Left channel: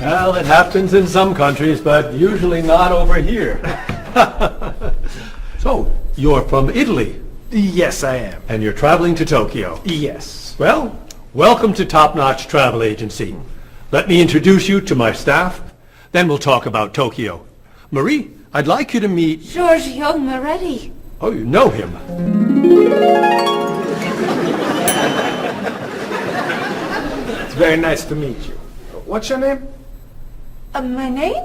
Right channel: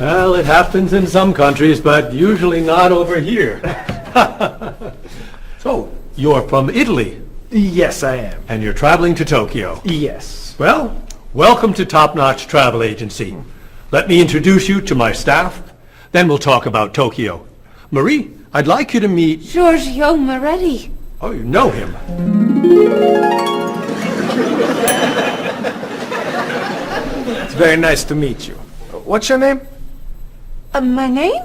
Well, it happens in some countries, but usually not over here. So, you're from Italy, Yes, I am. and you're traveling to Tokyo. Yes. Well, welcome to Top Notch Travel Agency. Let me introduce you to my staff, then we'll talk about Tokyo. Marie, I'd like you to meet... Giorgio Moretti. Oh, you know him. It's very nice to meet you. What's your name? My name?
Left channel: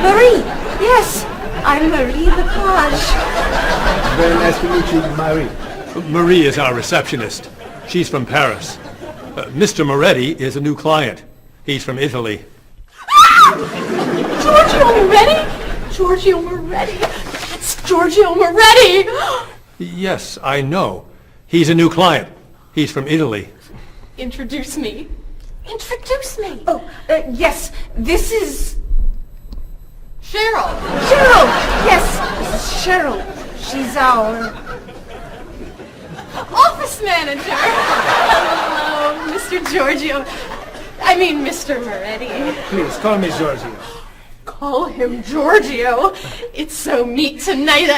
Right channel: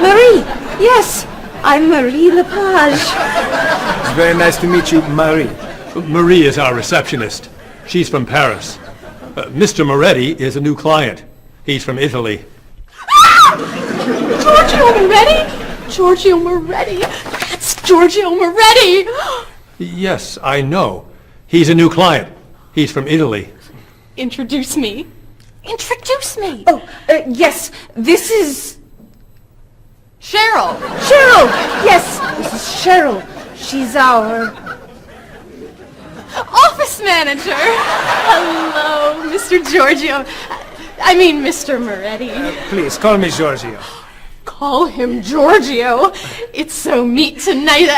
Marie. Yes, I'm Marie Lepage. It's very nice to meet you, Marie. Marie is our receptionist. She's from Paris. Mr. Moretti is a new client. He's from Italy. Giorgio Moretti? Giorgio Moretti. That's Giorgio Moretti. Yes, I know. He's a new client. He's from Italy. Introduce me. Introduce me. Oh, yes, this is Cheryl. Cheryl. Yes, this is Cheryl. She's our... Office manager. Hello, Mr. Giorgio. I mean, Mr. Moretti. Please, call me Giorgio. Call him Giorgio. It's so neat tonight.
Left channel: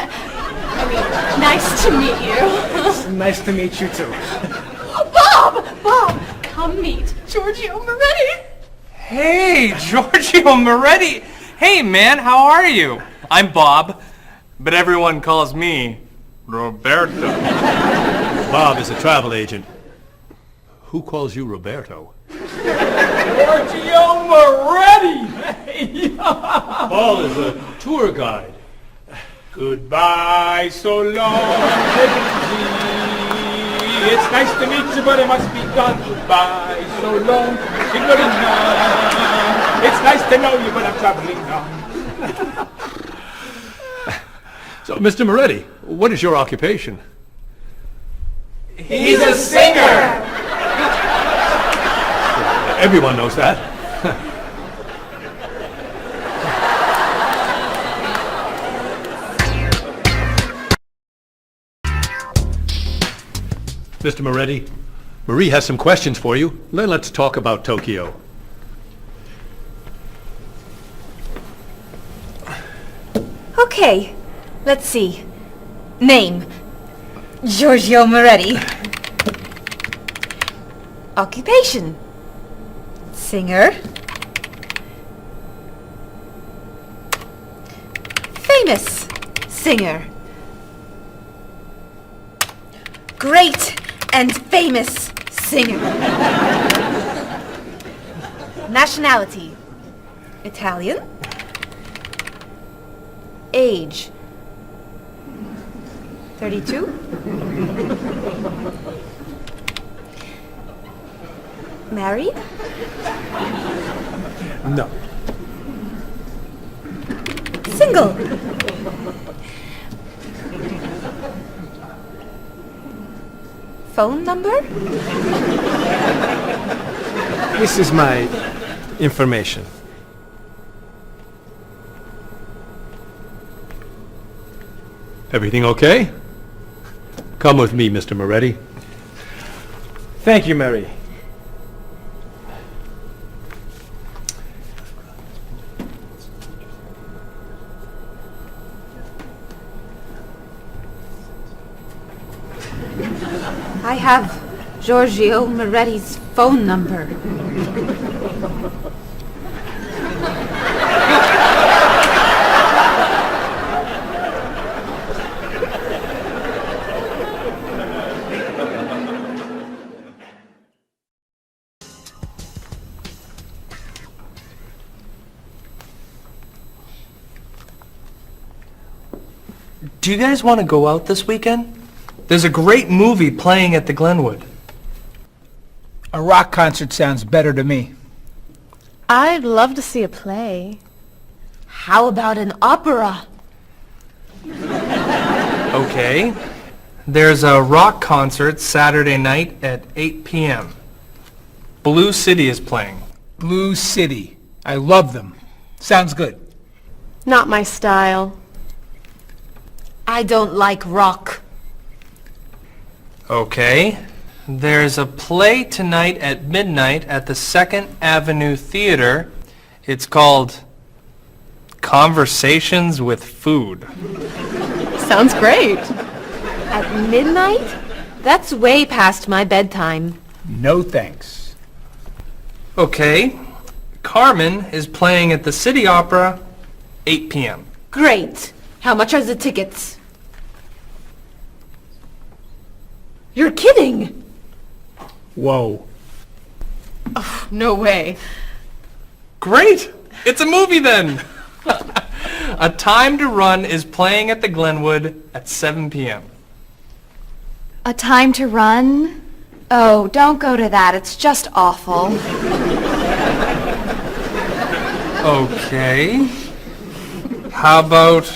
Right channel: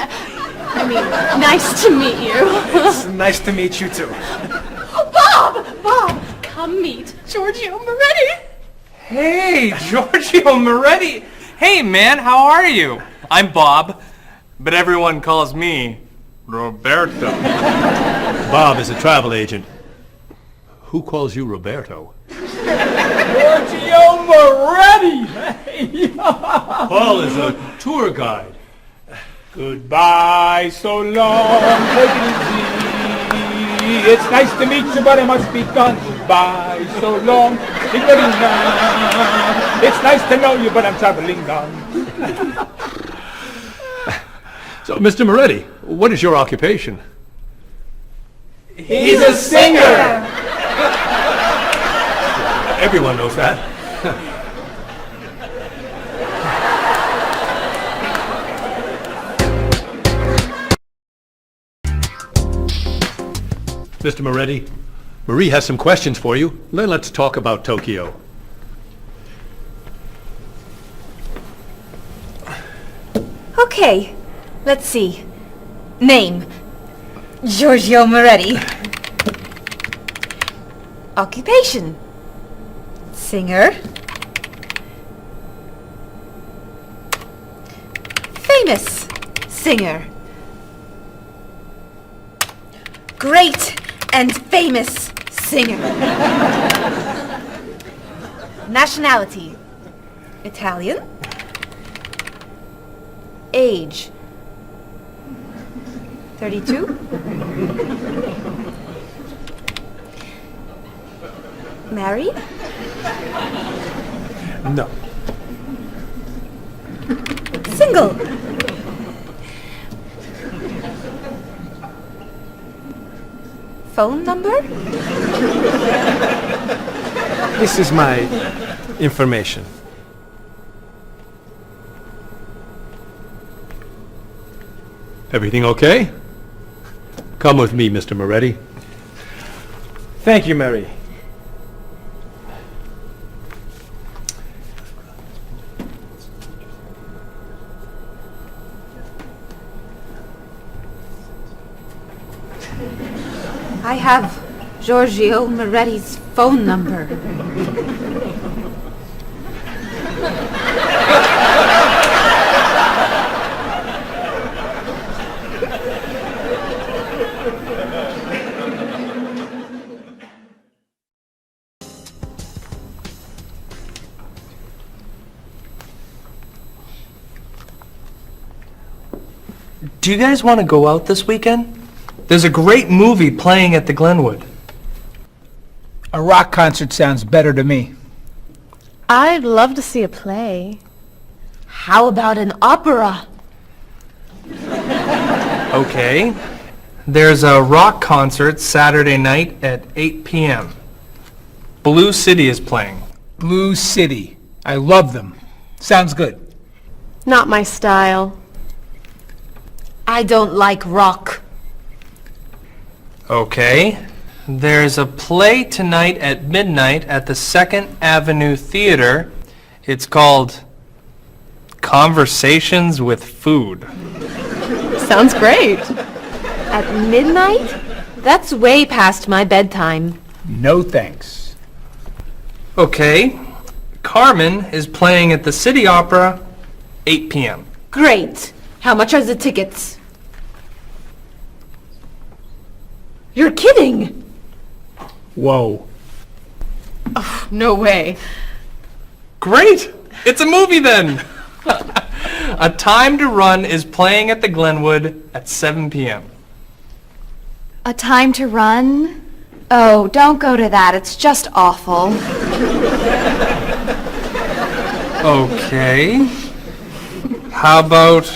Nice to meet you. It's nice to meet you, too. Bob! Come meet Giorgio Moretti. Hey, Giorgio Moretti. Hey, man, how are you? I'm Bob, but everyone calls me Roberto. Bob is a travel agent. Who calls you Roberto? Giorgio Moretti! Paul is a tour guide. Goodbye, so long, it's nice to meet you, but it must be done. Goodbye, so long, it's nice to know you, but I'm traveling now. So, Mr. Moretti, what is your occupation? He's a singer! Everyone knows that. Mr. Moretti, Marie has some questions for you. Then let's talk about Tokyo. Okay, let's see. Name, Giorgio Moretti. Occupation, singer. Famous singer. Great and famous singer. Nationality, Italian. Age, 32. Married? No. Single? Phone number? This is my information. Everything okay? Come with me, Mr. Moretti. Thank you, Mary. I have Giorgio Moretti's phone number. Do you guys want to go out this weekend? There's a great movie playing at the Glenwood. A rock concert sounds better to me. I'd love to see a play. How about an opera? Okay. There's a rock concert Saturday night at 8 p.m. Blue City is playing. Blue City. I love them. Sounds good. Not my style. I don't like rock. Okay. There's a play tonight at midnight at the 2nd Avenue Theater. It's called Conversations with Food. Sounds great. At midnight? That's way past my bedtime. No thanks. Okay. Carmen is playing at the City Opera, 8 p.m. Great. How much are the tickets? You're kidding! Whoa. No way. Great! It's a movie then! A Time to Run is playing at the Glenwood at 7 p.m. A Time to Run? Oh, don't go to that. It's just awful. Okay. How about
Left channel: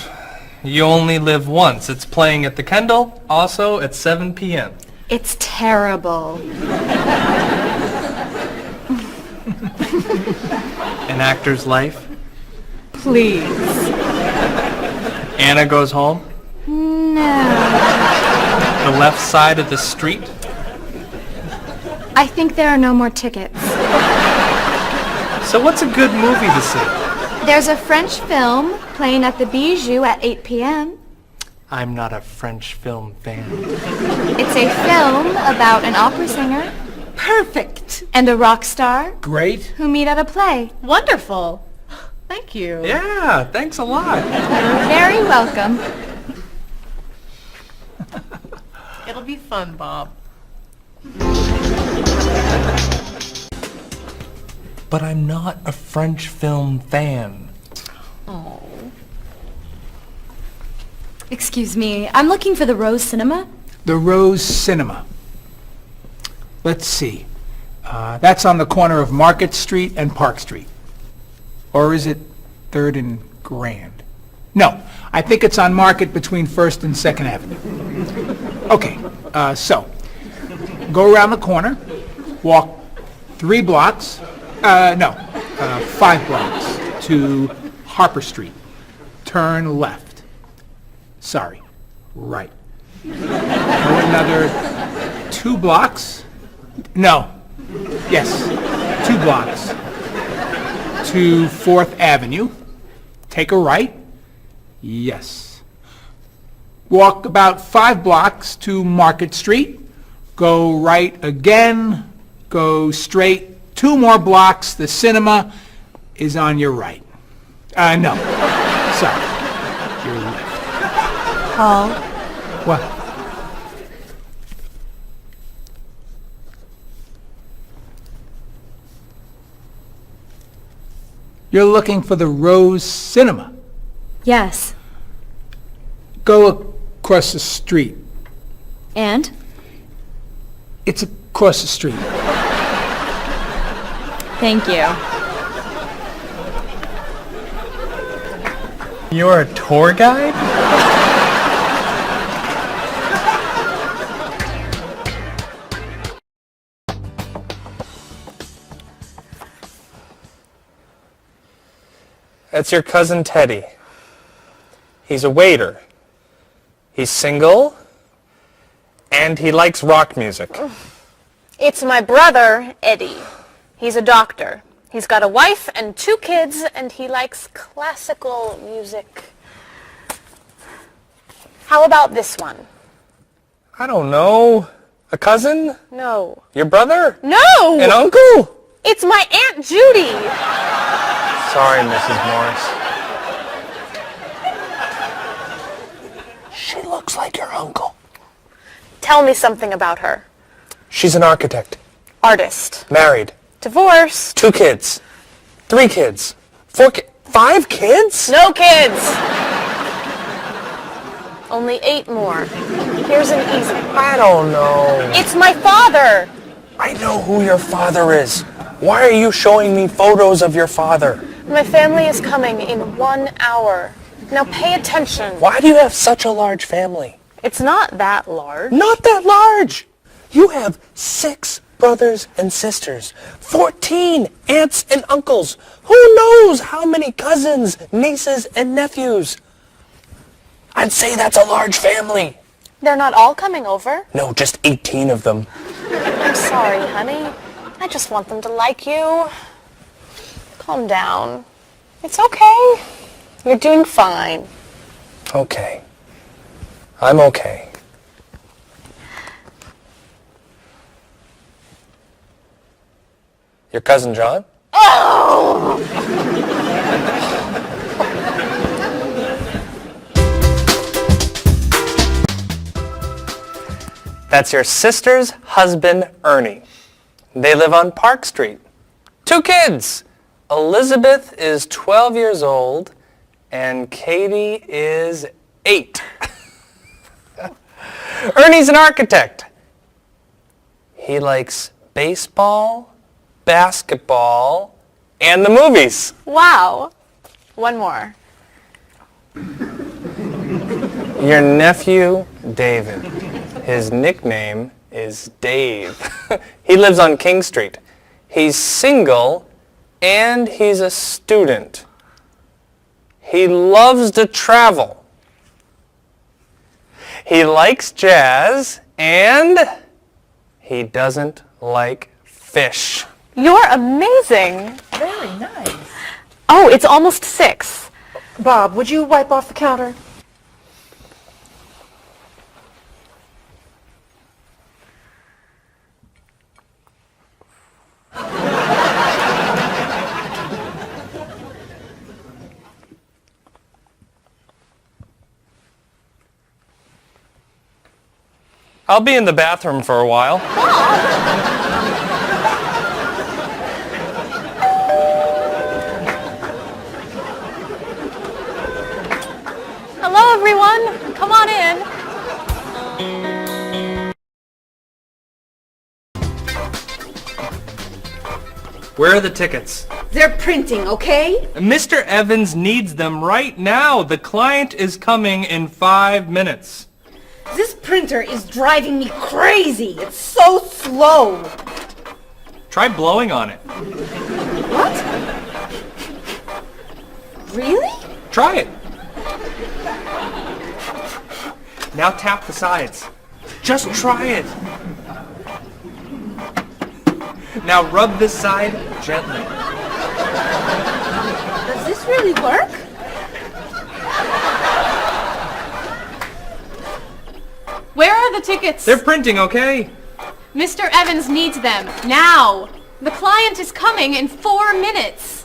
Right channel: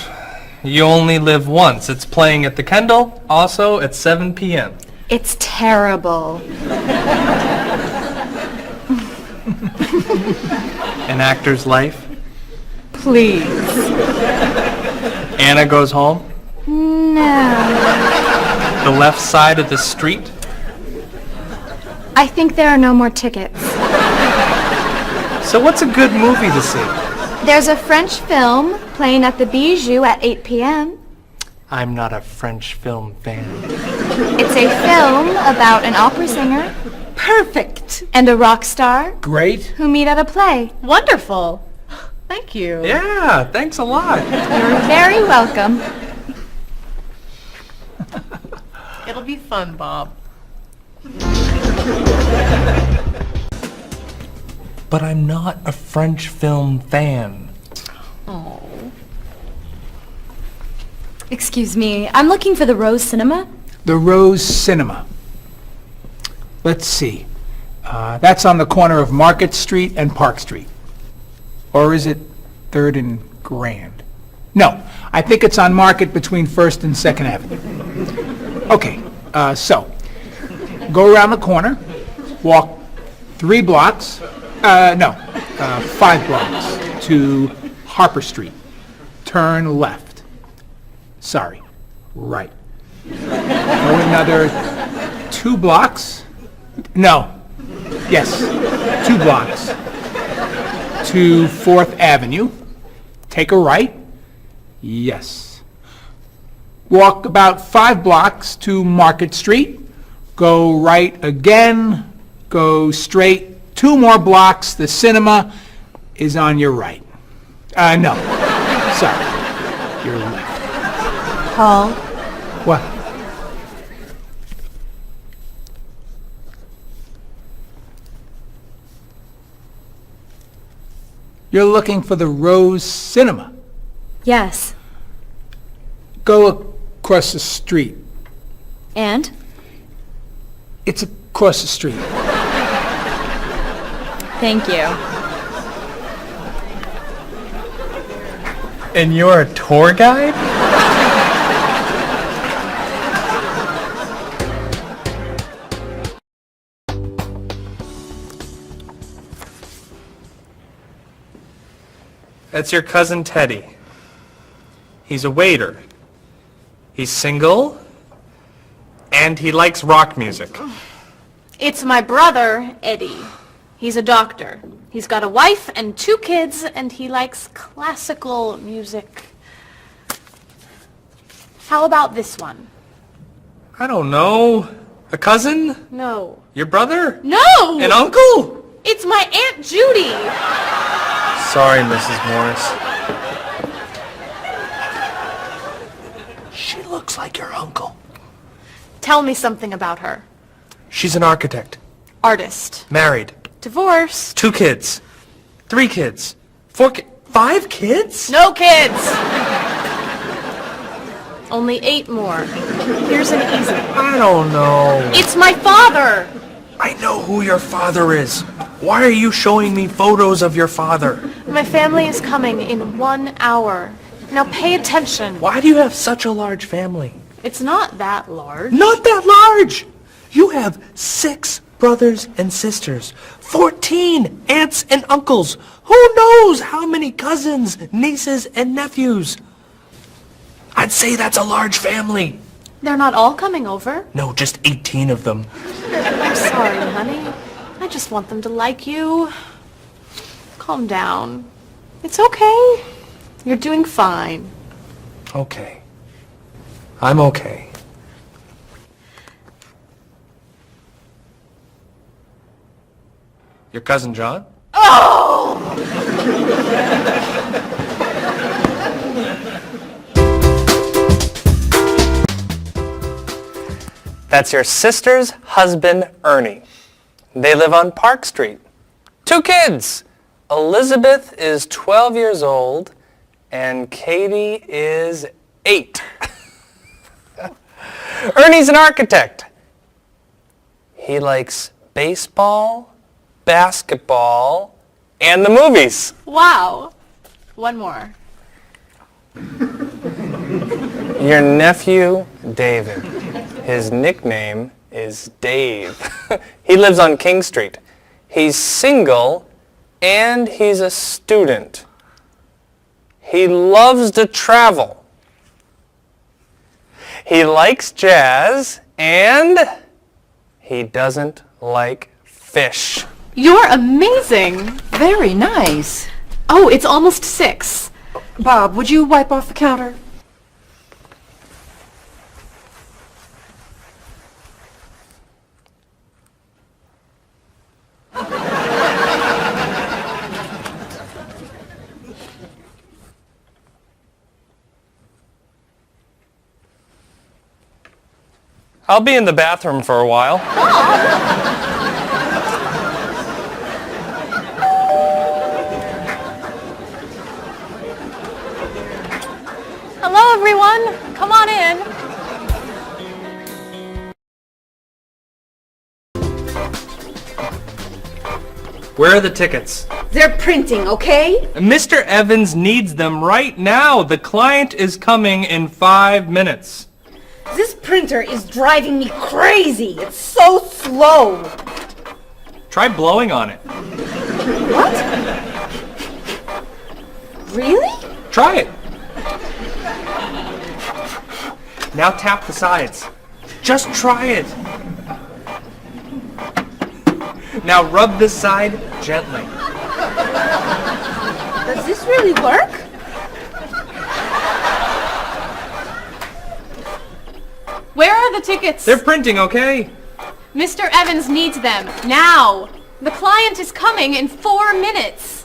You Only Live Once? It's playing at the Kendall, also at 7 p.m. It's terrible. An Actor's Life. Please. Anna Goes Home. No. The Left Side of the Street. I think there are no more tickets. So what's a good movie to see? There's a French film playing at the Bijou at 8 p.m. I'm not a French film fan. It's a film about an opera singer Perfect! and a rock star Great. who meet at a play. Wonderful. Thank you. Yeah, thanks a lot. You're very welcome. It'll be fun, Bob. But I'm not a French film fan. Excuse me, I'm looking for the Rose Cinema. The Rose Cinema. Let's see. That's on the corner of Market Street and Park Street. Or is it 3rd and Grand? No, I think it's on Market between 1st and 2nd Avenue. Okay, so go around the corner, walk 5 blocks to Harper Street. Turn left. Sorry, right. Go another 2 blocks. No. Yes, 2 blocks to 4th Avenue. Take a right. Yes. Walk about 5 blocks to Market Street. Go right again. Go straight 2 more blocks. The cinema is on your right. No. Sorry. Your left. Paul, What? You're looking for the Rose Cinema. yes. Go across the street. And? It's across the street. Thank you. And you're a tour guide? That's your cousin Teddy. He's a waiter. He's single, and he likes rock music. It's my brother, Eddie. He's a doctor. He's got a wife and 2 kids, and he likes classical music. How about this one? I don't know. A cousin? No. Your brother? No! An uncle? It's my Aunt Judy. Sorry, Mrs. Morris. She looks like your uncle. Tell me something about her. She's an architect. Artist. Married. Divorced. 2 kids. 3 kids. 4 kids. 5 kids? No kids. Only 8 more. Here's an easy. I don't know. It's my father. I know who your father is. Why are you showing me photos of your father? My family is coming in 1 hour. Now pay attention. Why do you have such a large family? It's not that large. Not that large. You have 6 brothers and sisters, 14 aunts and uncles. Who knows how many cousins, nieces, and nephews? I'd say that's a large family. They're not all coming over. No, just 18 of them. I'm sorry, honey. I just want them to like you. Calm down. It's okay. You're doing fine. Okay. I'm okay. Your cousin John? That's your sister's husband, Ernie. They live on Park Street. 2 kids. Elizabeth is 12 years old, and Katie is 8. Ernie's an architect. He likes baseball, basketball, and the movies. Wow. One more. Your nephew, David. His nickname is Dave. He lives on King Street. He's single, and he's a student. He loves to travel. He likes jazz, and he doesn't like fish. You're amazing. Very nice. Oh, it's almost 6. Bob, would you wipe off the counter? I'll be in the bathroom for a while. Hello, everyone. Come on in. Where are the tickets? They're printing, okay? Mr. Evans needs them right now. The client is coming in 5 minutes. This printer is driving me crazy. It's so slow. Try blowing on it. What? Really? Try it. Now tap the sides. Just try it. Now rub this side gently. Does this really work? Where are the tickets? They're printing, okay? Mr. Evans needs them now. The client is coming in 4 minutes.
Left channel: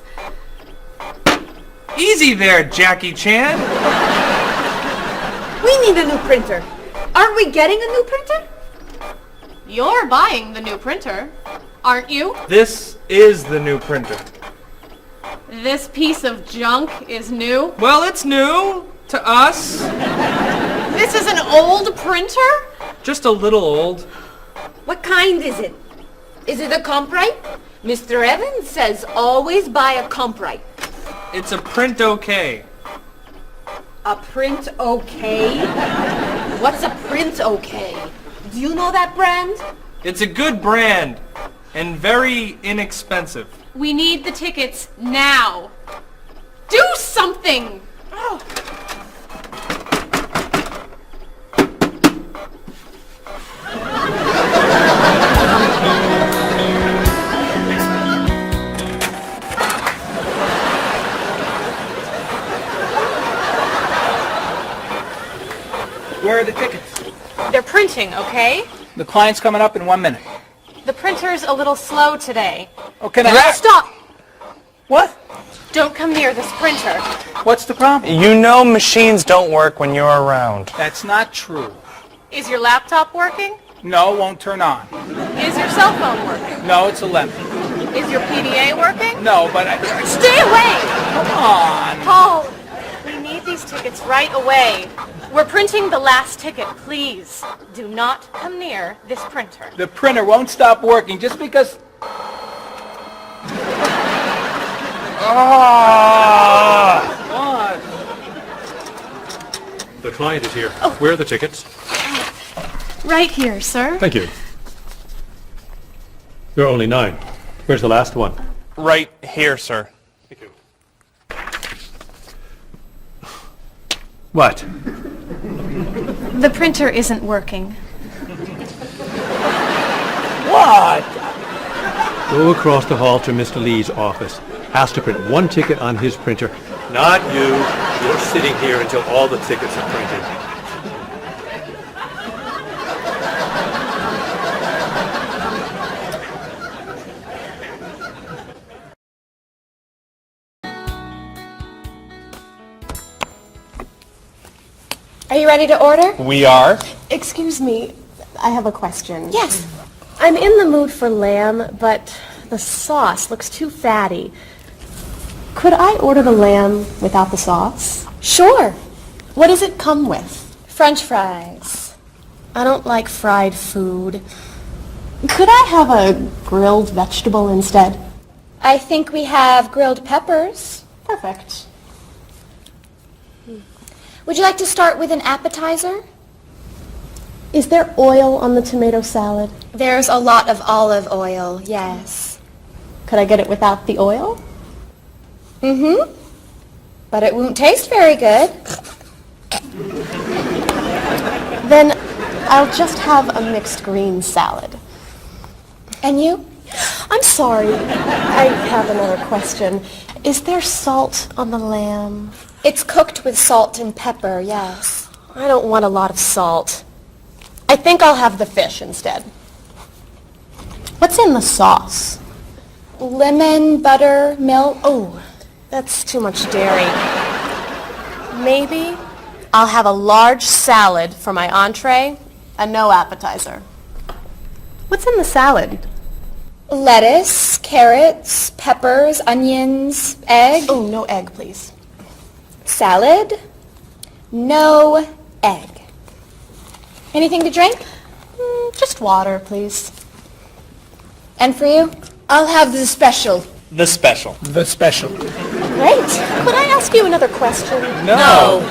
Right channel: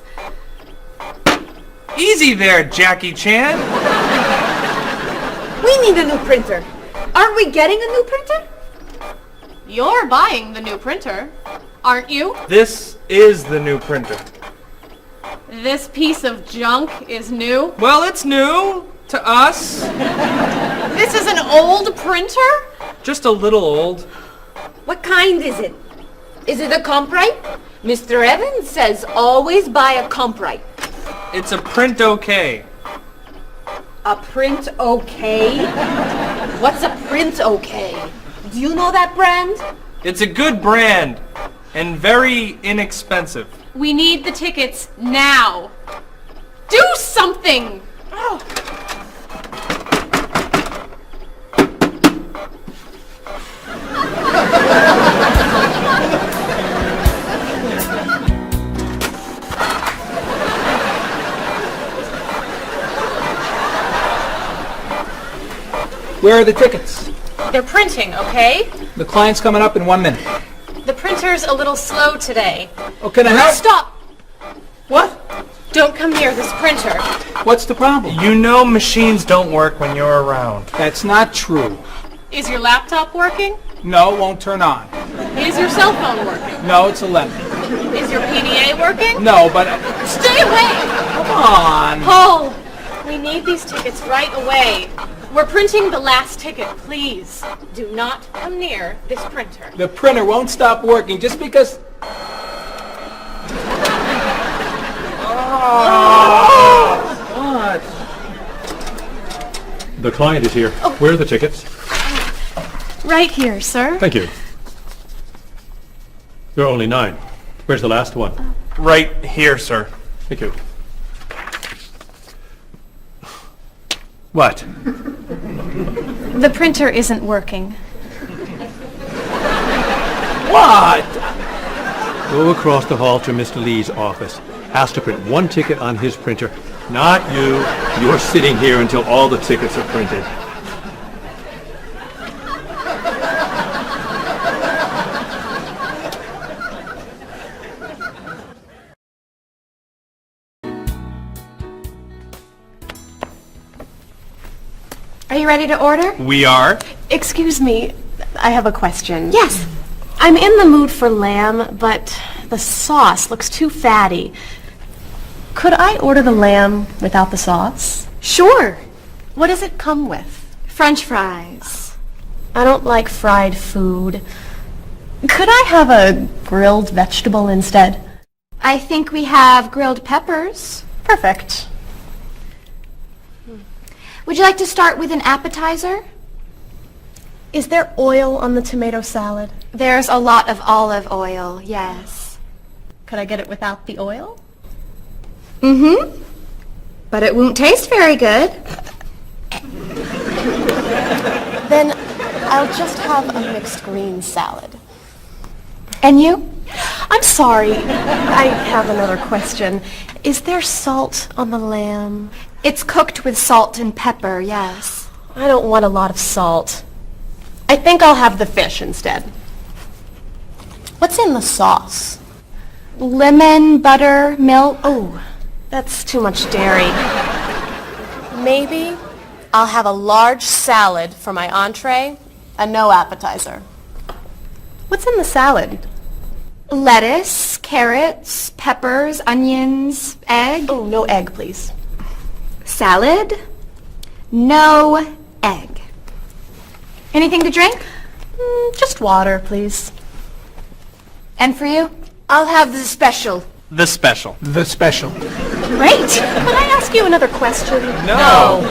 Easy there, Jackie Chan. We need a new printer. Aren't we getting a new printer? You're buying the new printer, aren't you? This is the new printer. This piece of junk is new. Well, it's new to us. This is an old printer? Just a little old. What kind is it? Is it a Comprite? Mr. Evans says always buy a Comprite. It's a print okay. A print okay? What's a print okay? Do you know that brand? It's a good brand and very inexpensive. We need the tickets now. Do something! Oh. Where are the tickets? They're printing, okay? The client's coming up in 1 minute. The printer's a little slow today. Okay, then Stop! What? Don't come near this printer. What's the problem? You know machines don't work when you're around. That's not true. Is your laptop working? No, it won't turn on. Is your cell phone working? No, it's 11. Is your PDA working? No, but... Stay away! Come on. Paul, we need these tickets right away. We're printing the last ticket, please. Do not come near this printer. The printer won't stop working just because... What? The client is here. Where are the tickets? Right here, sir. Thank you. There are only 9. Where's the last one? Right here, sir. Thank you. What? The printer isn't working. What? Go across the hall to Mr. Lee's office. Ask to print one ticket on his printer. Not you. You're sitting here until all the tickets are printed. Are you ready to order? We are? Excuse me, I have a question. Yes. I'm in the mood for lamb, but the sauce looks too fatty. Could I order the lamb without the sauce? Sure. What does it come with? French fries. I don't like fried food. Could I have a grilled vegetable instead? I think we have grilled peppers. Perfect. Would you like to start with an appetizer? Is there oil on the tomato salad? There's a lot of olive oil, yes. Could I get it without the oil? Mm-hmm. But it won't taste very good. Then I'll just have a mixed green salad. And you? I'm sorry, I have another question. Is there salt on the lamb? It's cooked with salt and pepper, yes. I don't want a lot of salt. I think I'll have the fish instead. What's in the sauce? Lemon, butter, milk. Oh, that's too much dairy. Maybe I'll have a large salad for my entree and no appetizer. What's in the salad? Lettuce, carrots, peppers, onions, egg. Oh, no egg, please. Salad, no egg. Anything to drink? Just water, please. And for you? I'll have the special. The special. The special. Great. Could I ask you another question? No.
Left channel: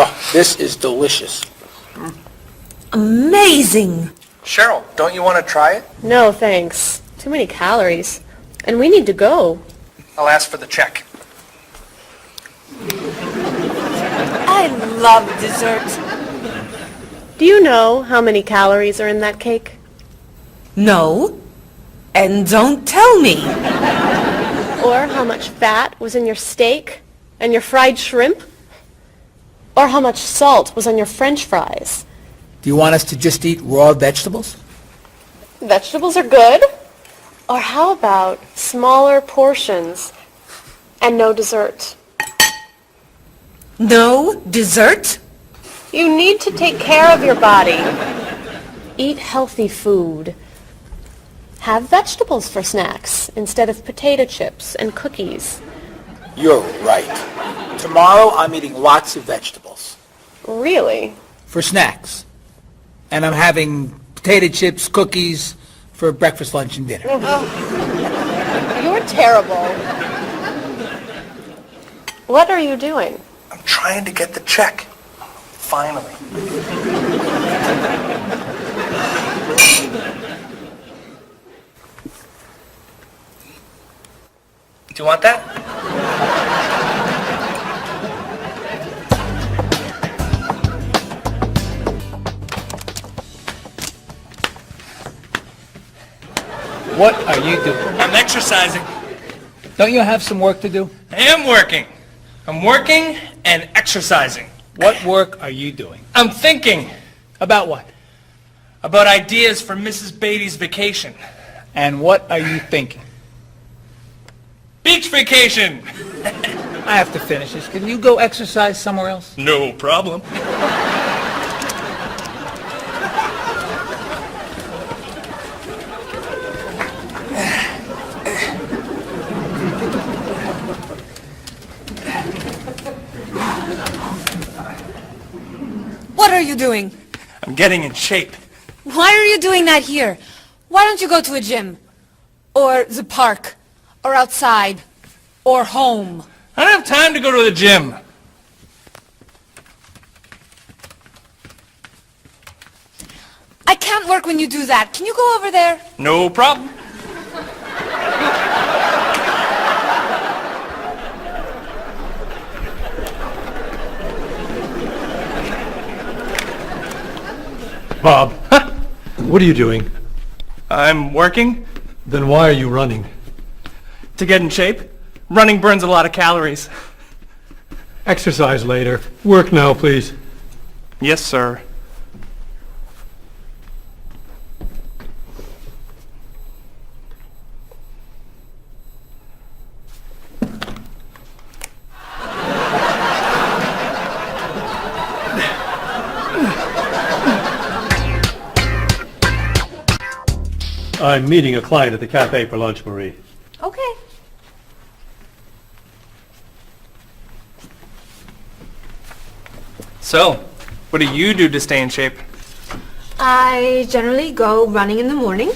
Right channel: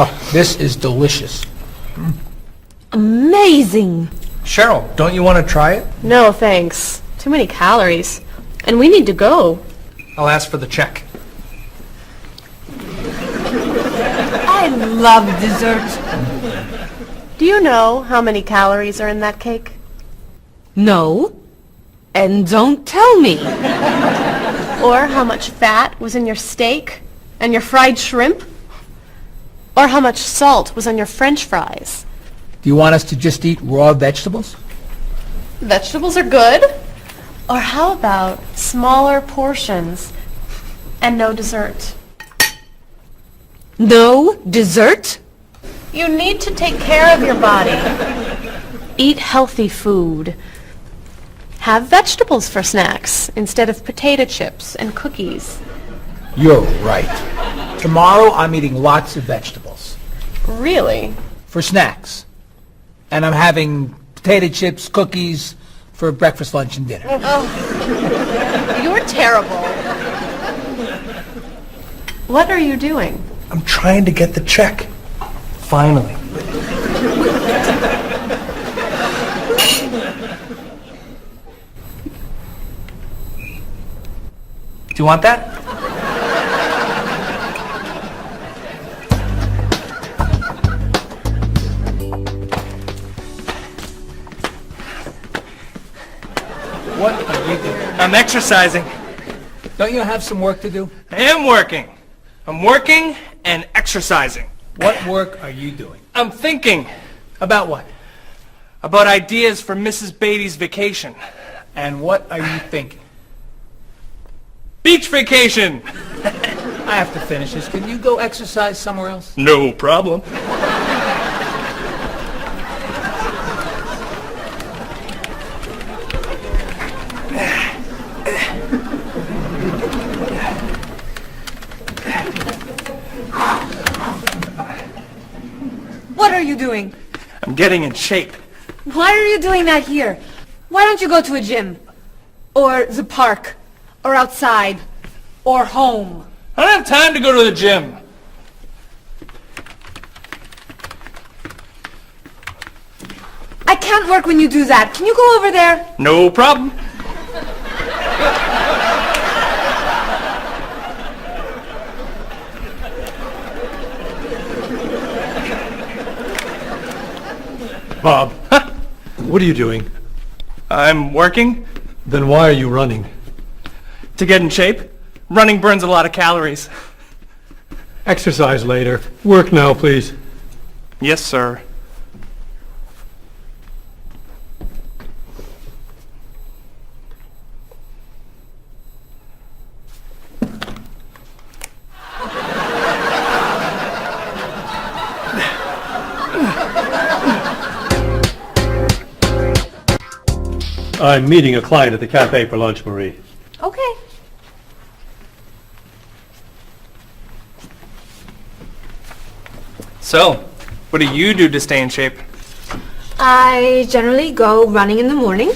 Oh, this is delicious. Amazing. Cheryl, don't you want to try it? No, thanks. Too many calories. And we need to go. I'll ask for the check. I love dessert. Do you know how many calories are in that cake? No. And don't tell me. Or how much fat was in your steak and your fried shrimp? Or how much salt was on your French fries? Do you want us to just eat raw vegetables? Vegetables are good. Or how about smaller portions and no dessert? No dessert? You need to take care of your body. Eat healthy food. Have vegetables for snacks instead of potato chips and cookies. You're right. Tomorrow I'm eating lots of vegetables. Really? For snacks. And I'm having potato chips, cookies for breakfast, lunch, and dinner. You're terrible. What are you doing? I'm trying to get the check. Finally. Do you want that? What are you doing? I'm exercising. Don't you have some work to do? I am working. I'm working and exercising. What work are you doing? I'm thinking About what? about ideas for Mrs. Beatty's vacation. And what are you thinking? Beach vacation! I have to finish this. Can you go exercise somewhere else? No problem. What are you doing? I'm getting in shape. Why are you doing that here? Why don't you go to a gym? Or the park? Or outside? Or home? I don't have time to go to the gym. I can't work when you do that. Can you go over there? No problem. Bob, what are you doing? I'm working Then why are you running? to get in shape. Running burns a lot of calories. Exercise later. Work now, please. Yes, sir. I'm meeting a client at the cafe for lunch, Marie. Okay. So, what do you do to stay in shape? I generally go running in the morning.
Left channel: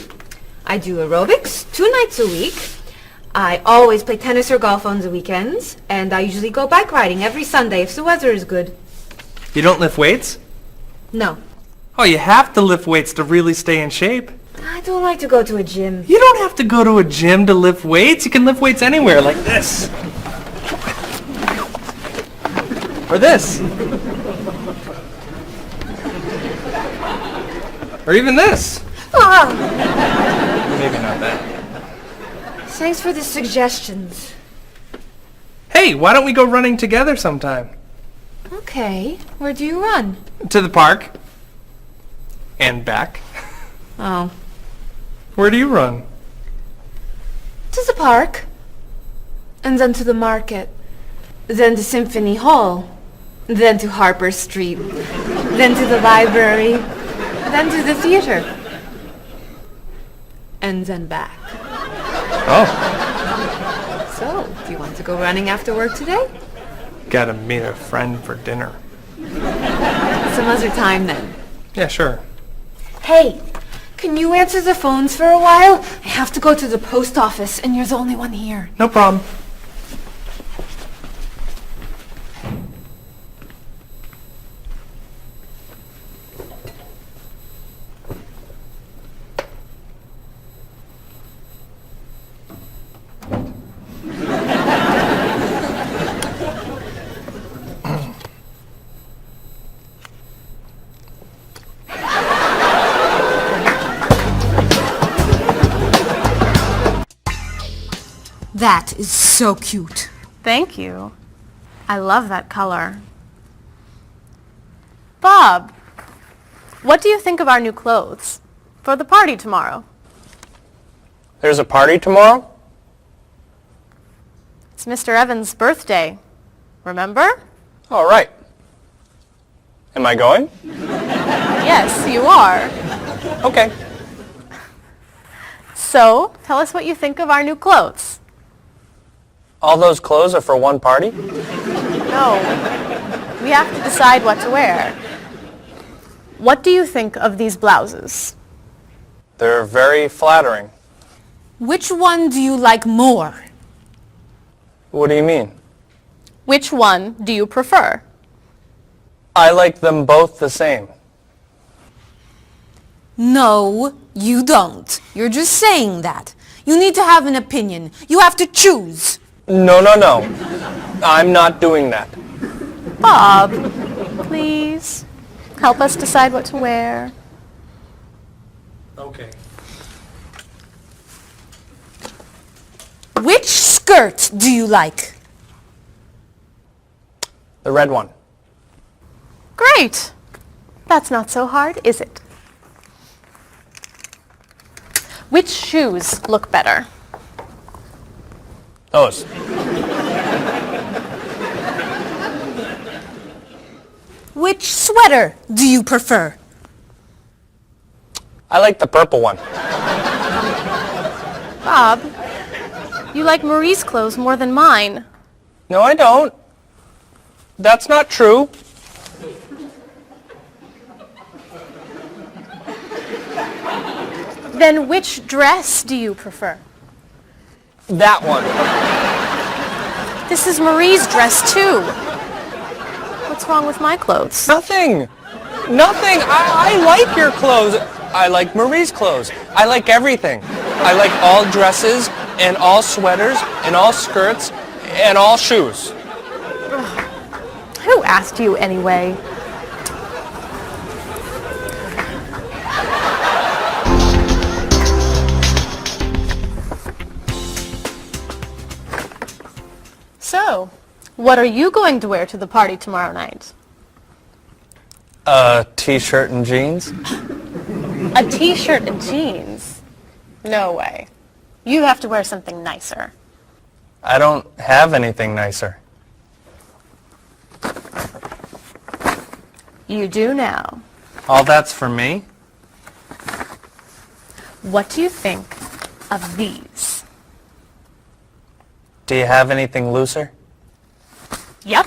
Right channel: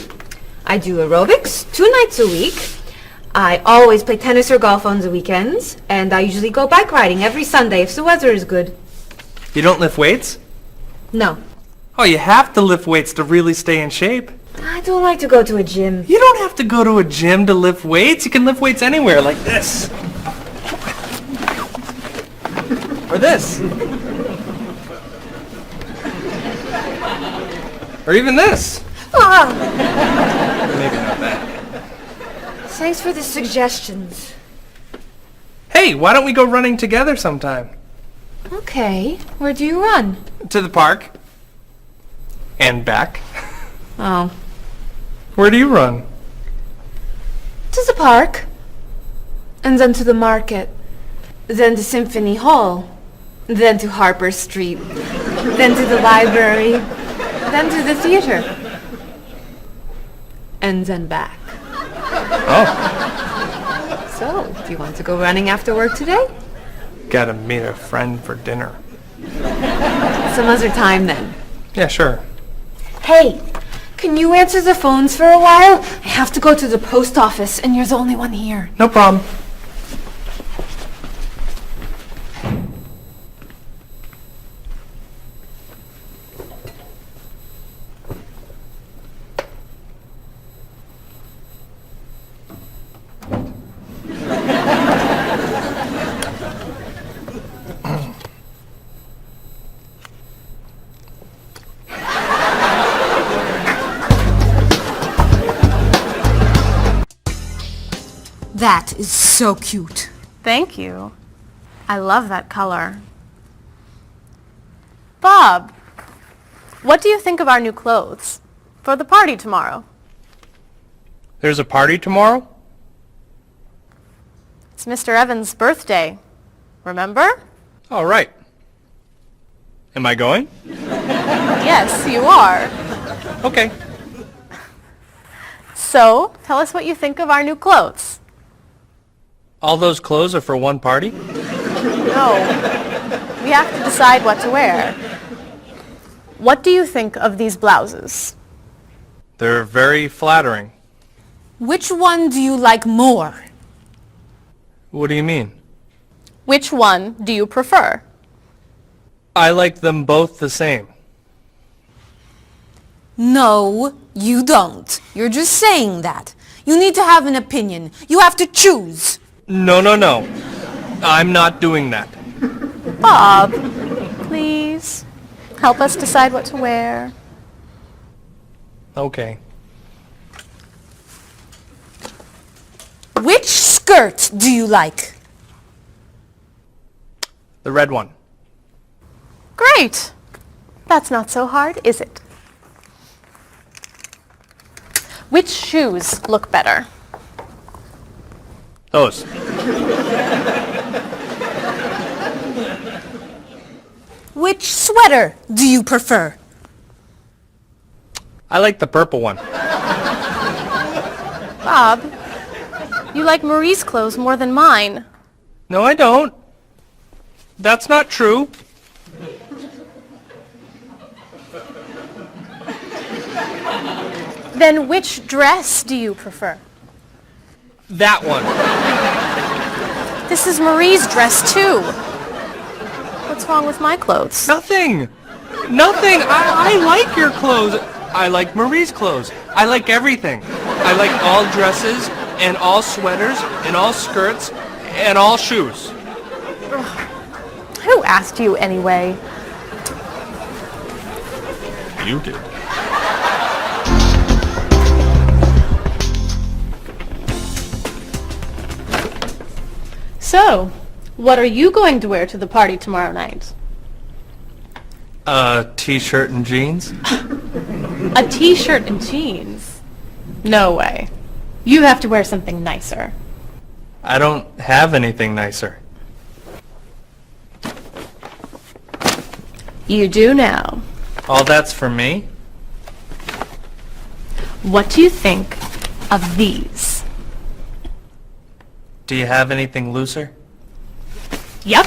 I do aerobics 2 nights a week. I always play tennis or golf on the weekends. And I usually go bike riding every Sunday if the weather is good. You don't lift weights? No. Oh, you have to lift weights to really stay in shape. I don't like to go to a gym. You don't have to go to a gym to lift weights. You can lift weights anywhere, like this. Or this. Or even this. Ah, Maybe not that. thanks for the suggestions. Hey, why don't we go running together sometime? Okay. Where do you run? To the park. And back. Oh. Where do you run? To the park. And then to the market. Then to Symphony Hall. Then to Harper Street. Then to the library. Then to the theater. And then back. Oh, So, do you want to go running after work today? gotta meet a friend for dinner. Some other time then. Yeah, sure. Hey, can you answer the phones for a while? I have to go to the post office and you're the only one here. No problem. That is so cute. Thank you. I love that color. Bob, what do you think of our new clothes for the party tomorrow? There's a party tomorrow? It's Mr. Evans' birthday. Remember? All right. Am I going? Yes, you are. Okay. So, tell us what you think of our new clothes. All those clothes are for one party? No. We have to decide what to wear. What do you think of these blouses? They're very flattering. Which one do you like more? What do you mean? Which one do you prefer? I like them both the same. No, you don't. You're just saying that. You need to have an opinion. You have to choose. No. I'm not doing that. Bob, please help us decide what to wear. Okay. Which skirt do you like? The red one. Great. That's not so hard, is it? Which shoes look better? Those. Which sweater do you prefer? I like the purple one. Bob, you like Marie's clothes more than mine. No, I don't. That's not true. Then which dress do you prefer? That one. This is Marie's dress too. What's wrong with my clothes? Nothing. I like your clothes. I like Marie's clothes. I like everything. I like all dresses and all sweaters and all skirts and all shoes. Who asked you anyway? You do. So, what are you going to wear to the party tomorrow night? A t-shirt and jeans? A t-shirt and jeans? No way. You have to wear something nicer. I don't have anything nicer. You do now. All that's for me? What do you think of these? Do you have anything looser? Yep.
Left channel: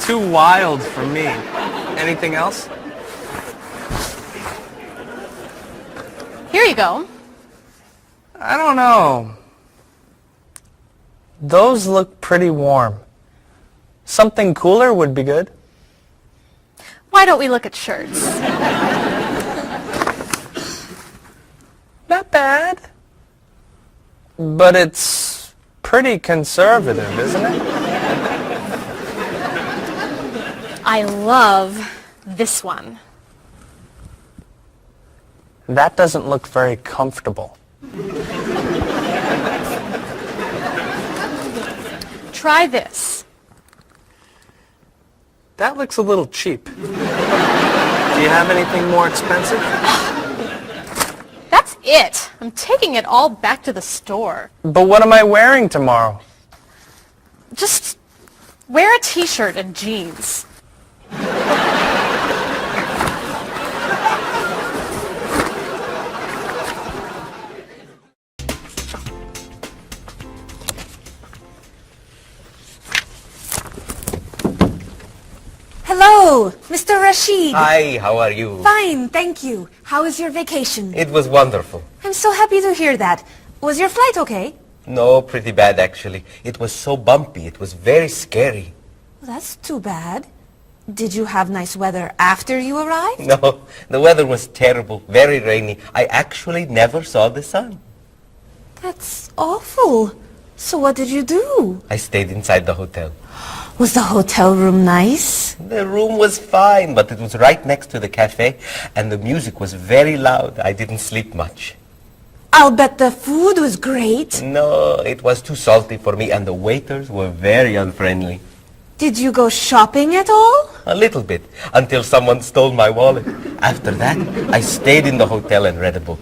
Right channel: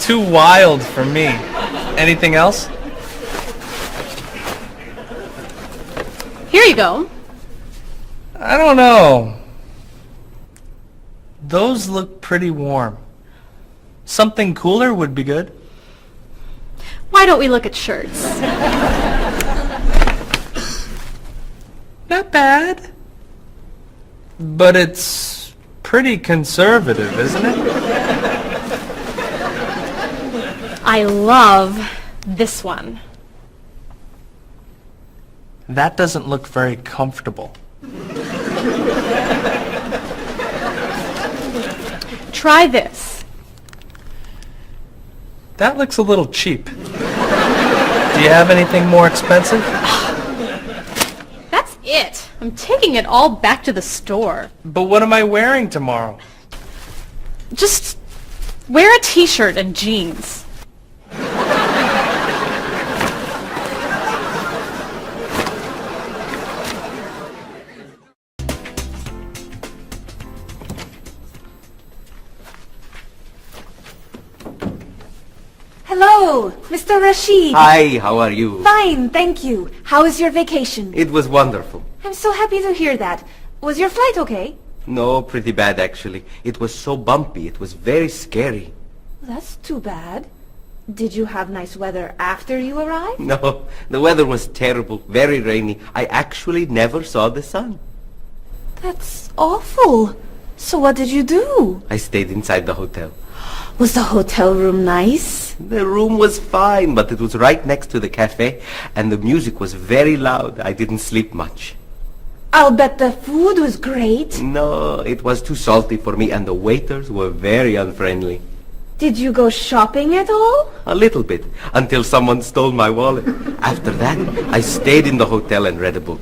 Too wild for me. Anything else? Here you go. I don't know. Those look pretty warm. Something cooler would be good. Why don't we look at shirts? Not bad. But it's pretty conservative, isn't it? I love this one. That doesn't look very comfortable. Try this. That looks a little cheap. Do you have anything more expensive? That's it. I'm taking it all back to the store. But what am I wearing tomorrow? Just wear a t-shirt and jeans. Hello, Mr. Rashid. Hi, how are you? Fine, thank you. How was your vacation? It was wonderful. I'm so happy to hear that. Was your flight okay? No, pretty bad actually. It was so bumpy. It was very scary. That's too bad. Did you have nice weather after you arrived? No, the weather was terrible, very rainy. I actually never saw the sun. That's awful. So what did you do? I stayed inside the hotel. Was the hotel room nice? The room was fine, but it was right next to the cafe, and the music was very loud. I didn't sleep much. I'll bet the food was great. No, it was too salty for me, and the waiters were very unfriendly. Did you go shopping at all? A little bit, until someone stole my wallet. After that, I stayed in the hotel and read a book.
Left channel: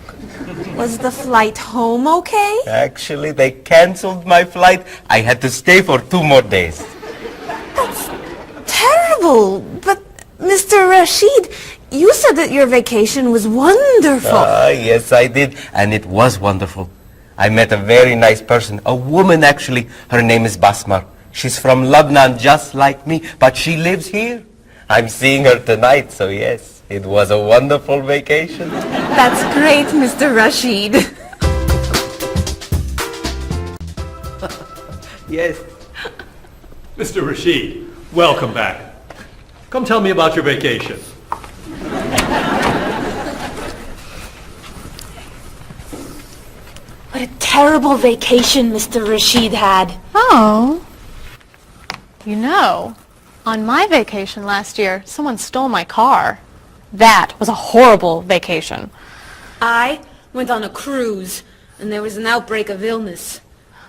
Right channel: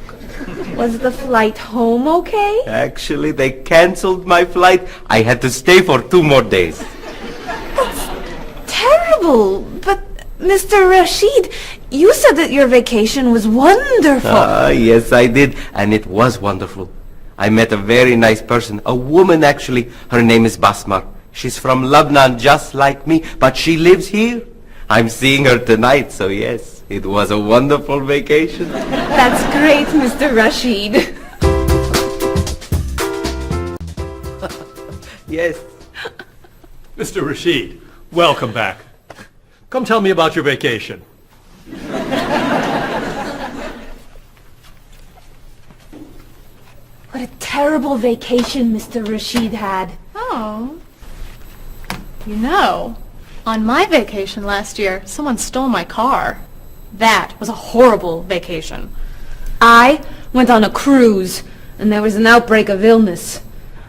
Was the flight home okay? Actually, they canceled my flight. I had to stay for 2 more days. That's terrible. But, Mr. Rashid, you said that your vacation was wonderful. Yes, I did. And it was wonderful. I met a very nice person. A woman, actually. Her name is Basmar. She's from Lebanon, just like me. But she lives here. I'm seeing her tonight, so yes. It was a wonderful vacation. That's great, Mr. Rashid. Yes. Mr. Rashid, welcome back. Come tell me about your vacation. What a terrible vacation Mr. Rashid had. Oh. You know, on my vacation last year, someone stole my car. That was a horrible vacation. I went on a cruise, and there was an outbreak of illness.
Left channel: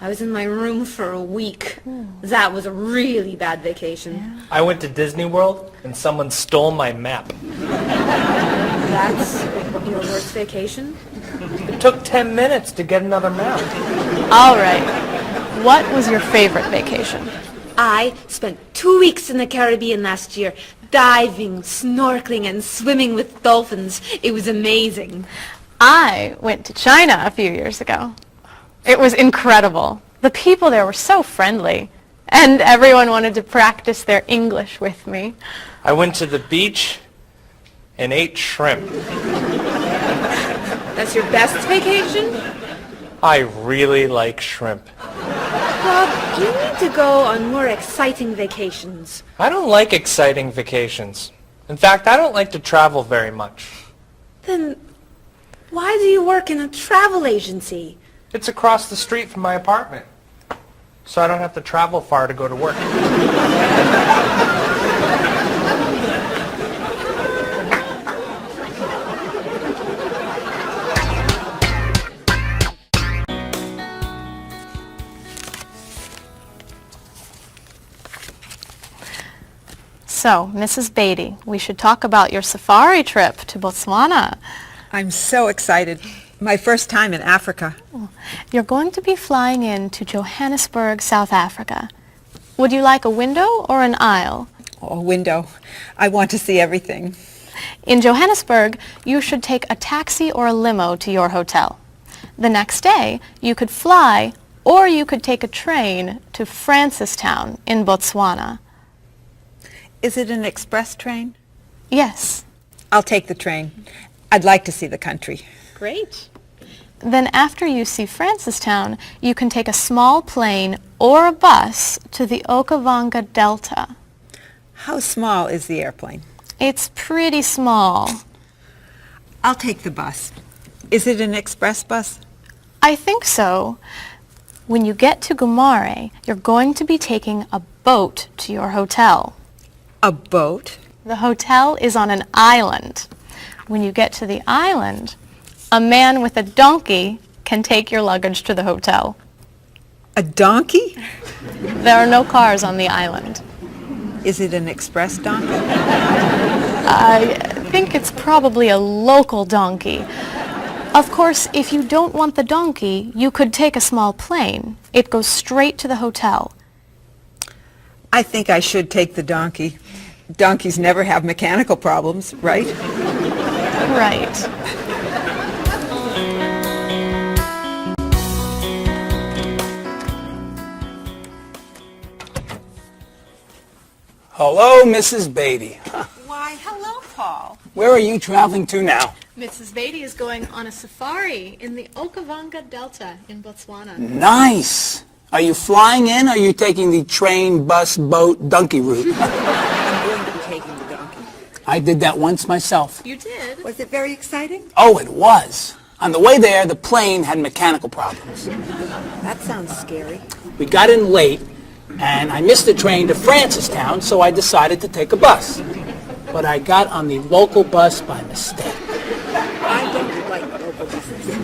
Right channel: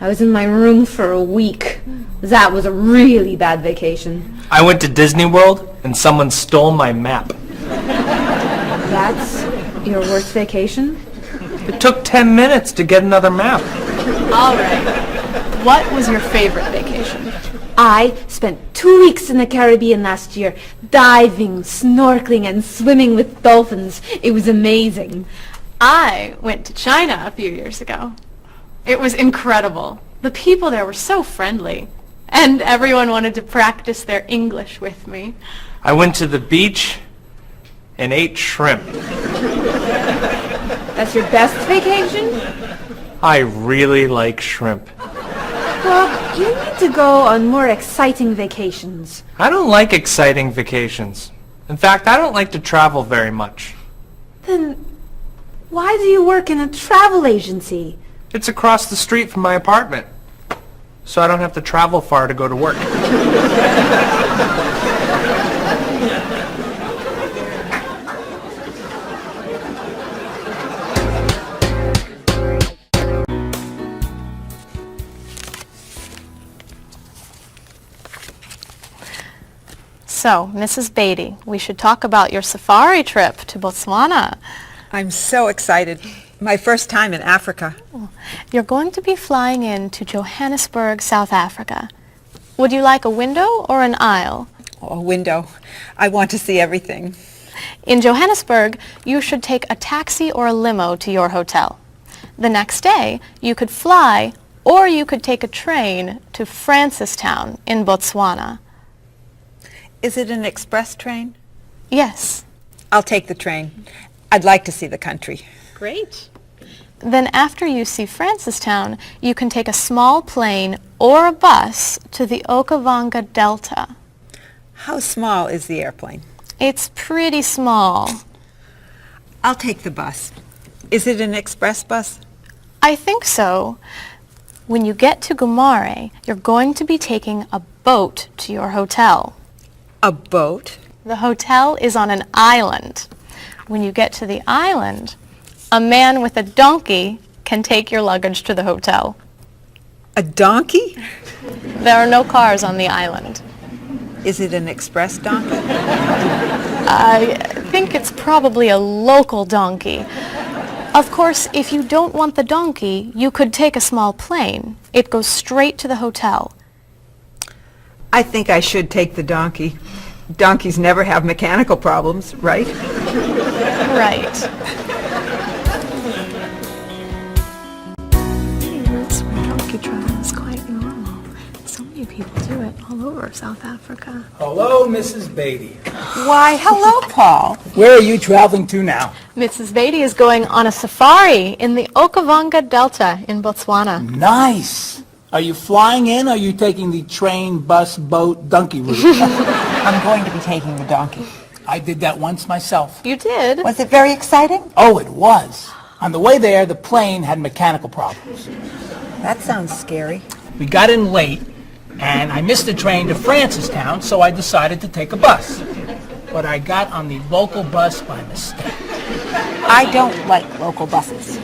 I was in my room for a week. That was a really bad vacation. I went to Disney World and someone stole my map. That's your worst vacation? It took 10 minutes to get another map. All right. What was your favorite vacation? I spent 2 weeks in the Caribbean last year, diving, snorkeling, and swimming with dolphins. It was amazing. I went to China a few years ago. It was incredible. The people there were so friendly, and everyone wanted to practice their English with me. I went to the beach and ate shrimp. That's your best vacation? I really like shrimp. You need to go on more exciting vacations. I don't like exciting vacations. In fact, I don't like to travel very much. Then why do you work in a travel agency? It's across the street from my apartment, so I don't have to travel far to go to work. So, Mrs. Beatty, we should talk about your safari trip to Botswana. I'm so excited. My first time in Africa. You're going to be flying in to Johannesburg, South Africa. Would you like a window or an aisle? Oh, a window. I want to see everything. In Johannesburg, you should take a taxi or a limo to your hotel. The next day, you could fly or you could take a train to Francistown in Botswana. Is it an express train? Yes. I'll take the train. I'd like to see the country. Great. Then after you see Francistown, you can take a small plane or a bus to the Okavango Delta. How small is the airplane? It's pretty small. I'll take the bus. Is it an express bus? I think so. When you get to Gumare, you're going to be taking a boat to your hotel. A boat? The hotel is on an island. When you get to the island, a man with a donkey can take your luggage to the hotel. A donkey? There are no cars on the island. Is it an express donkey? I think it's probably a local donkey. Of course, if you don't want the donkey, you could take a small plane. It goes straight to the hotel. I think I should take the donkey. Donkeys never have mechanical problems, right? Right. So many people do it all over South Africa. Hello, Mrs. Beatty. Why, hello, Paul. Where are you traveling to now? Mrs. Beatty is going on a safari in the Okavango Delta in Botswana. Nice. Are you flying in, or are you taking the train, bus, boat, donkey route? I'm going to be taking the donkey. I did that once myself. You did? Was it very exciting? Oh, it was. On the way there, the plane had mechanical problems. That sounds scary. We got in late, and I missed the train to Francistown, so I decided to take a bus. But I got on the local bus by mistake. I don't like local buses.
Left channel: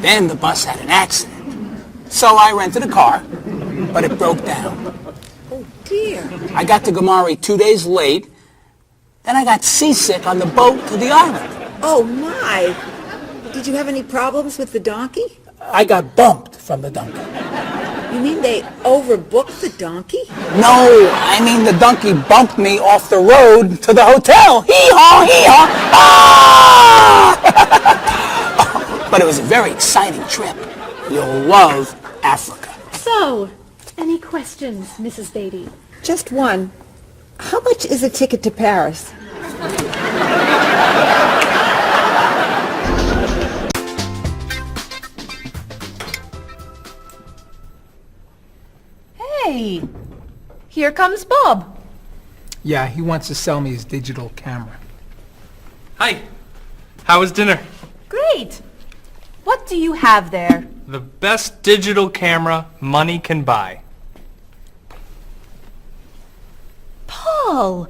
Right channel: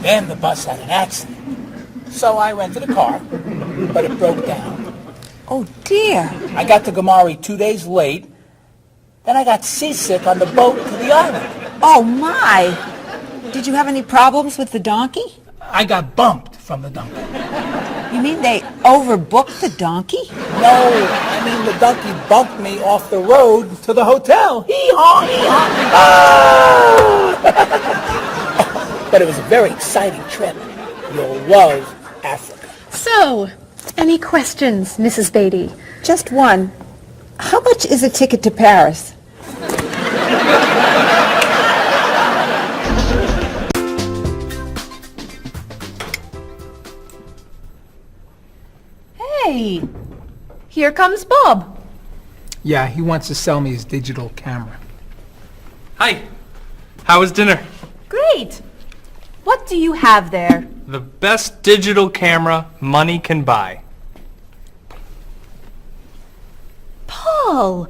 Then the bus had an accident. So I rented a car, but it broke down. Oh, dear. I got to Gumare 2 days late. Then I got seasick on the boat to the island. Oh, my. Did you have any problems with the donkey? I got bumped from the donkey. You mean they overbooked the donkey? No, I mean the donkey bumped me off the road to the hotel. Hee-haw, hee-haw. Ah! But it was a very exciting trip. You'll love Africa. So, any questions, Mrs. Beatty? Just one. How much is a ticket to Paris? Hey, here comes Bob. Yeah, he wants to sell me his digital camera. Hi. How was dinner? Great. What do you have there? The best digital camera money can buy. Paul,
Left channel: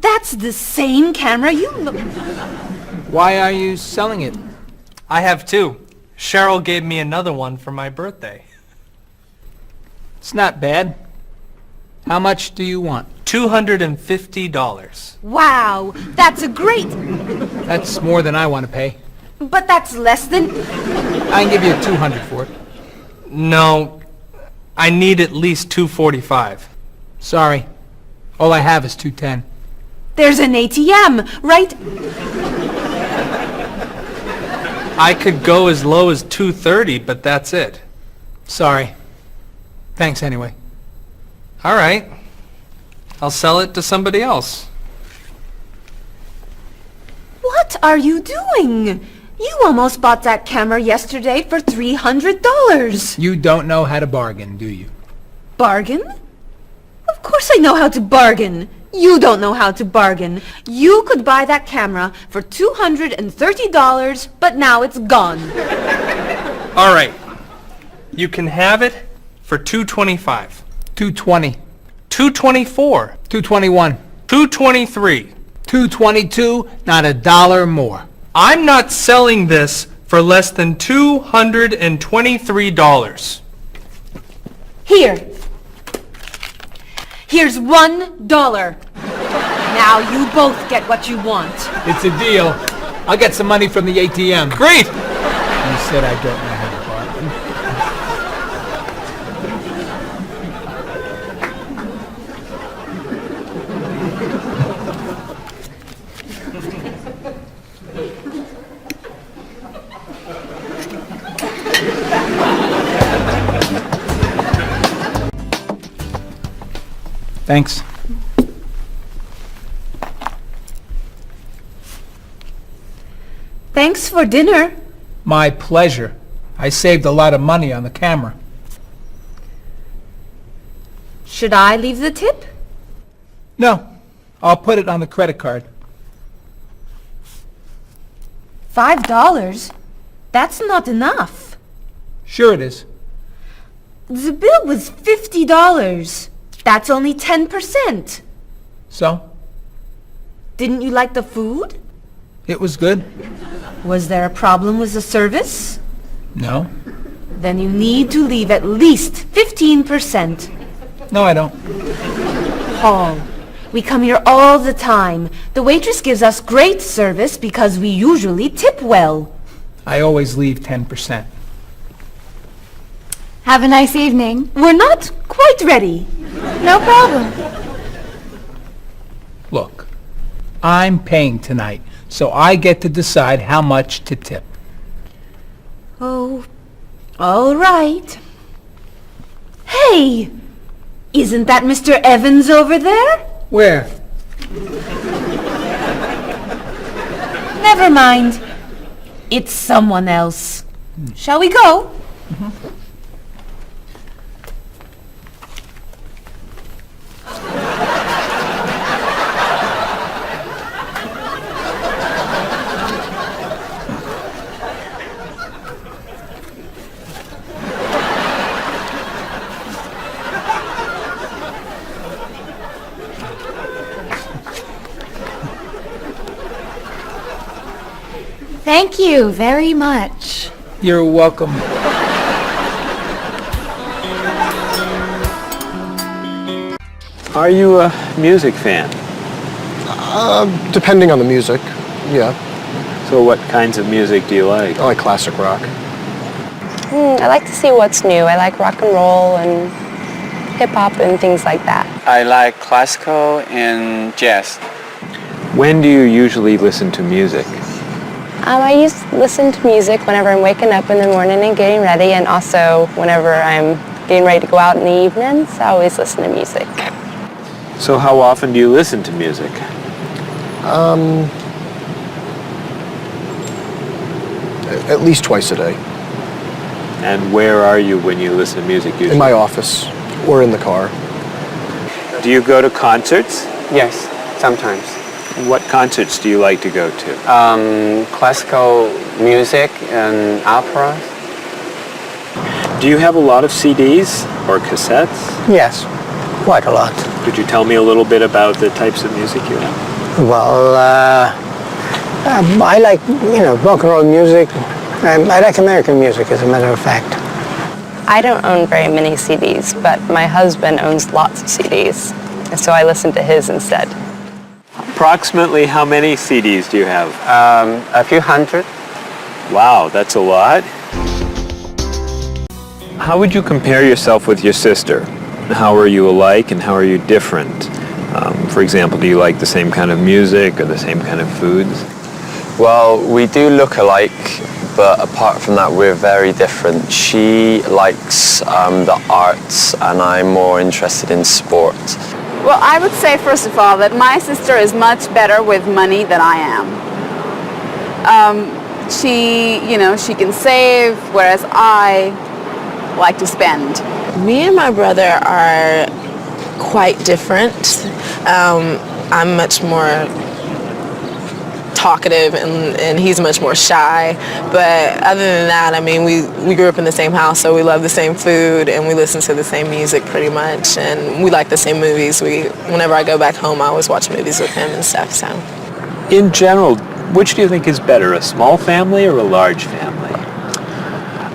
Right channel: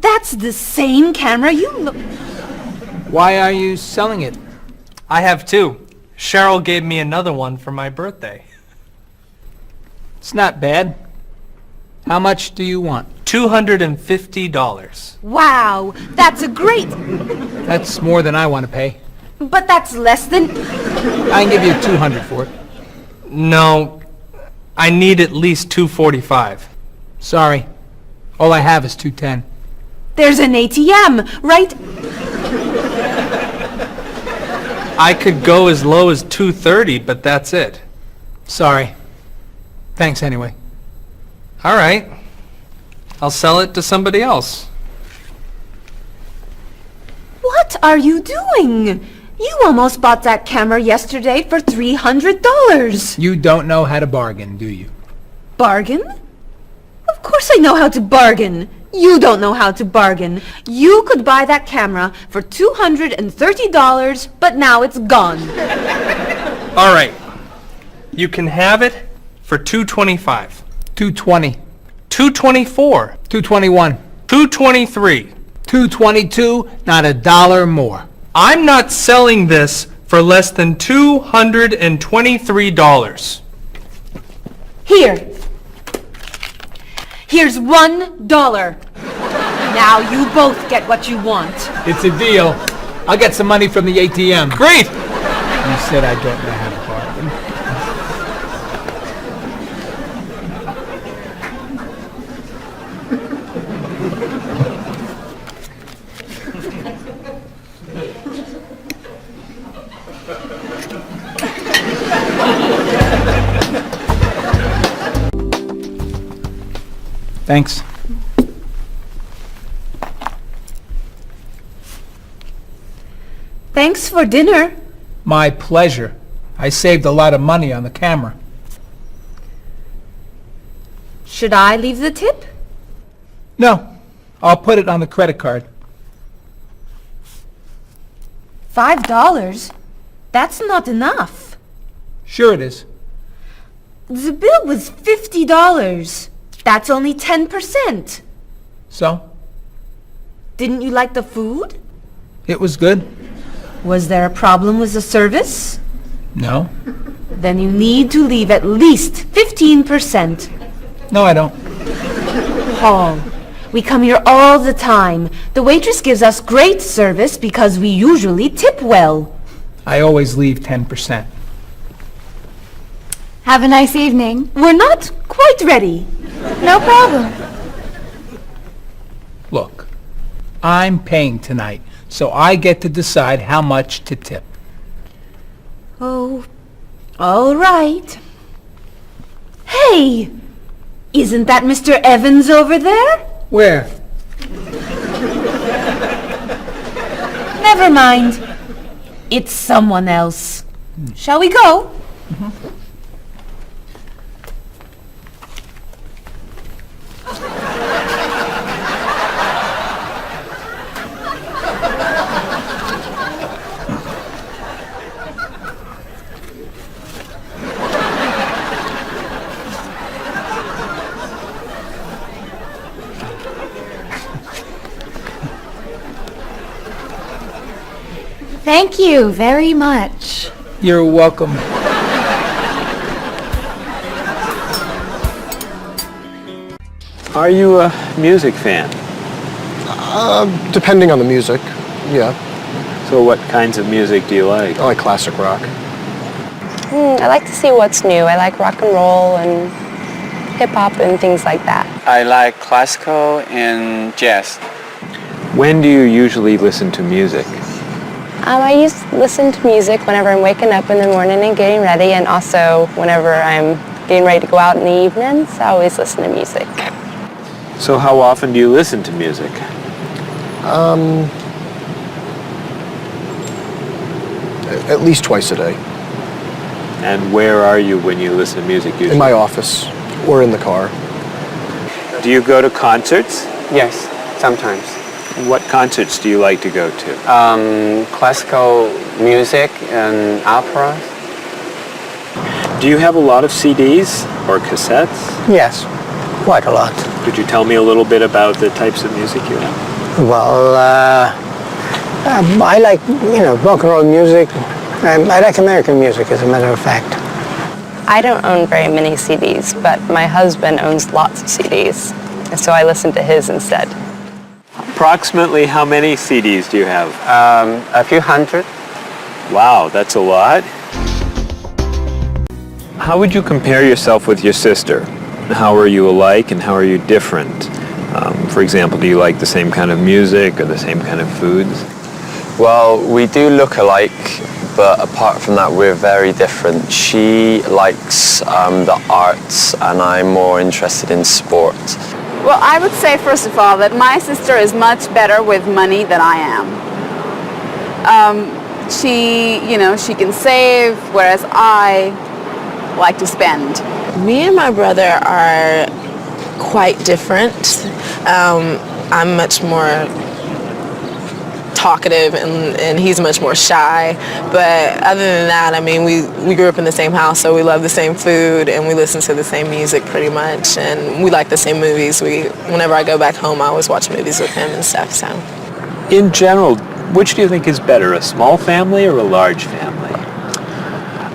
that's the same camera you... Why are you selling it? I have two. Cheryl gave me another one for my birthday. It's not bad. How much do you want? $250. Wow, that's a great... That's more than I want to pay. But that's less than... I can give you $200 for it. No, I need at least $245. Sorry. All I have is $210. There's an ATM, right? I could go as low as $230, but that's it. Sorry. Thanks anyway. All right. I'll sell it to somebody else. What are you doing? You almost bought that camera yesterday for $300. You don't know how to bargain, do you? Bargain? Of course I know how to bargain. You don't know how to bargain. You could buy that camera for $230, but now it's gone. All right. You can have it for $225. $220. $224. $221. $223. $222, not a dollar more. I'm not selling this for less than $223. Here. Here's $1. Now you both get what you want. It's a deal. I'll get some money from the ATM. Great! You said I don't know how to bargain. Thanks. Thanks for dinner. My pleasure. I saved a lot of money on the camera. Should I leave the tip? No, I'll put it on the credit card. $5? That's not enough. Sure it is. The bill was $50. That's only 10%. So? Didn't you like the food? It was good? Was there a problem with the service? No. Then you need to leave at least 15%. No, I don't. Paul, we come here all the time. The waitress gives us great service because we usually tip well. I always leave 10%. Have a nice evening. We're not quite ready. No problem. Look, I'm paying tonight, so I get to decide how much to tip. Oh, all right. Hey! Isn't that Mr. Evans over there? Where? Never mind. It's someone else. Shall we go? Thank you very much. You're welcome. Are you a music fan? Depending on the music, yeah. So what kinds of music do you like? I like classic rock. I like to see what's new. I like rock and roll and hip-hop and things like that. I like classical and jazz. When do you usually listen to music? I used to listen to music whenever I'm waking up in the morning and getting ready, and also whenever I'm getting ready to go out in the evenings. I always listen to music. So how often do you listen to music? At least twice a day. And where are you when you listen to music usually? In my office or in the car. Do you go to concerts? Yes, sometimes. What concerts do you like to go to? Classical music and operas. Do you have a lot of CDs or cassettes? Yes, quite a lot. Could you tell me a little bit about the types of music you have? Well, I like, rock and roll music. I like American music, as a matter of fact. I don't own very many CDs, but my husband owns lots of CDs, and so I listen to his instead. Approximately how many CDs do you have? A few hundred. Wow, that's a lot. How would you compare yourself with your sister? How are you alike and how are you different? For example, do you like the same kind of music or the same kind of foods? Well, we do look alike, but apart from that, we're very different. She likes the arts, and I'm more interested in sport. Well, I would say, first of all, that my sister is much better with money than I am. She can save, whereas I like to spend. Me and my brother are quite different. I'm much more talkative and he's much more shy. But other than that, I mean, we grew up in the same house, so we love the same food and we listen to the same music pretty much, and we like the same movies. Whenever I go back home, I always watch movies with him and stuff. So, In general, which do you think is better, a small family or a large family?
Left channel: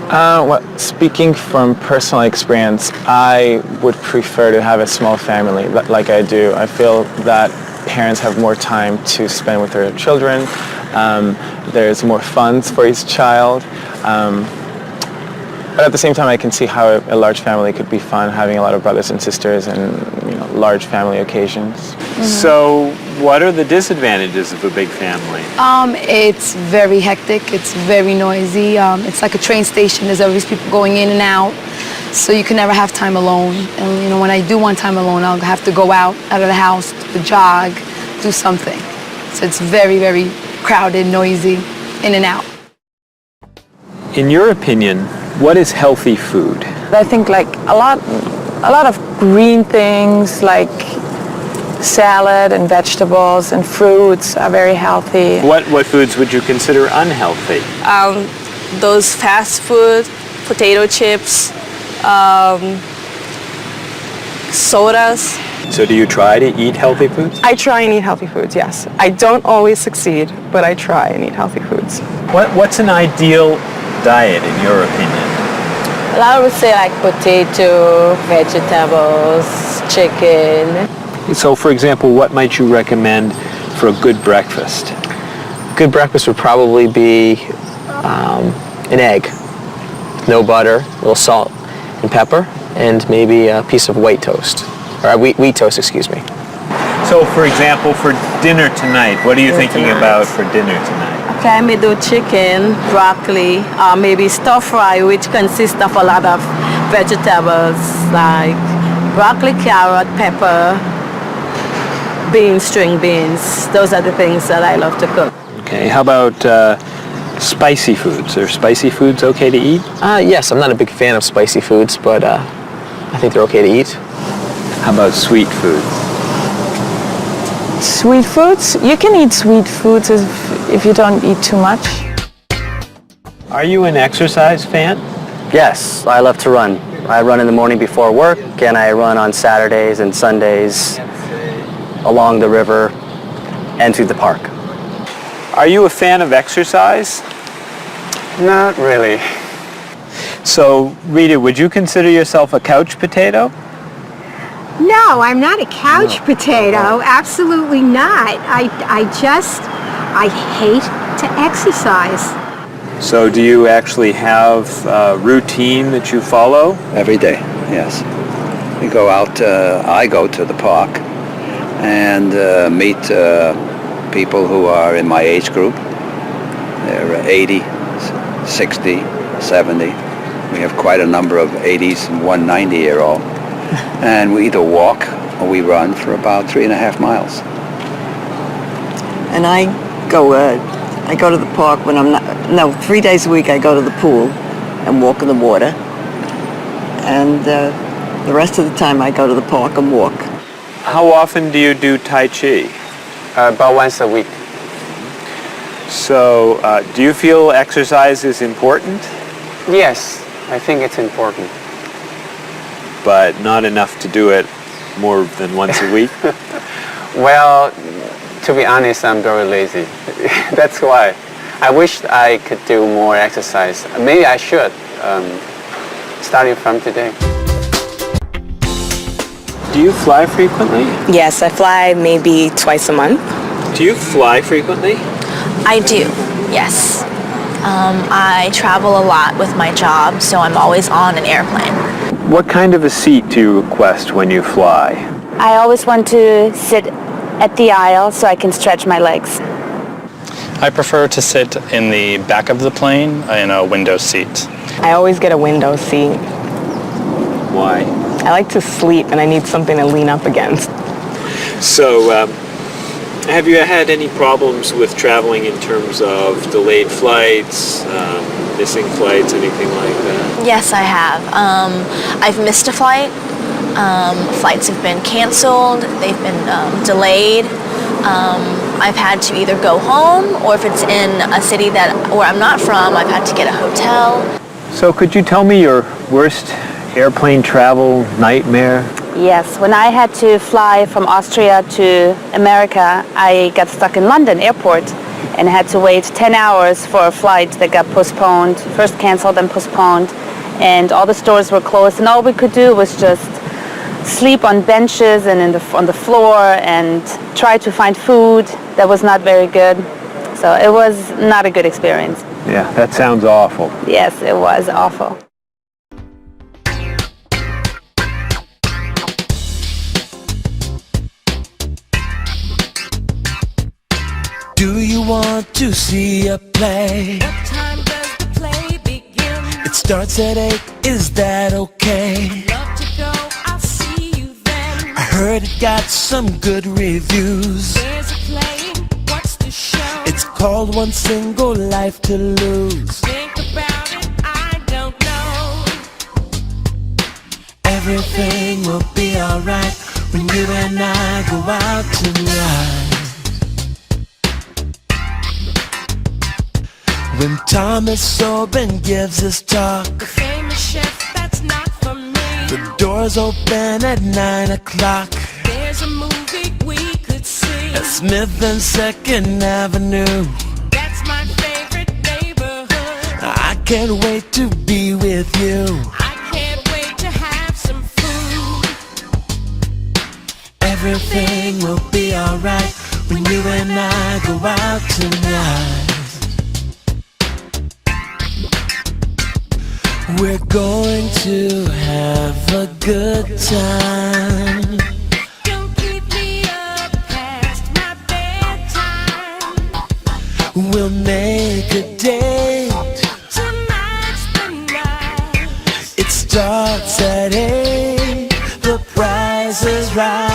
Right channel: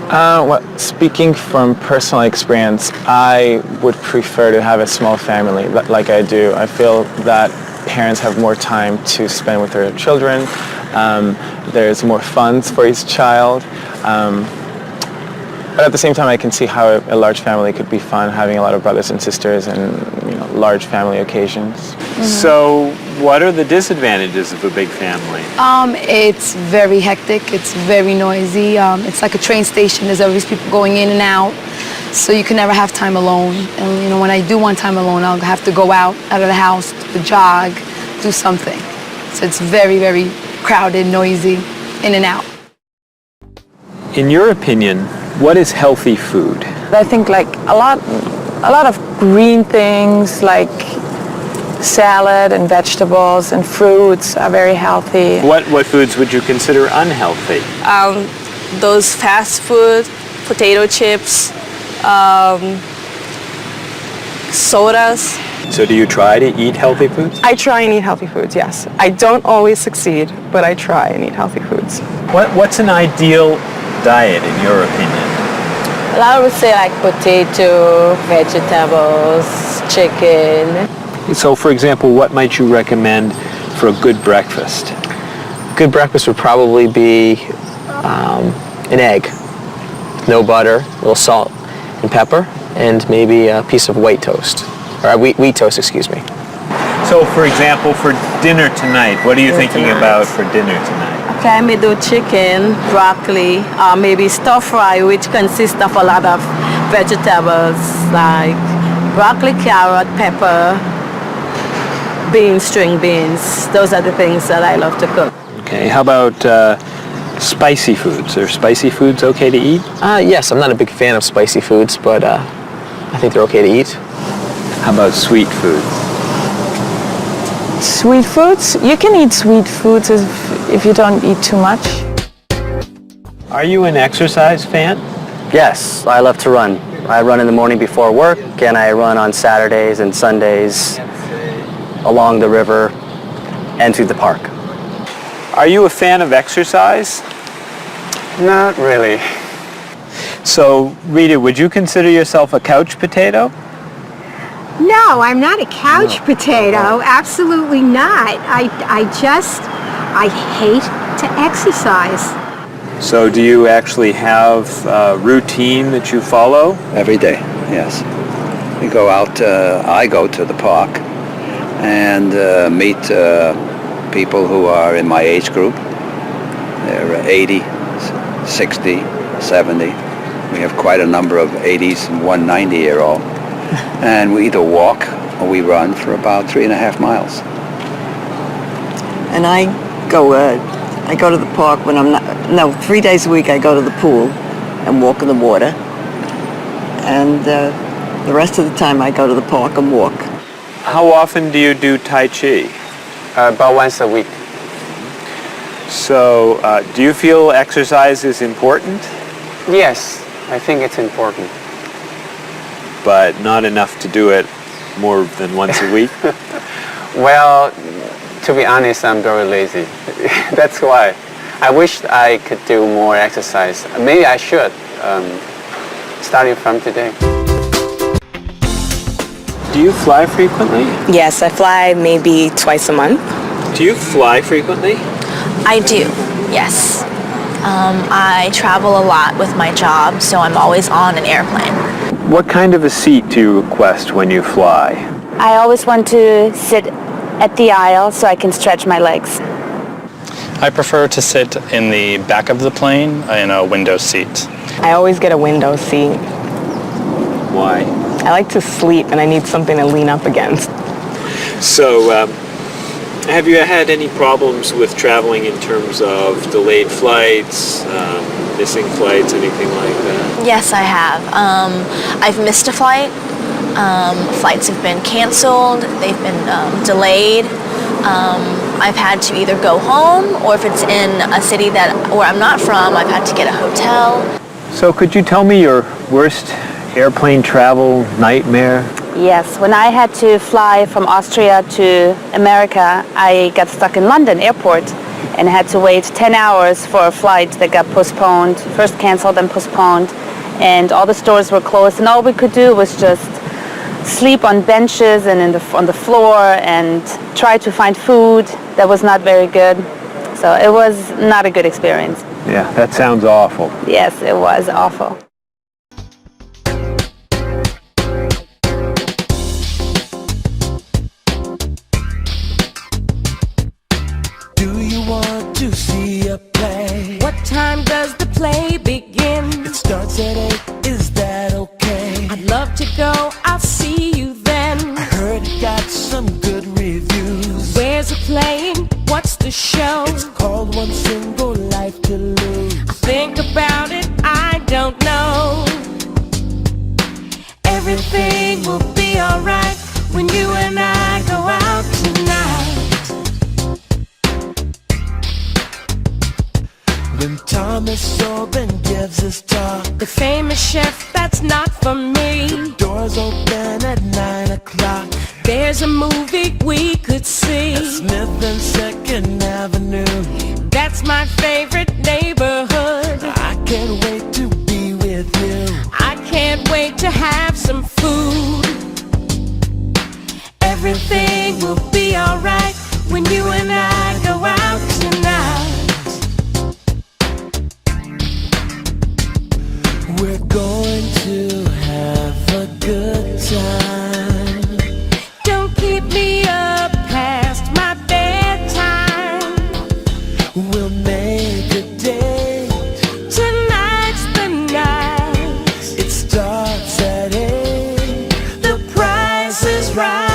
Well, speaking from personal experience, I would prefer to have a small family like I do. I feel that parents have more time to spend with their children. There's more funds for each child. But at the same time, I can see how a large family could be fun, having a lot of brothers and sisters and large family occasions. So what are the disadvantages of a big family? It's very hectic. It's very noisy. It's like a train station. There's always people going in and out. So you can never have time alone. And when I do want time alone, I'll have to go out of the house, to jog, do something. So it's very, very crowded, noisy, in and out. In your opinion, what is healthy food? I think like a lot of green things like salad and vegetables and fruits are very healthy. What foods would you consider unhealthy? Those fast food, potato chips, sodas. So do you try to eat healthy foods? I try and eat healthy foods, yes. I don't always succeed, but I try and eat healthy foods. What's an ideal diet in your opinion? Well, I would say like potato, vegetables, chicken. So for example, what might you recommend for a good breakfast? Good breakfast would probably be an egg, no butter, a little salt and pepper, and maybe a piece of white toast, or wheat toast, excuse me. So for example, for dinner tonight, what are you thinking about for dinner tonight? Okay, I may do chicken, broccoli, maybe stir fry, which consists of a lot of vegetables like broccoli, carrot, pepper, beans, string beans. Those are the things that I love to cook. Okay, how about spicy foods? Are spicy foods okay to eat? Yes, I'm not a big fan of spicy foods, but I think they're okay to eat. How about sweet foods? Sweet foods? You can eat sweet foods if you don't eat too much. Are you an exercise fan? Yes, I love to run. I run in the morning before work, and I run on Saturdays and Sundays along the river and through the park. Are you a fan of exercise? Not really. So, Rita, would you consider yourself a couch potato? No, I'm not a couch potato. Absolutely not. I hate to exercise. So do you actually have a routine that you follow? Every day, yes. We go out, I go to the park and meet people who are in my age group. They're 80, 60, 70. We have quite a number of 80s and one 90-year-old. And we either walk or we run for about 3.5 miles. And I go to the park when I'm not, 3 days a week I go to the pool and walk in the water. And the rest of the time I go to the park and walk. How often do you do Tai Chi? About once a week. So, do you feel exercise is important? Yes, I think it's important. But not enough to do it more than once a week? Well, to be honest, I'm very lazy. That's why. I wish I could do more exercise. Maybe I should, starting from today. Do you fly frequently? Yes, I fly maybe twice a month. Do you fly frequently? I do, yes. I travel a lot with my job, so I'm always on an airplane. What kind of a seat do you request when you fly? I always want to sit at the aisle so I can stretch my legs. I prefer to sit in the back of the plane in a window seat. I always get a window seat. Why? I like to sleep and I need something to lean up against. So, Have you had any problems with traveling in terms of delayed flights, missing flights, anything like that? Yes, I have. I've missed a flight. Flights have been canceled. They've been delayed. I've had to either go home, or if it's in a city where I'm not from, I've had to get a hotel. So could you tell me your worst airplane travel nightmare? Yes, when I had to fly from Austria to America, I got stuck in London airport and had to wait 10 hours for a flight that got postponed, first canceled and postponed, and all the stores were closed, and all we could do was just sleep on benches and on the floor and try to find food that was not very good. So it was not a good experience. Yeah, that sounds awful. Yes, it was awful. Do you want to see a play? What time does the play begin? It starts at 8, is that okay? I'd love to go, I'll see you then. I heard it got some good reviews. Where's it playing? What's the show? It's called One Single Life to Lose. Think about it, I don't know. Everything will be alright when you and I go out tonight. When Thomas Sobin gives his talk, the famous chef, that's not for me. The doors open at 9 o'clock. There's a movie we could see at Smith and 2nd Avenue. That's my favorite neighborhood. I can't wait to be with you. I can't wait to have some food. Everything will be alright when you and I go out tonight. We're going to have a good time. Don't keep me up past my bedtime. We'll make a date. Tonight's the night. It starts at 8. The price is right.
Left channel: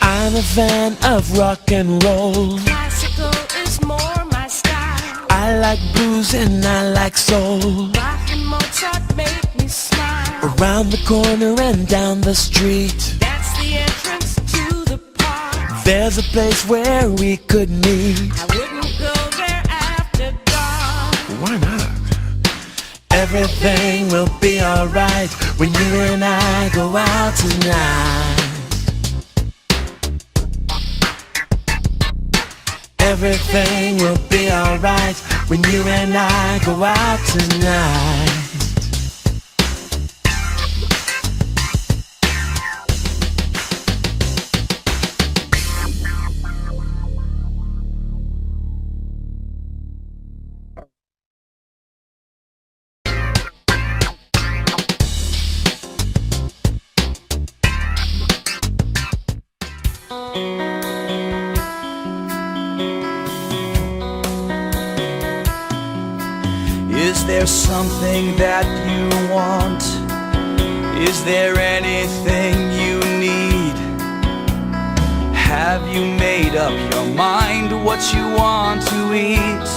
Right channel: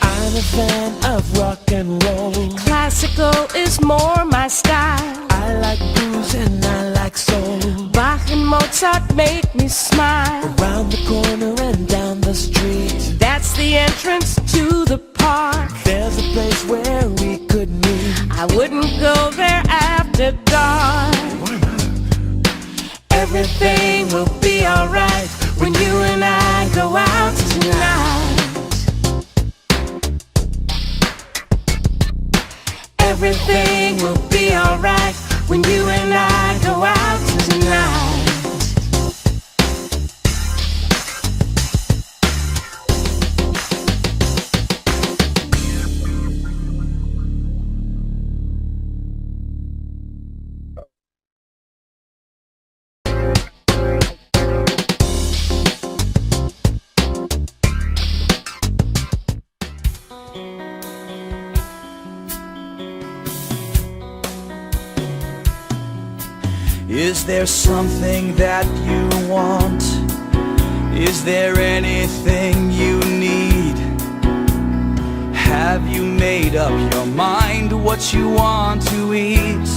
I'm a fan of rock and roll. Classical is more my style. I like blues and I like soul. Bach and Mozart make me smile. Around the corner and down the street, that's the entrance to the park. There's a place where we could meet. I wouldn't go there after dark. Why not? Everything will be alright when you and I go out tonight. Everything will be alright when you and I go out tonight. Is there something that you want? Is there anything you need? Have you made up your mind what you want to eat?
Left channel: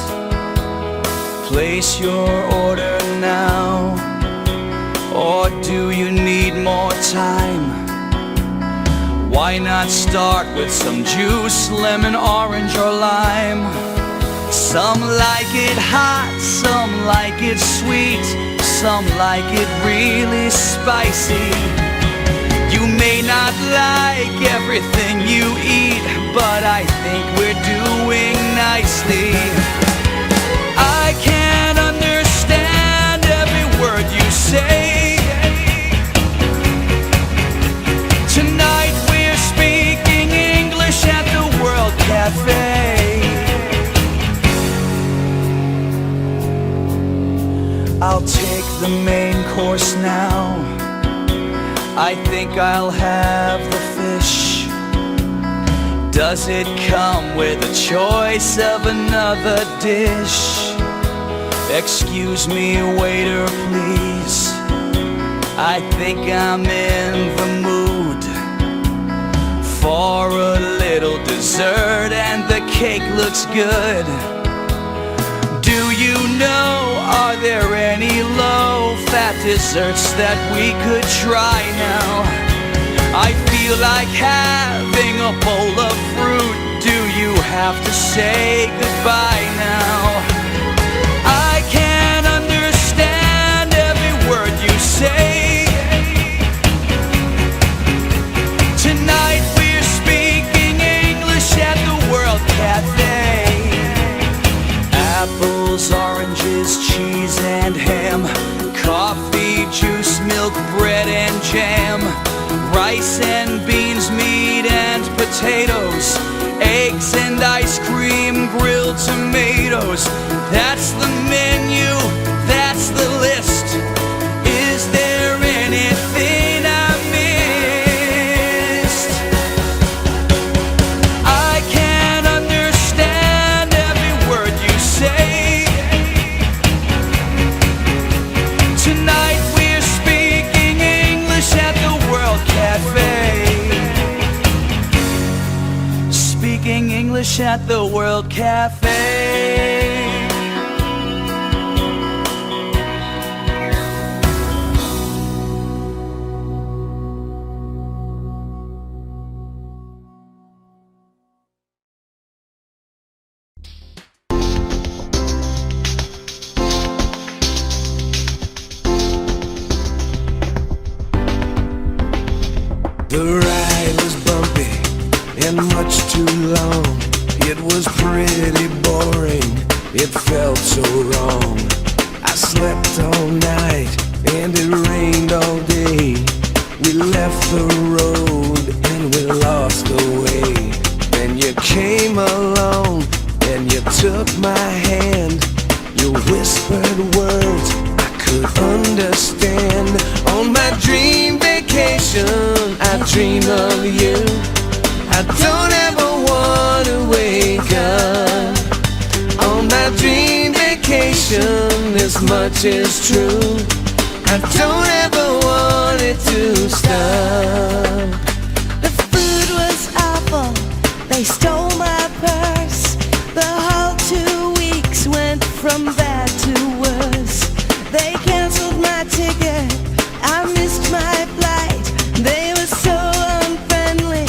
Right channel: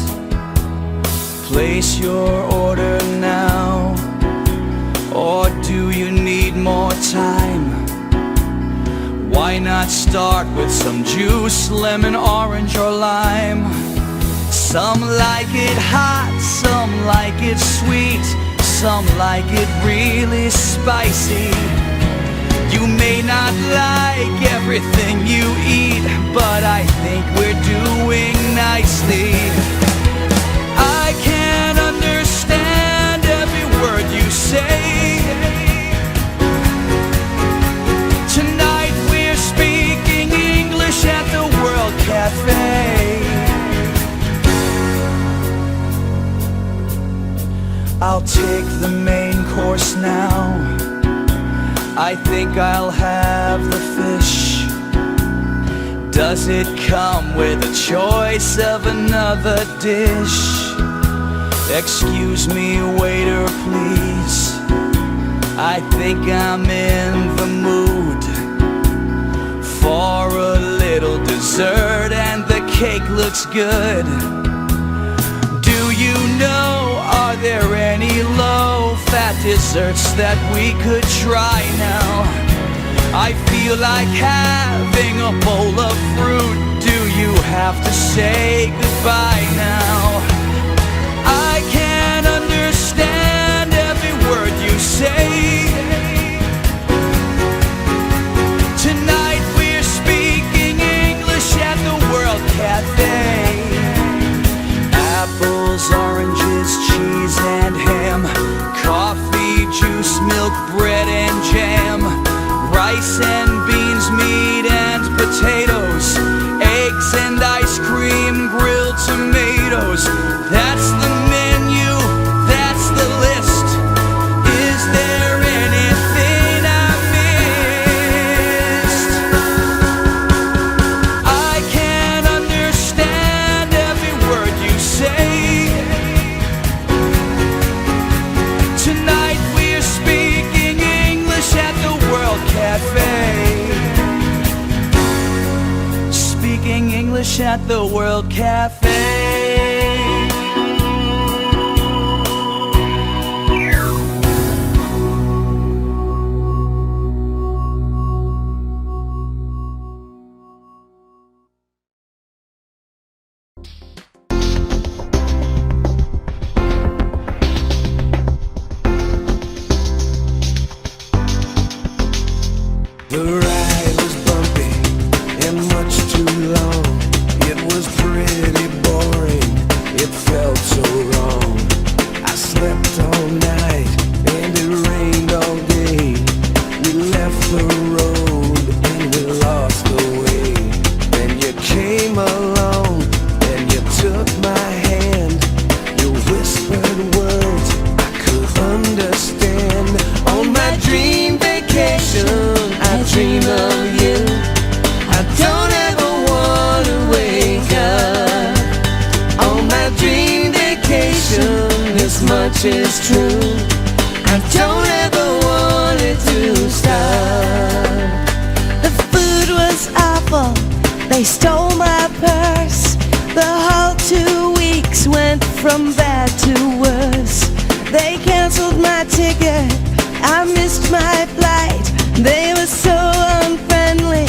Place your order now, or do you need more time? Why not start with some juice, lemon, orange, or lime? Some like it hot, some like it sweet, some like it really spicy. You may not like everything you eat, but I think we're doing nicely. I can't understand every word you say. Tonight we're speaking English at the World Cafe. I'll take the main course now. I think I'll have the fish. Does it come with a choice of another dish? Excuse me, waiter, please. I think I'm in the mood. for a little dessert, and the cake looks good. Do you know, are there any low-fat desserts that we could try now? I feel like having a bowl of fruit. Do you have to say goodbye now? I can't understand every word you say. Tonight we're speaking English at the World Cafe. Apples, oranges, cheese and ham, coffee, juice, milk, bread and jam, rice and beans, meat and potatoes, eggs and ice cream, grilled tomatoes. That's the menu, that's the list. Is there anything I missed? I can't understand every word you say. Tonight we're speaking English at the World Cafe. Speaking English at the World Cafe. The ride was bumpy and much too long. It was pretty boring, it felt so wrong. I slept all night and it rained all day. We left the road and we lost the way. Then you came along and you took my hand. You whispered words I could understand. On my dream vacation I dream of you. I don't ever want to wake up. On my dream vacation, this much is true. I don't ever want it to stop. The food was awful, they stole my purse. The whole 2 weeks went from bad to worse. They canceled my ticket, I missed my flight. They were so unfriendly,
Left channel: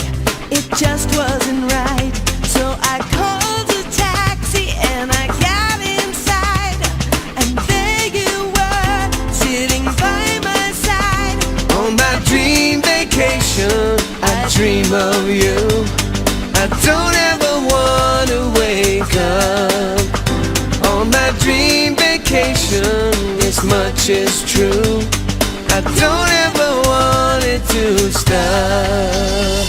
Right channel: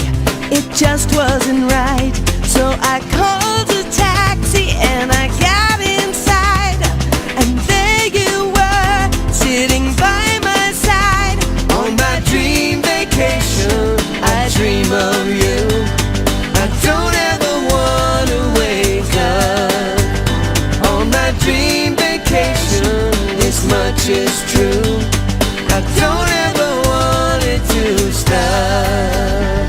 it just wasn't right. So I called a taxi and I got inside, and there you were, sitting by my side. On my dream vacation, I dream of you. I don't ever want to wake up. On my dream vacation, this much is true. I don't ever want it to stop.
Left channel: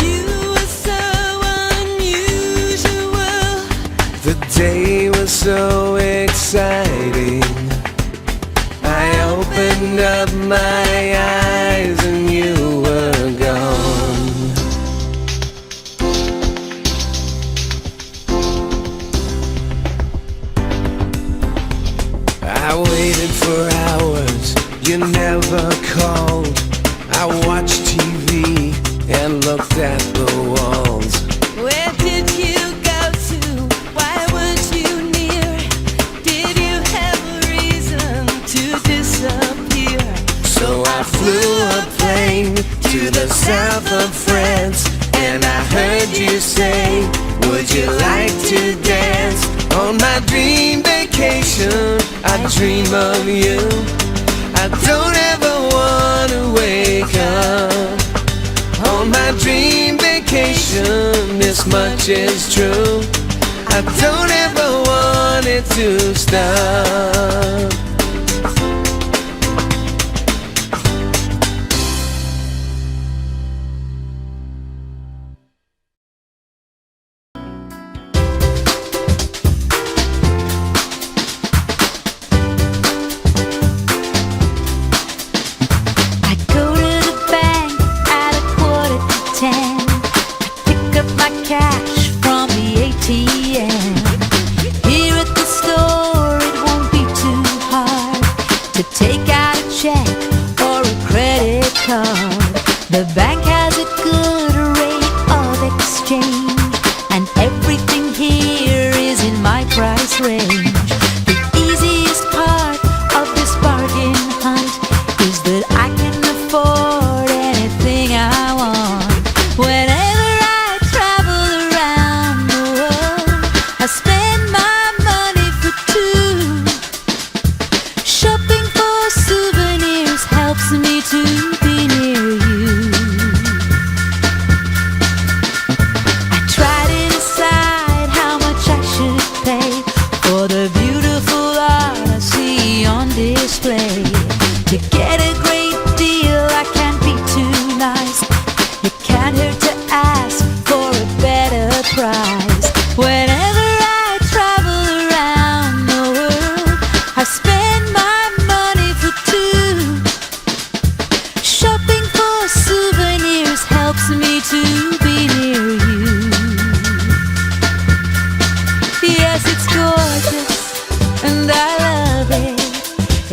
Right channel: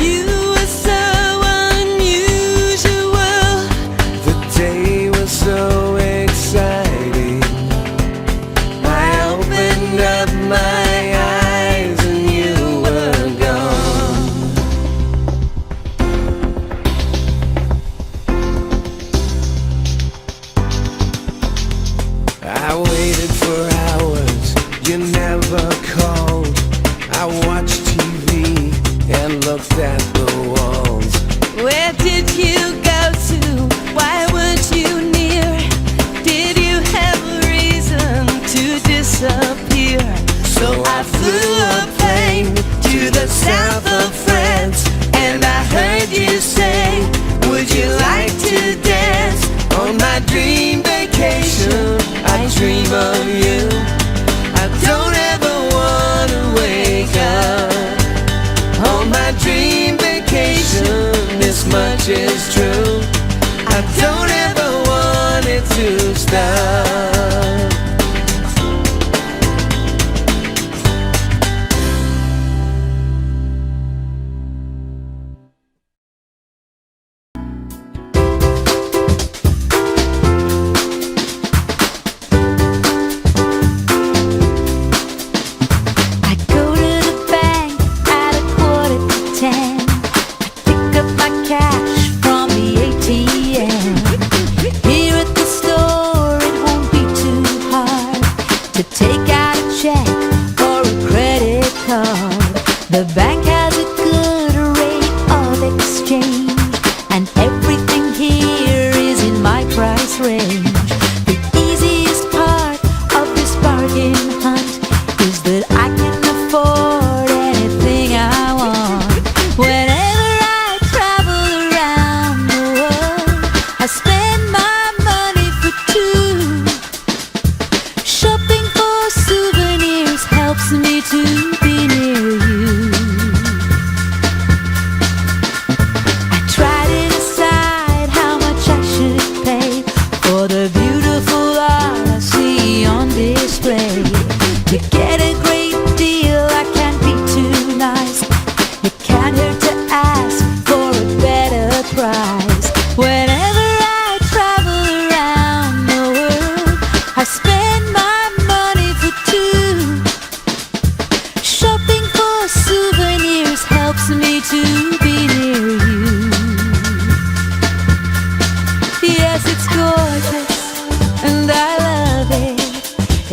You were so unusual. The day was so exciting. I opened up my eyes and you were gone. I waited for hours, you never called. I watched TV and looked at the walls. Where did you go to? Why weren't you near? Did you have a reason to disappear? So I flew a plane to the south of France, and I heard you say, would you like to dance? On my dream vacation, I dream of you. I don't ever want to wake up. On my dream vacation, this much is true. I don't ever want it to stop. Cash from the ATM. Here at the store, it won't be too hard to take out a check or a credit card. The bank has a good rate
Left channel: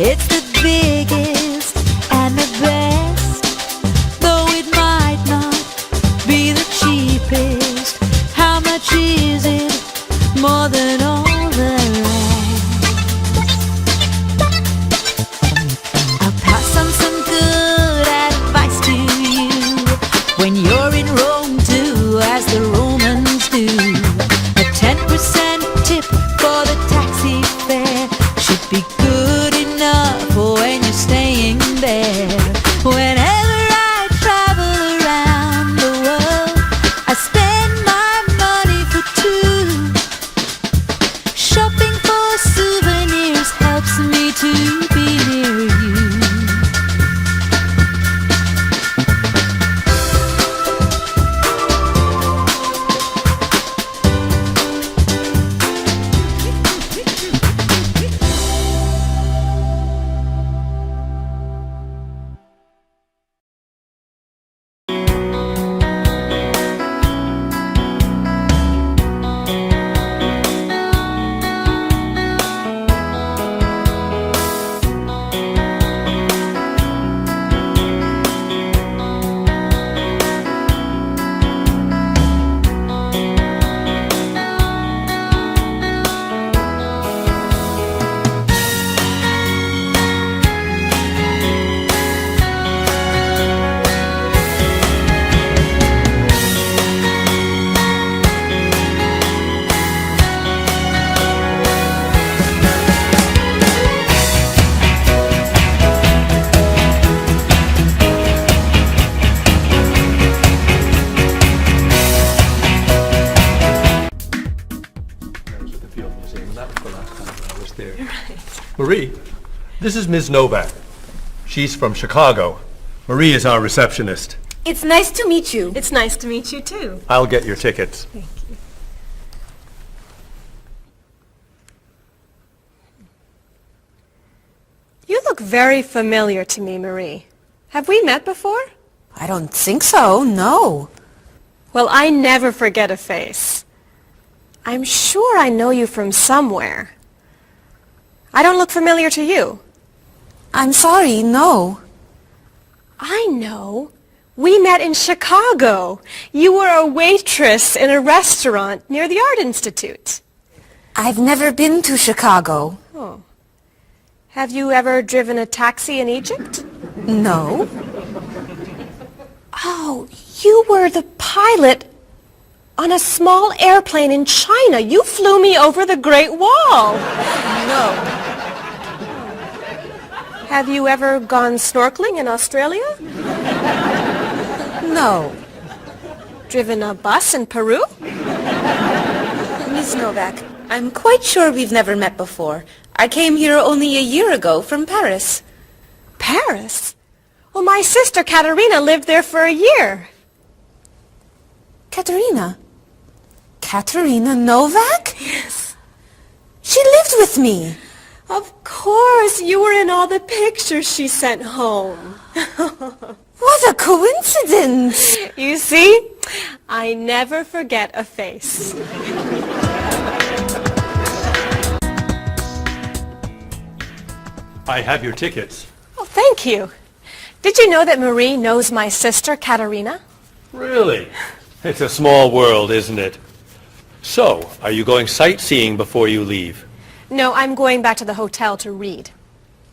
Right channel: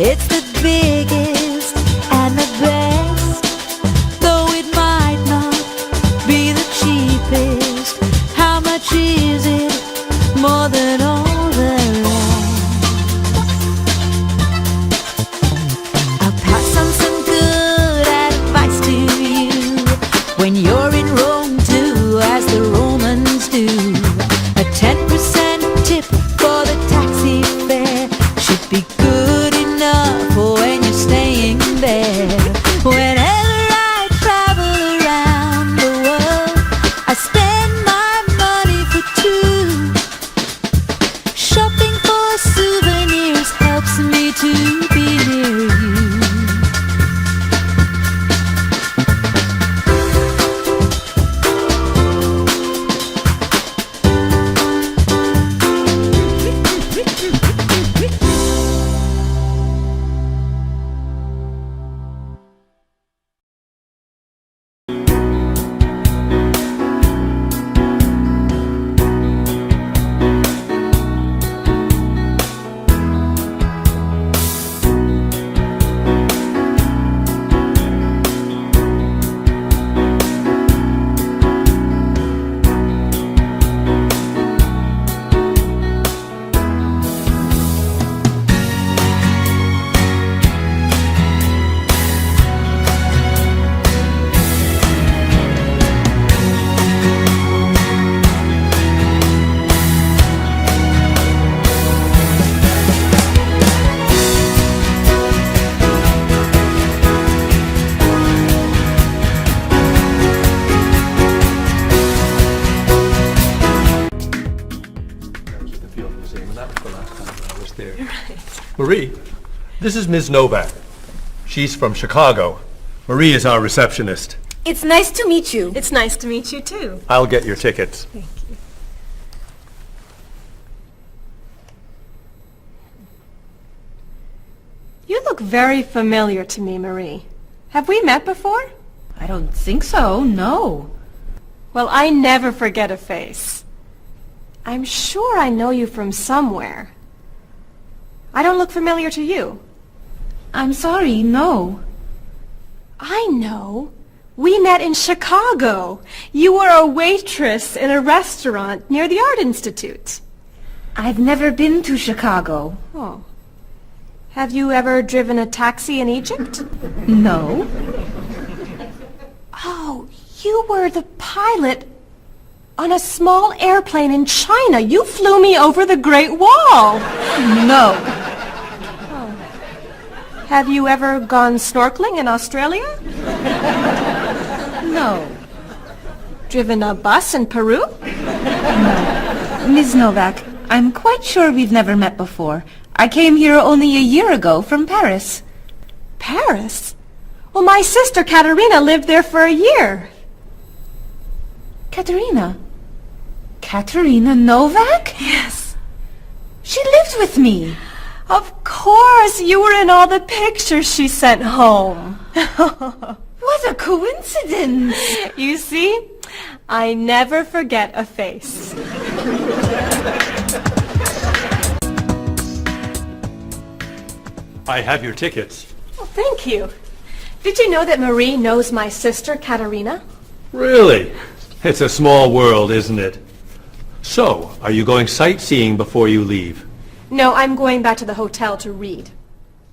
It's the biggest and the best, though it might not be the cheapest. How much is it? More than all the rest. I'll pass on some good advice to you. When you're in Rome, do as the Romans do. A 10% tip for the taxi fare should be good enough for when you're staying there. Whenever I travel around the world, I spend my money for two. Shopping for souvenirs helps me to be near you. Marie, this is Ms. Novak. She's from Chicago. Marie is our receptionist. It's nice to meet you. It's nice to meet you too. I'll get your tickets. Thank you. You look very familiar to me, Marie. Have we met before? I don't think so, no. Well, I never forget a face. I'm sure I know you from somewhere. I don't look familiar to you. I'm sorry, no. I know. We met in Chicago. You were a waitress in a restaurant near the Art Institute. I've never been to Chicago. Oh. Have you ever driven a taxi in Egypt? No. Oh, you were the pilot on a small airplane in China. You flew me over the Great Wall. No. Have you ever gone snorkeling in Australia? No. Driven a bus in Peru? Ms. Novak, I'm quite sure we've never met before. I came here only a year ago from Paris. Paris? Well, my sister Katerina lived there for a year. Katerina? Katerina Novak? Yes. She lived with me. Of course, you were in all the pictures she sent home. What a coincidence! You see, I never forget a face. I have your tickets. Oh, thank you. Did you know that Marie knows my sister Katerina? Really? It's a small world, isn't it? So, are you going sightseeing before you leave? No, I'm going back to the hotel to read.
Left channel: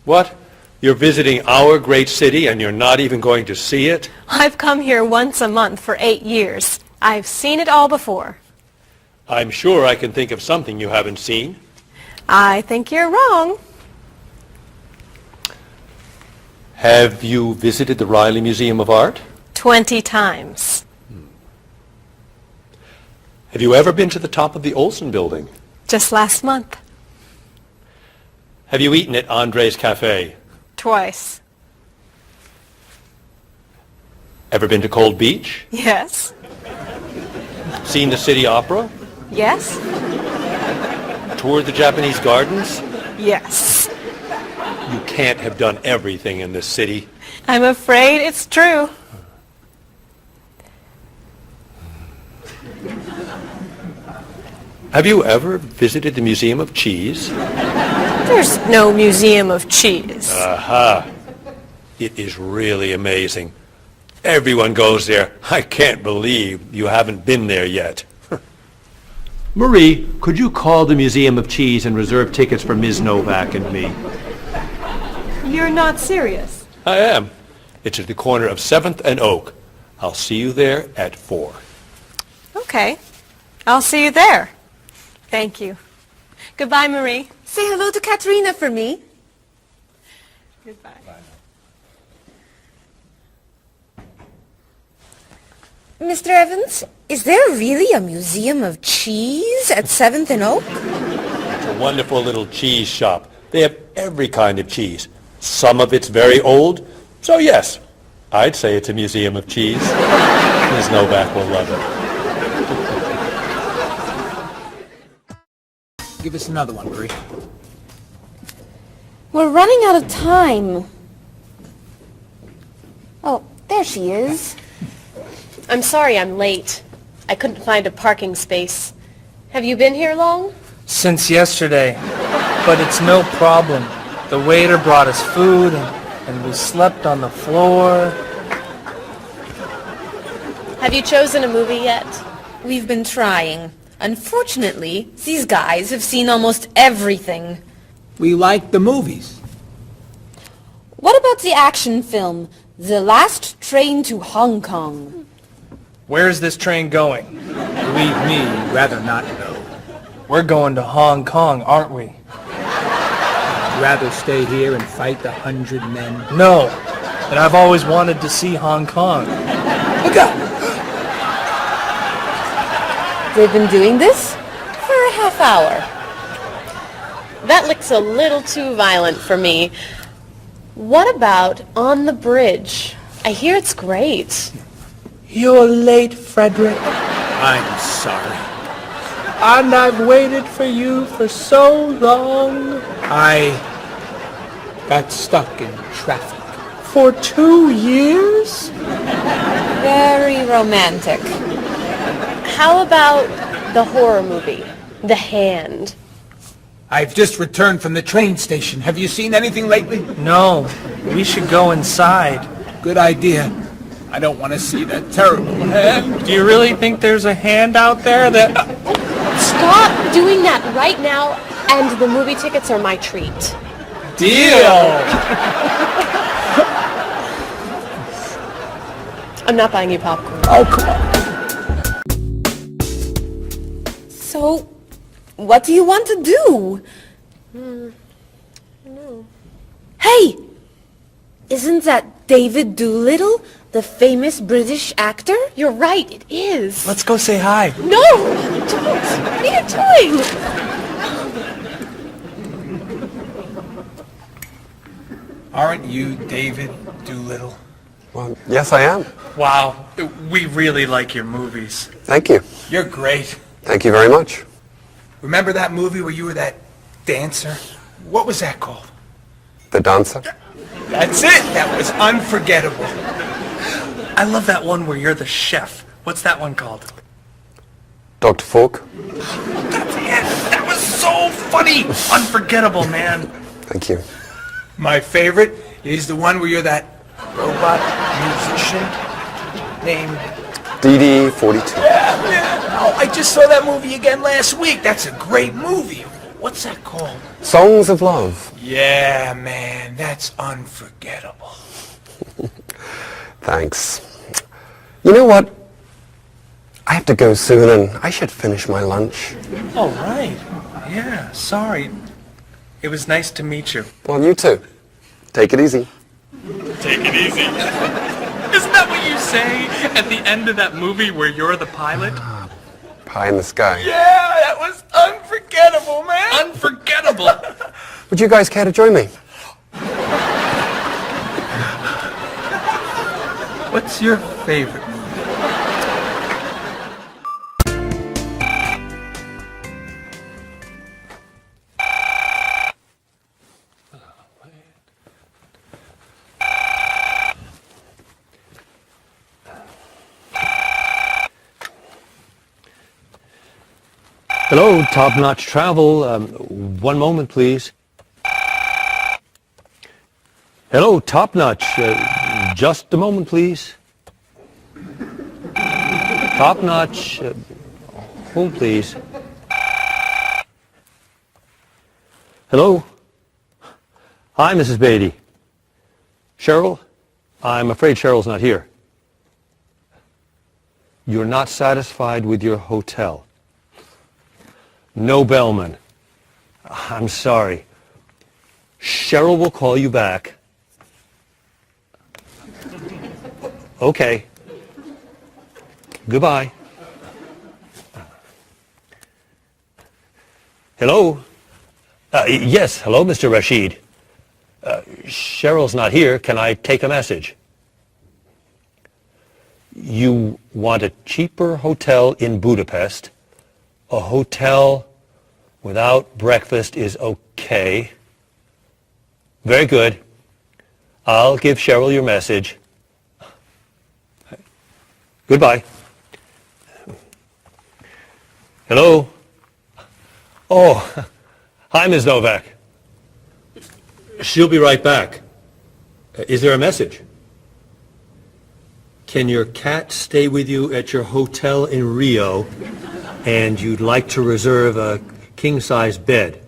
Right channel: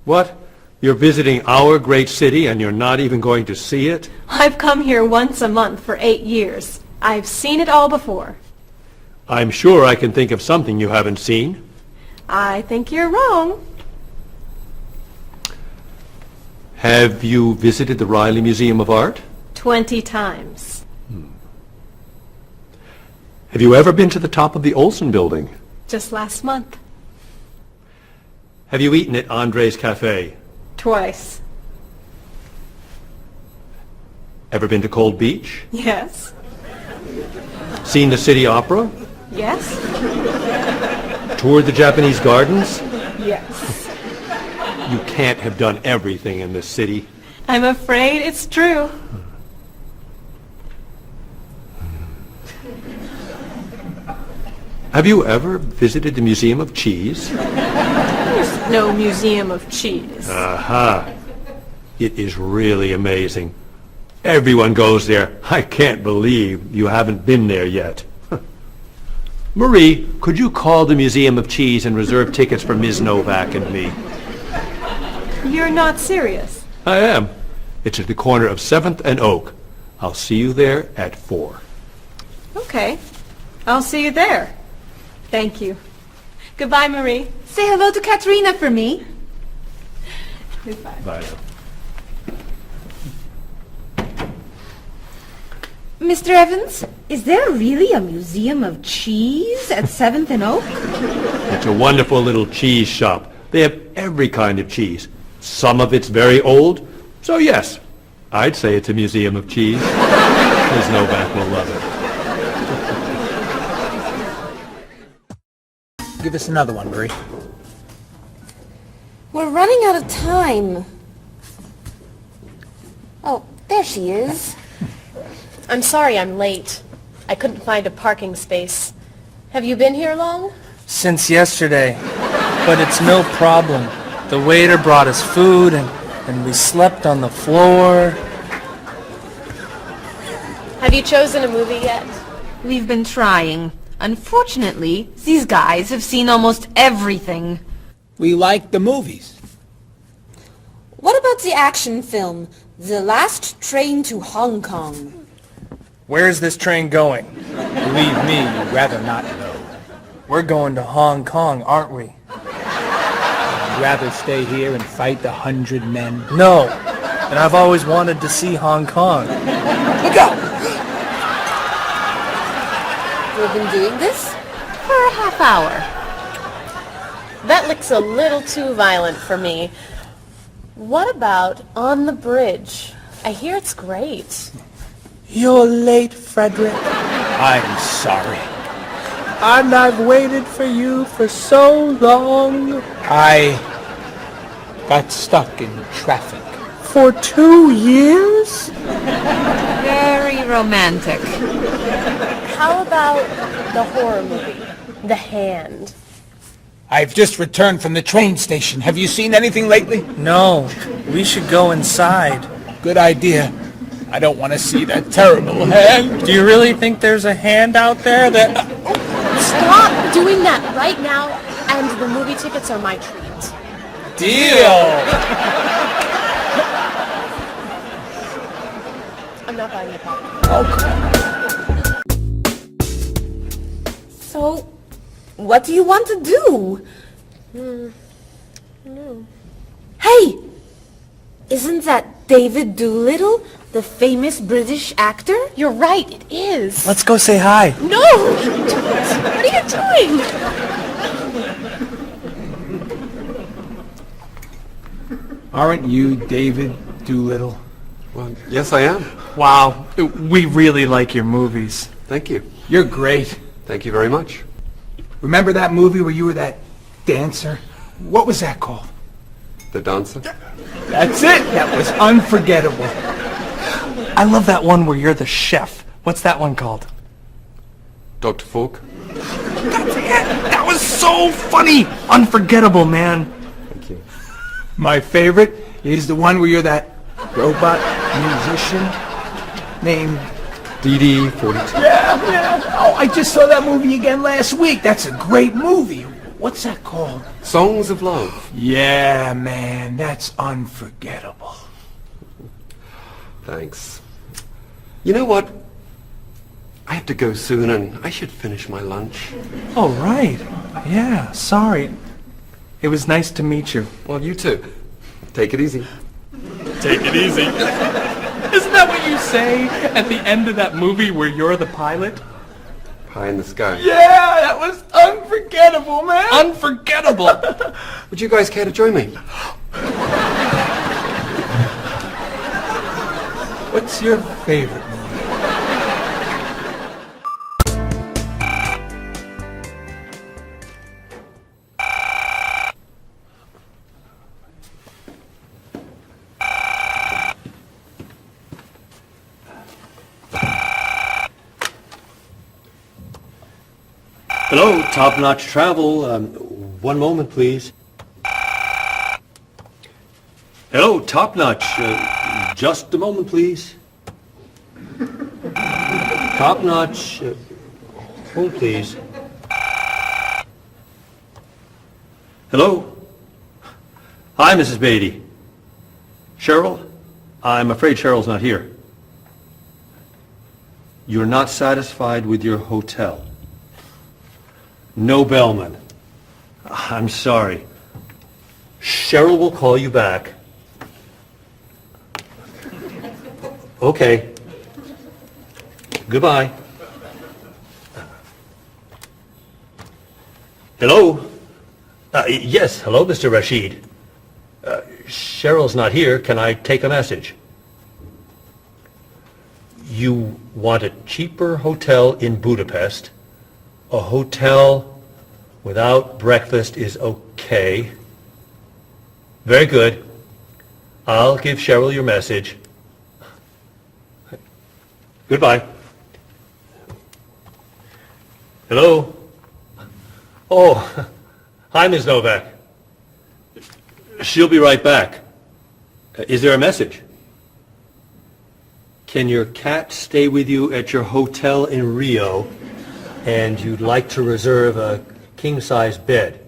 What? You're visiting our great city and you're not even going to see it? I've come here once a month for 8 years. I've seen it all before. I'm sure I can think of something you haven't seen. I think you're wrong. Have you visited the Riley Museum of Art? 20 times. Have you ever been to the top of the Olsen Building? Just last month. Have you eaten at Andre's Cafe? Twice. Ever been to Cold Beach? Yes. Seen the City Opera? Yes. Toured the Japanese gardens? Yes. You can't have done everything in this city. I'm afraid it's true. Have you ever visited the Museum of Cheese? There's no museum of cheese. Aha. It is really amazing. Everyone goes there. I can't believe you haven't been there yet. Marie, could you call the Museum of Cheese and reserve tickets for Ms. Novak and me? You're not serious. I am. It's at the corner of 7th and Oak. I'll see you there at 4. Okay. I'll see you there. Thank you. Goodbye, Marie. Say hello to Katerina for me. Goodbye. Bye. Mr. Evans, is there really a museum of cheese at 7th and Oak? It's a wonderful little cheese shop. They have every kind of cheese. Some of it's very old, so yes, I'd say it's a museum of cheese. Ms. Novak will love it. Give us another one, Marie. We're running out of time. Oh, there she is. I'm sorry I'm late. I couldn't find a parking space. Have you been here long? Since yesterday, but it's no problem. The waiter brought us food and we slept on the floor. Have you chosen a movie yet? We've been trying. Unfortunately, these guys have seen almost everything. We like the movies. What about the action film, The Last Train to Hong Kong? Where's this train going? Believe me, rather not know. We're going to Hong Kong, aren't we? Rather stay here and fight the 100 men. No, but I've always wanted to see Hong Kong. Look out! We've been doing this for a half hour. That looks a little too violent for me. What about On the Bridge? I hear it's great. You're late, Frederick. I'm sorry. And I've waited for you for so long. I got stuck in traffic for 2 years. Very romantic. How about the horror movie, The Hand? I've just returned from the train station. Have you seen anything lately? No, we should go inside. Good idea. I don't want to see that terrible hand. Do you really think there's a hand out there that... Stop doing that right now, and the movie tickets are my treat. Deal! I'm not buying you popcorn. Oh, come on. So, what do you want to do? Hey! Isn't that David Doolittle, the famous British actor? You're right, it is. Let's go say hi. No! What are you doing? Aren't you David Doolittle? Well, yes, I am. Wow, we really like your movies. Thank you. You're great. Thank you very much. Remember that movie where you were that dancer? What was that called? The Dancer? That's it! That was unforgettable. I love that one where you're the chef. What's that one called? Dr. Falk? That was so funny! Unforgettable, man. Thank you. My favorite is the one where you're that robot musician named... DD-42. Yeah, man. Oh, I just saw that movie again last week. That's a great movie. What's that called? Songs of Love. Yeah, man. That's unforgettable. Thanks. You know what? I have to go soon and I should finish my lunch. Oh, right. Yeah, sorry. It was nice to meet you. Well, you too. Take it easy. Take it easy. Isn't that what you say at the end of that movie where you're the pilot? Pie in the sky. Yeah, that was unforgettable, man. Unforgettable. Would you guys care to join me? What's your favorite? Hello, Top Notch Travel. One moment, please. Hello, Top Notch. Just a moment, please. Top Notch. Hold, please. Hello? Hi, Mrs. Beatty. Cheryl? I'm afraid Cheryl's not here. You're not satisfied with your hotel? No bellman. I'm sorry. Cheryl will call you back. Okay. Goodbye. Hello? Yes, hello, Mr. Rashid. Cheryl's not here. Can I take a message? You want a cheaper hotel in Budapest. A hotel without breakfast is okay. Very good. I'll give Cheryl your message. Goodbye. Hello? Oh, hi, Ms. Novak. She'll be right back. Is there a message? Can your cat stay with you at your hotel in Rio, and you'd like to reserve a king-size bed?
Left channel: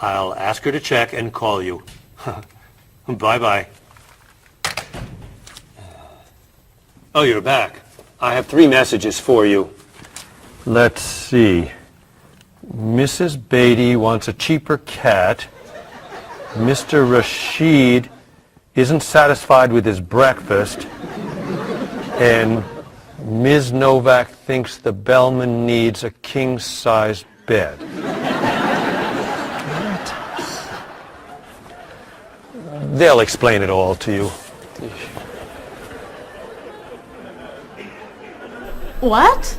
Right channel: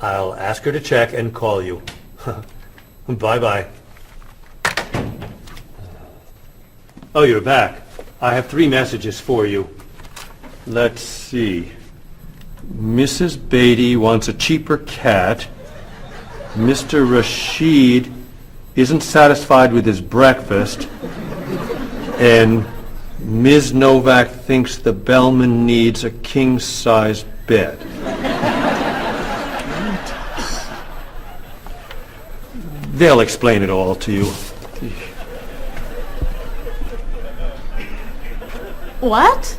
I'll ask her to check and call you. Bye-bye. Oh, you're back. I have 3 messages for you. Let's see. Mrs. Beatty wants a cheaper cat. Mr. Rashid isn't satisfied with his breakfast. And Ms. Novak thinks the bellman needs a king-size bed. They'll explain it all to you. What?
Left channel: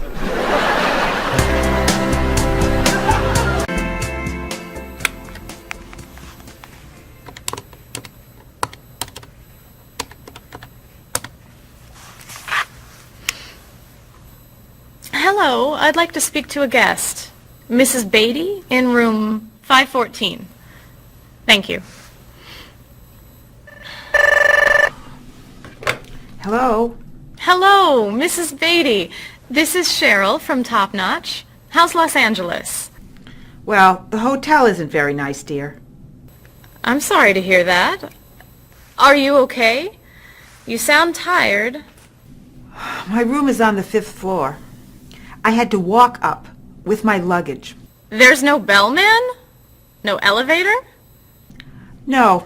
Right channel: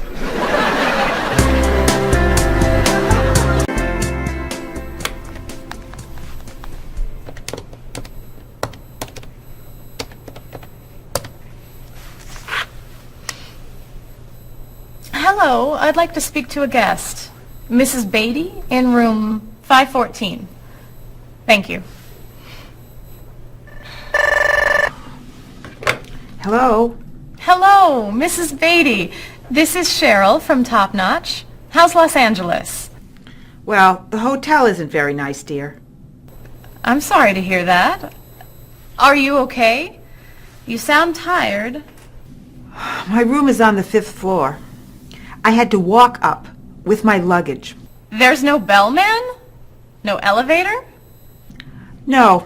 Hello, I'd like to speak to a guest. Mrs. Beatty in room 514. Thank you. Hello? Hello, Mrs. Beatty. This is Cheryl from Top Notch. How's Los Angeles? Well, the hotel isn't very nice, dear. I'm sorry to hear that. Are you okay? You sound tired. My room is on the 5th floor. I had to walk up with my luggage. There's no bellman? No elevator? No.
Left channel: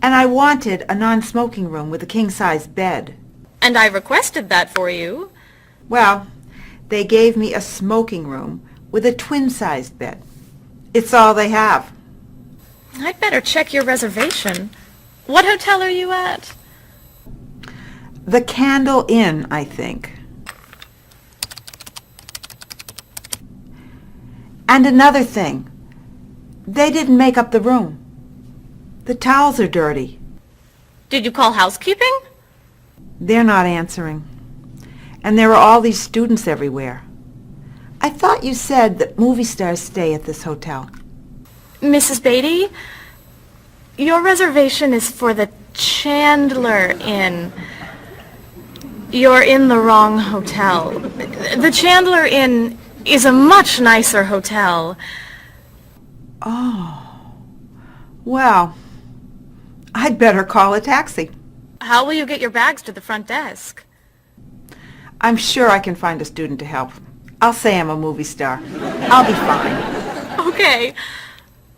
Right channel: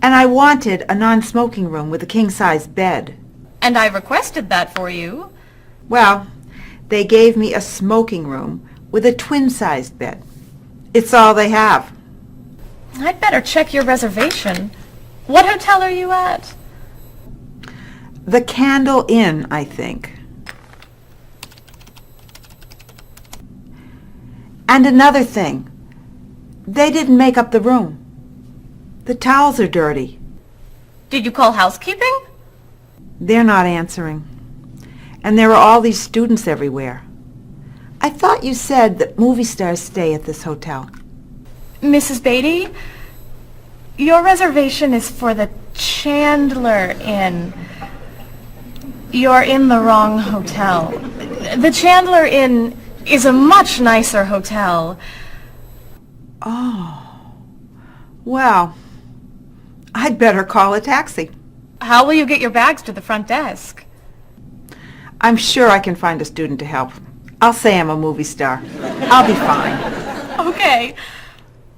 And I wanted a non-smoking room with a king-size bed. And I requested that for you. Well, they gave me a smoking room with a twin-sized bed. It's all they have. I'd better check your reservation. What hotel are you at? The Candle Inn, I think. And another thing. They didn't make up the room. The towels are dirty. Did you call housekeeping? They're not answering. And there are all these students everywhere. I thought you said that movie stars stay at this hotel. Mrs. Beatty, your reservation is for the Chandler Inn. You're in the wrong hotel. The Chandler Inn is a much nicer hotel. Oh. Well, I'd better call a taxi. How will you get your bags to the front desk? I'm sure I can find a student to help. I'll say I'm a movie star. I'll be fine. Okay.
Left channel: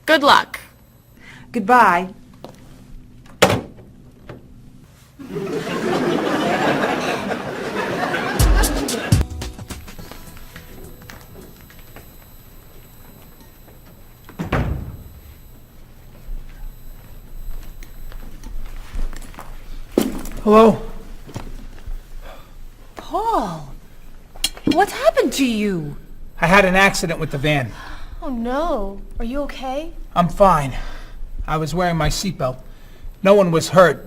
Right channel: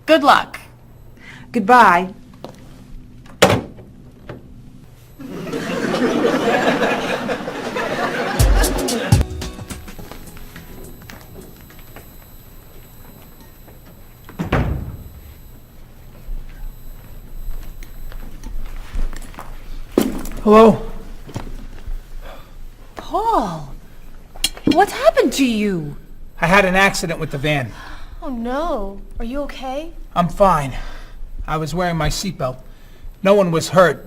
Good luck. Goodbye. Hello? Paul, what's happened to you? I had an accident with the van. Oh no. Are you okay? I'm fine. I was wearing my seatbelt. No one was hurt,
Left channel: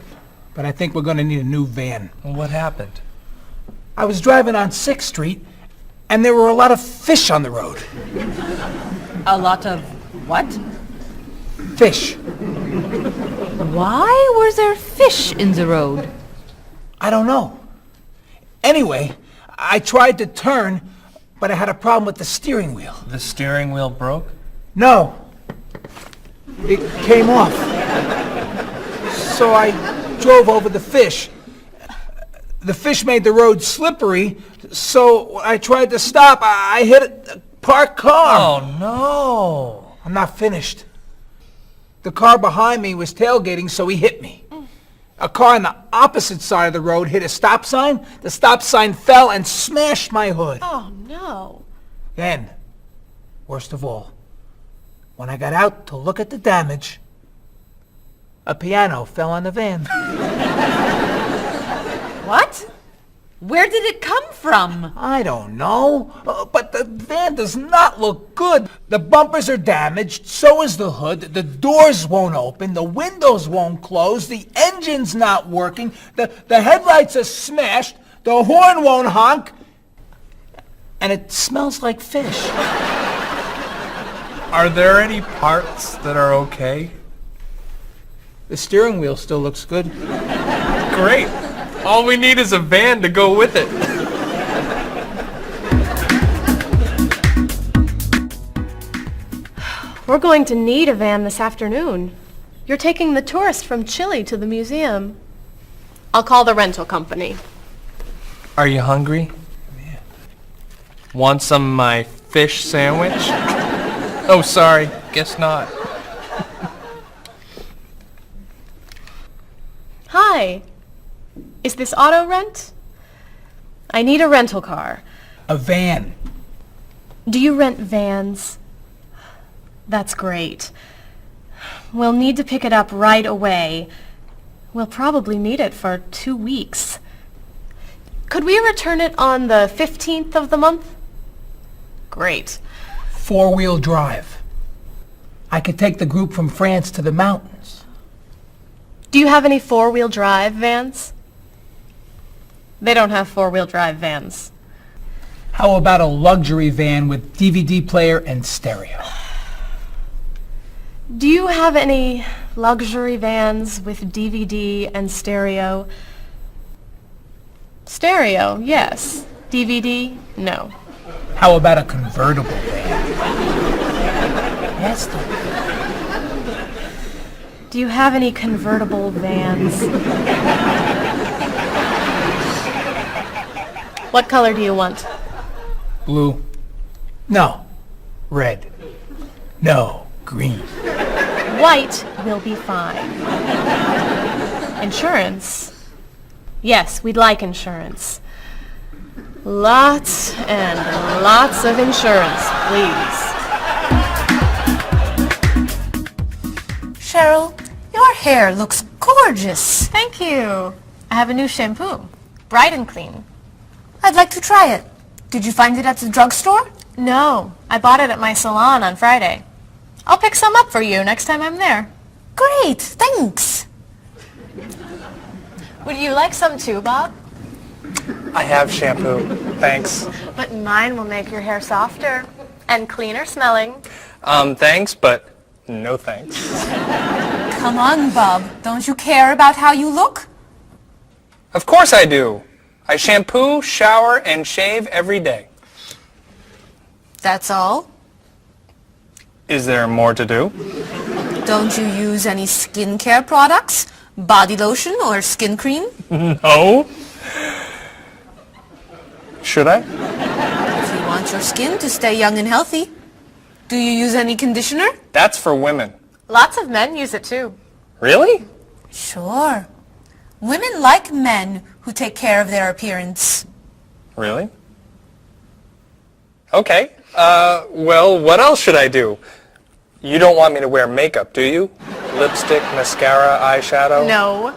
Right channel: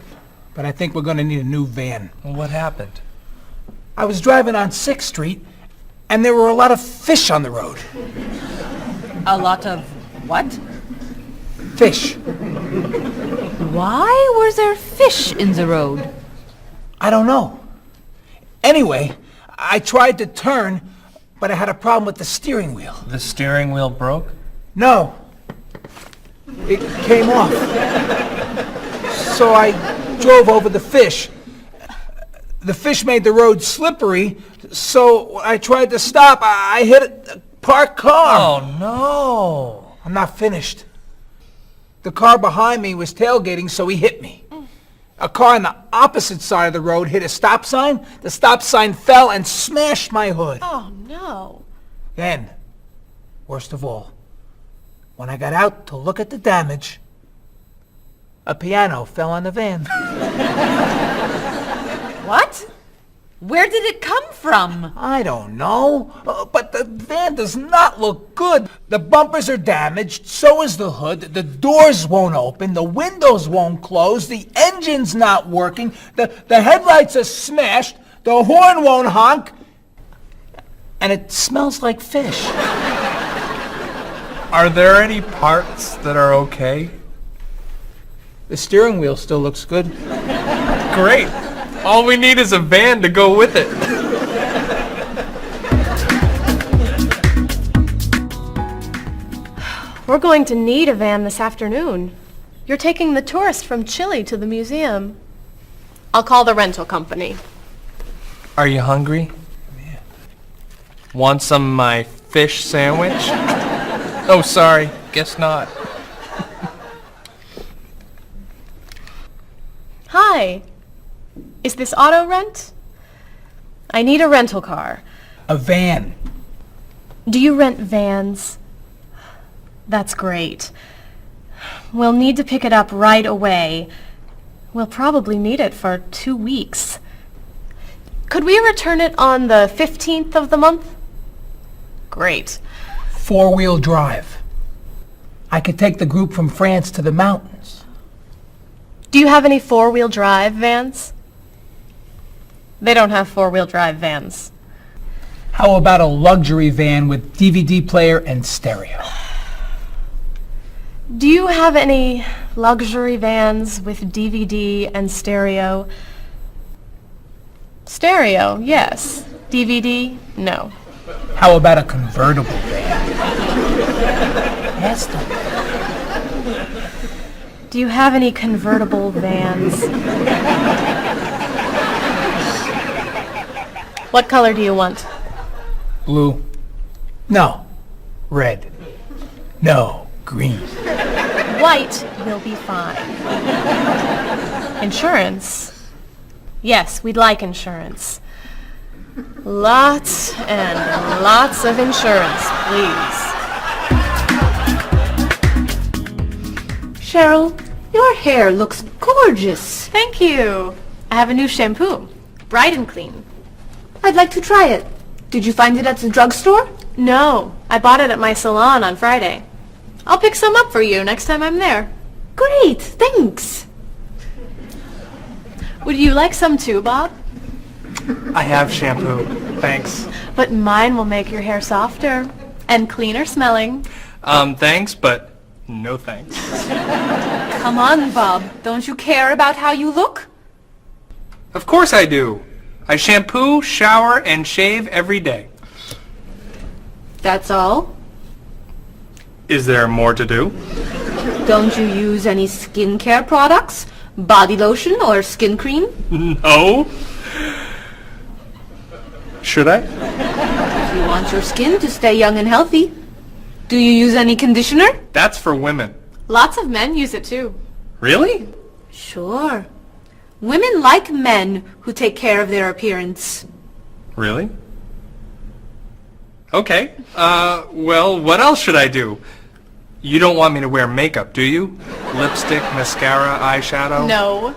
but I think we're going to need a new van. What happened? I was driving on 6th Street, And there were a lot of fish on the road. A lot of what? Fish. Why were there fish in the road? I don't know. Anyway, I tried to turn, but I had a problem with the steering wheel. The steering wheel broke? No. It came off. So I drove over the fish. The fish made the road slippery, so I tried to stop. I hit a parked car. Oh, no. I'm not finished. The car behind me was tailgating, so he hit me. A car on the opposite side of the road hit a stop sign. The stop sign fell and smashed my hood. Oh, no. Then, worst of all, when I got out to look at the damage, a piano fell on the van. What? Where did it come from? I don't know, but the van does not look good. The bumpers are damaged, so is the hood, the doors won't open, the windows won't close, the engine's not working, the headlights are smashed, the horn won't honk, and it smells like fish. Are there any parts that are okay? The steering wheel still looks good. Great. All we need is a van to go with it. We're going to need a van this afternoon. You're taking the tourists from Chile to the museum. I'll call the rental company. Are you hungry? Yeah. Want some of my fish sandwich? Oh, sorry. Guess not. Hi. Is this auto rent? I need a rental car. A van. Do you rent vans? That's great. We'll need to pick it up right away. We'll probably need it for 2 weeks. Could we return it on the 15th of the month? Great. 4-wheel drive. I could take the group from France to the mountains. Do you have any 4-wheel drive vans? They don't have 4-wheel drive vans. How about a luxury van with DVD player and stereo? Do you have any luxury vans with DVD and stereo? Stereo, yes. DVD, no. How about a convertible van? Yes, Do you have any convertible vans? What color do you want? Blue. No. Red. No. Green. White will be fine. Insurance? Yes, we'd like insurance. Lots and lots of insurance, please. Cheryl, your hair looks gorgeous. Thank you. I have a new shampoo. Bright and clean. I'd like to try it. Did you find it at the drugstore? No, I bought it at my salon on Friday. I'll pick some up for you next time I'm there. Great, thanks. Would you like some too, Bob? I have shampoo. Thanks. But mine will make your hair softer and cleaner smelling. Thanks, but no thanks. Come on, Bob. Don't you care about how you look? Of course I do. I shampoo, shower, and shave every day. That's all? Is there more to do? Don't you use any skincare products? Body lotion or skin cream? No. Should I? If you want your skin to stay young and healthy. Do you use any conditioner? That's for women. Lots of men use it too. Really? Sure. Women like men who take care of their appearance. Really? Okay. Well, what else should I do? You don't want me to wear makeup, do you? Lipstick, mascara, eyeshadow? No.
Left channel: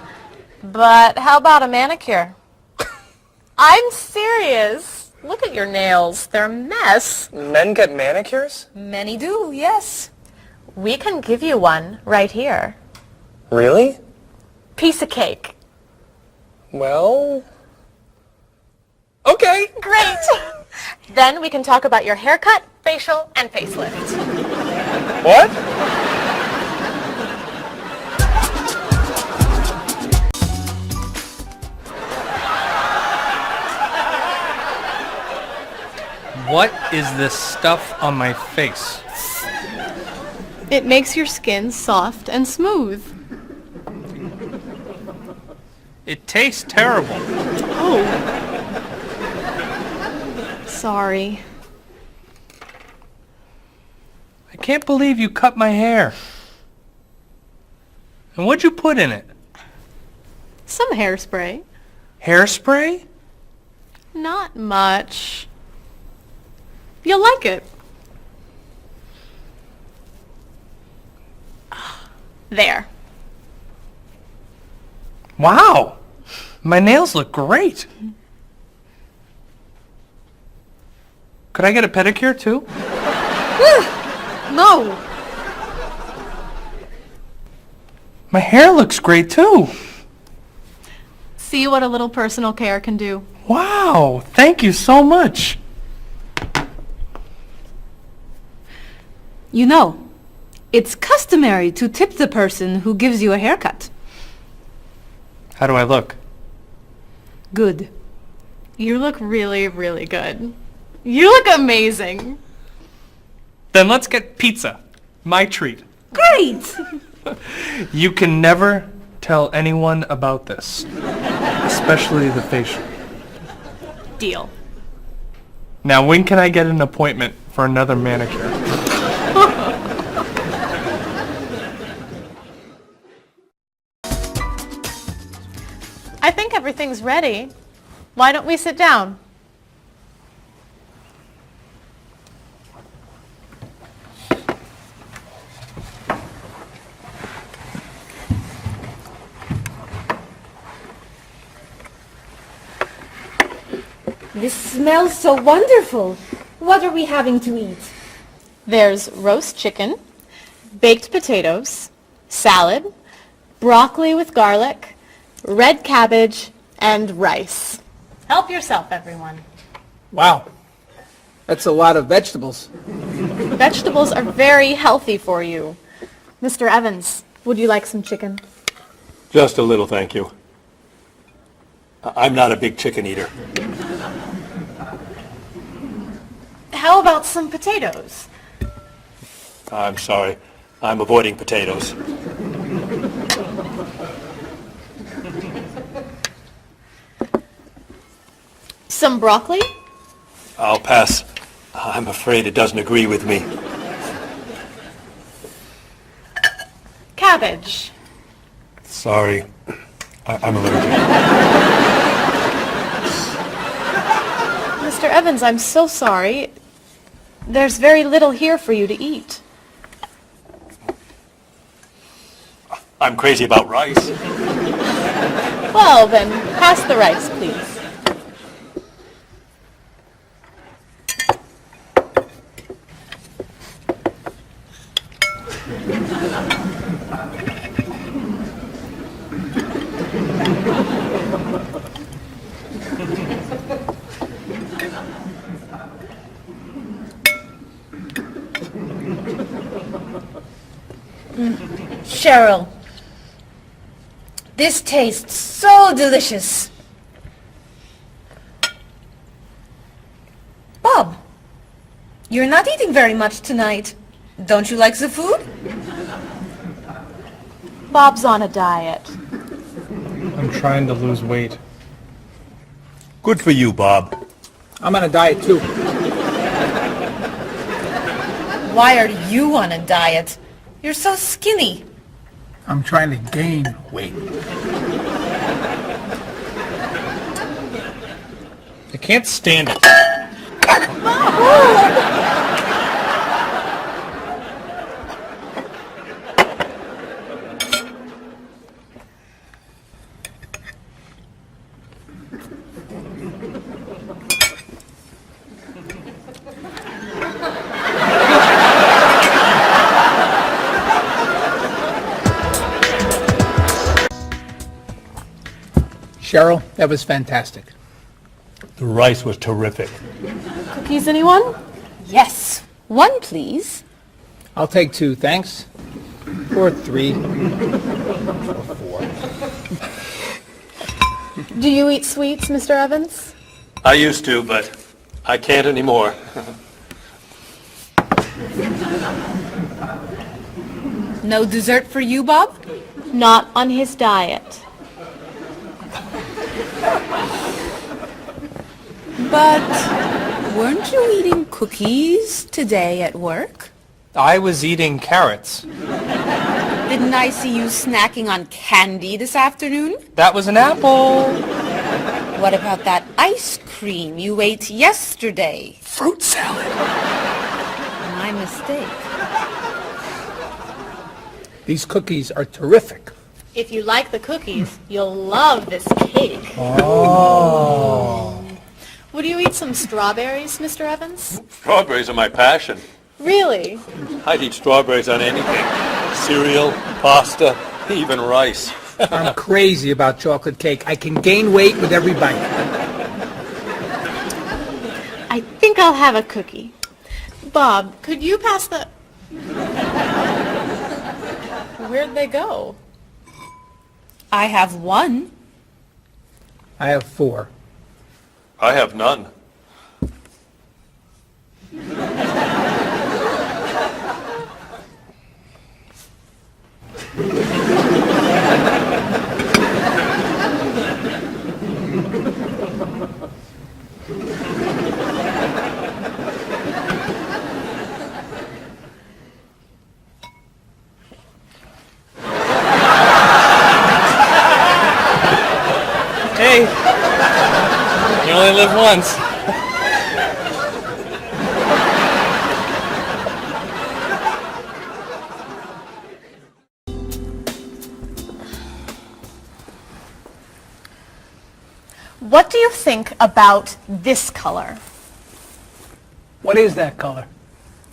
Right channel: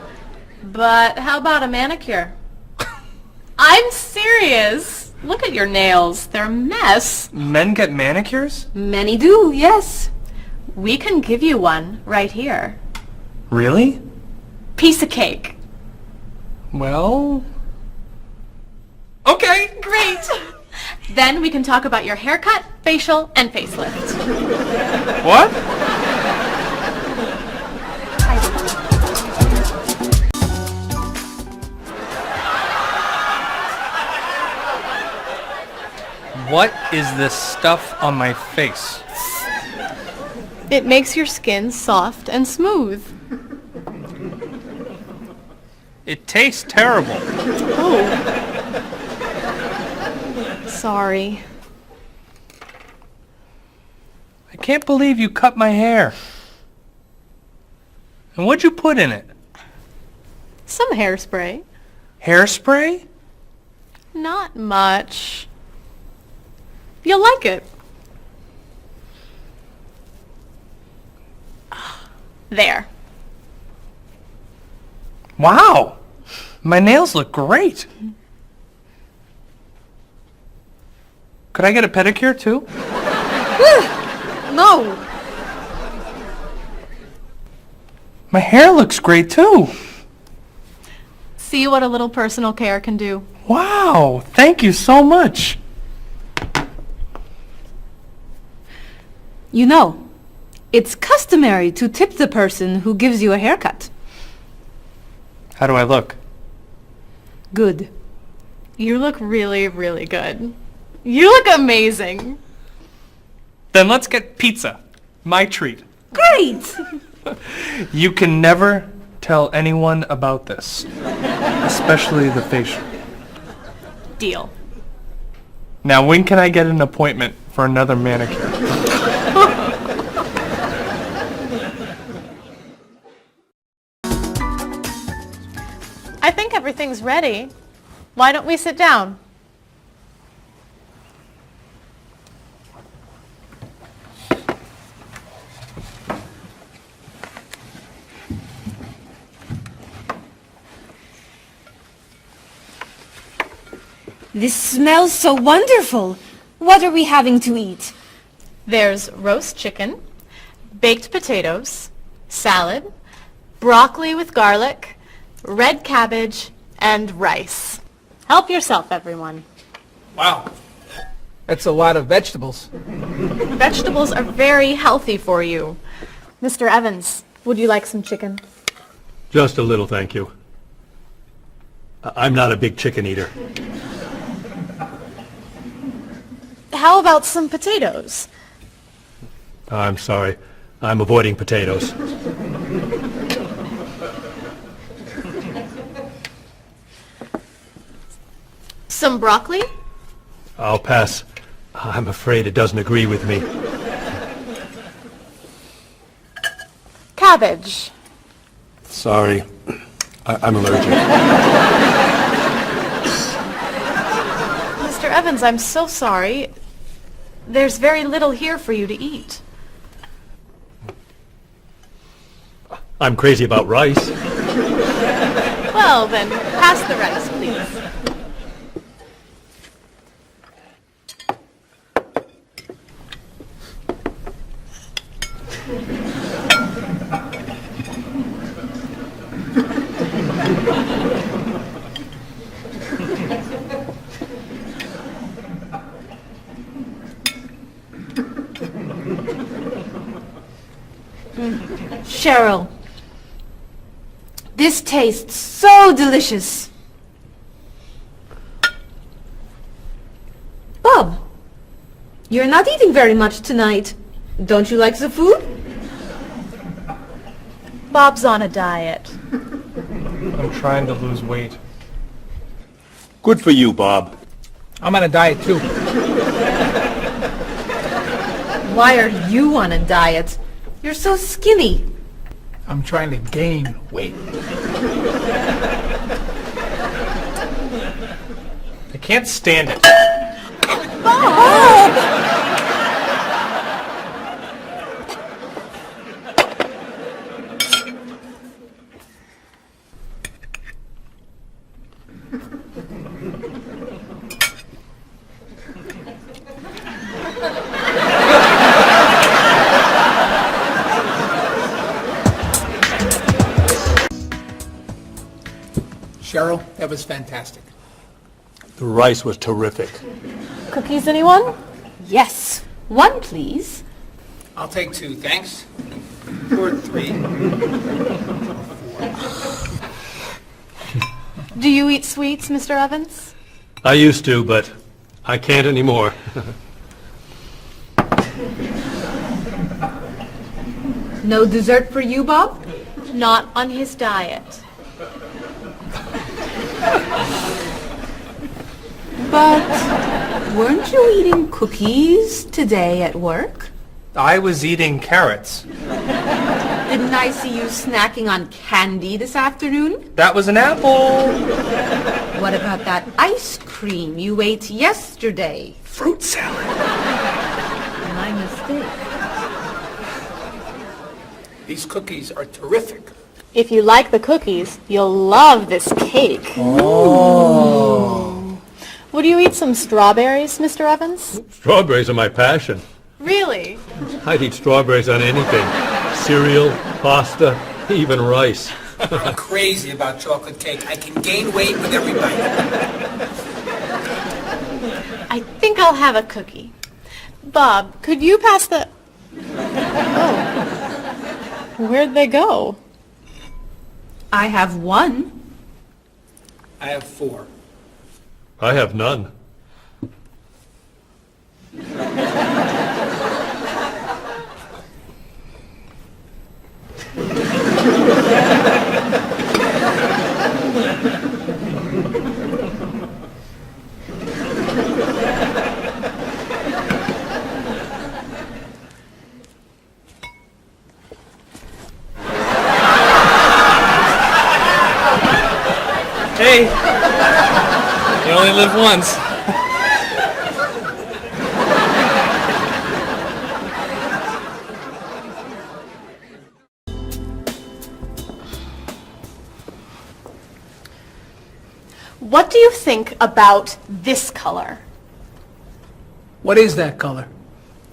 But how about a manicure? I'm serious. Look at your nails. They're a mess. Men get manicures? Many do, yes. We can give you one right here. Really? Piece of cake. Well... Okay. Great. Then we can talk about your haircut, facial, and facelift. What? What is this stuff on my face? It makes your skin soft and smooth. It tastes terrible. Oh. Sorry. I can't believe you cut my hair. And what'd you put in it? Some hairspray. Hairspray? Not much. You'll like it. There. Wow! My nails look great. Could I get a pedicure too? No. My hair looks great too. See what a little personal care can do. Wow! Thank you so much. You know, it's customary to tip the person who gives you a haircut. How do I look? Good. You look really, really good. You look amazing. Then let's get pizza. My treat. Great! You can never tell anyone about this. Especially the facial. Deal. Now, when can I get an appointment for another manicure? I think everything's ready. Why don't we sit down? This smells so wonderful. What are we having to eat? There's roast chicken, baked potatoes, salad, broccoli with garlic, red cabbage, and rice. Help yourself, everyone. Wow. That's a lot of vegetables. Vegetables are very healthy for you. Mr. Evans, would you like some chicken? Just a little, thank you. I'm not a big chicken eater. How about some potatoes? I'm sorry. I'm avoiding potatoes. Some broccoli? I'll pass. I'm afraid it doesn't agree with me. Cabbage. Sorry. I'm allergic. Mr. Evans, I'm so sorry. There's very little here for you to eat. I'm crazy about rice. Well, then, pass the rice, please. Cheryl, this tastes so delicious. Bob, you're not eating very much tonight. Don't you like the food? Bob's on a diet. I'm trying to lose weight. Good for you, Bob. I'm on a diet too. Why are you on a diet? You're so skinny. I'm trying to gain weight. I can't stand it. Cheryl, that was fantastic. The rice was terrific. Cookies, anyone? Yes. One, please. I'll take 2, thanks. Or 3. Do you eat sweets, Mr. Evans? I used to, but I can't anymore. No dessert for you, Bob? Not on his diet. But weren't you eating cookies today at work? I was eating carrots. Didn't I see you snacking on candy this afternoon? That was an apple. What about that ice cream you ate yesterday? Fruit salad. My mistake. These cookies are terrific. If you like the cookies, you'll love this cake. Oh. Would you eat some strawberries, Mr. Evans? Strawberries are my passion. Really? I'd eat strawberries on anything. Cereal, pasta, even rice. I'm crazy about chocolate cake. I can gain weight with every bite. I think I'll have a cookie. Bob, could you pass the... Oh. Where'd they go? I have 1. I have 4. I have none. Hey, you only live once. What do you think about this color? What is that color?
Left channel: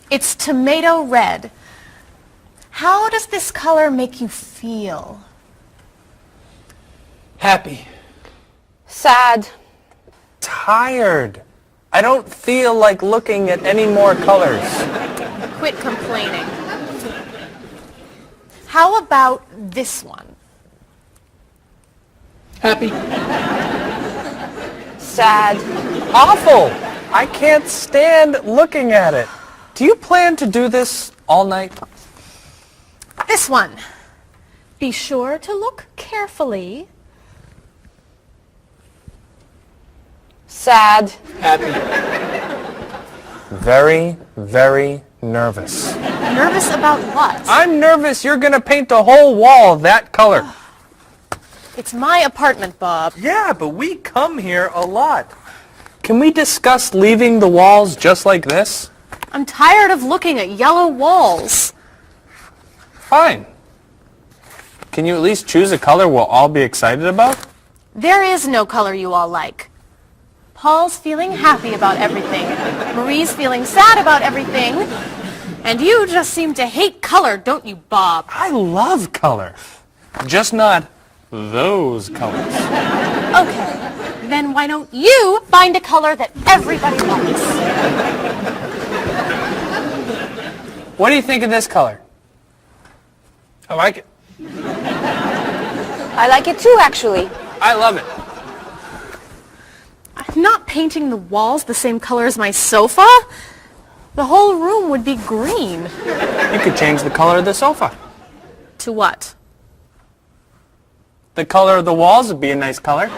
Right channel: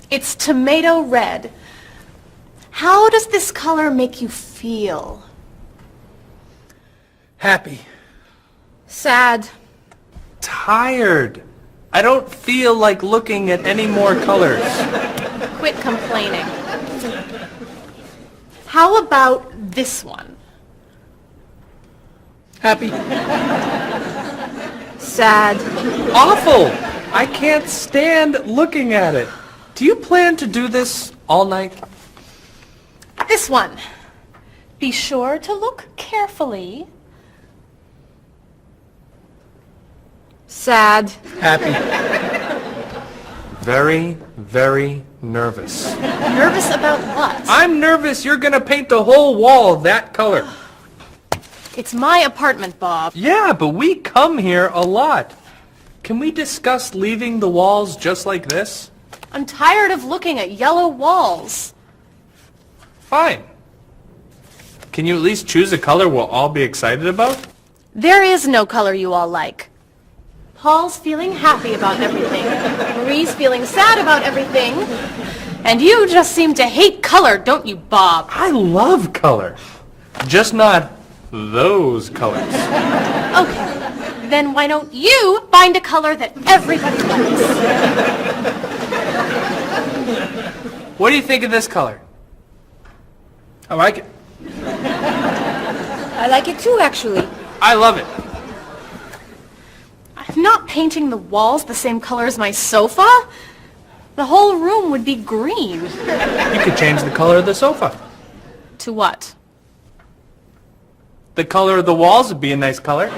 It's tomato red. How does this color make you feel? Happy. Sad. Tired. I don't feel like looking at any more colors. Quit complaining. How about this one? Happy. Sad. Awful. I can't stand looking at it. Do you plan to do this all night? This one. Be sure to look carefully. Sad. Happy. Very, very nervous. Nervous about what? I'm nervous you're gonna paint the whole wall that color. It's my apartment, Bob. Yeah, but we come here a lot. Can we discuss leaving the walls just like this? I'm tired of looking at yellow walls. Fine. Can you at least choose a color we'll all be excited about? There is no color you all like. Paul's feeling happy about everything. Marie's feeling sad about everything. And you just seem to hate color, don't you, Bob? I love color. Just not those colors. Okay, then why don't you find a color that everybody likes? What do you think of this color? I like it. I like it too, actually. I love it. I'm not painting the walls the same color as my sofa. The whole room would be green. You could change the color of the sofa. To what? The color of the walls would be a nice color.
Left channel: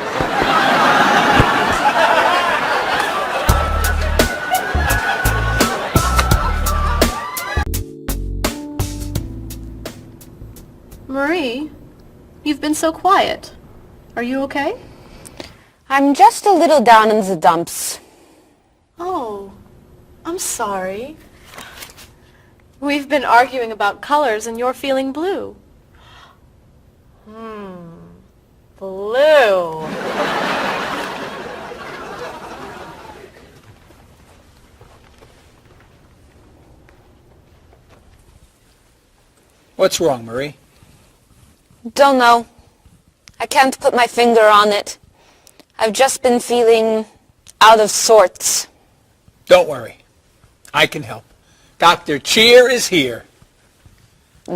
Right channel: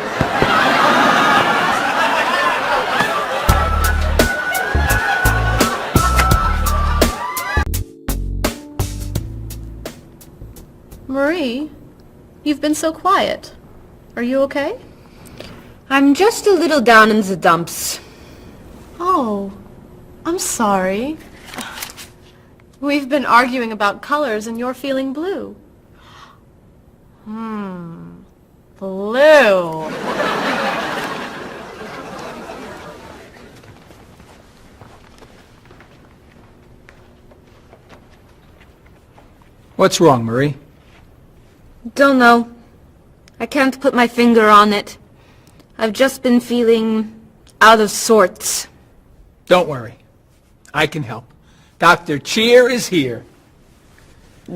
Marie, you've been so quiet. Are you okay? I'm just a little down in the dumps. Oh, I'm sorry. We've been arguing about colors and you're feeling blue. Blue. What's wrong, Marie? Don't know. I can't put my finger on it. I've just been feeling out of sorts. Don't worry. I can help. Dr. Cheer is here.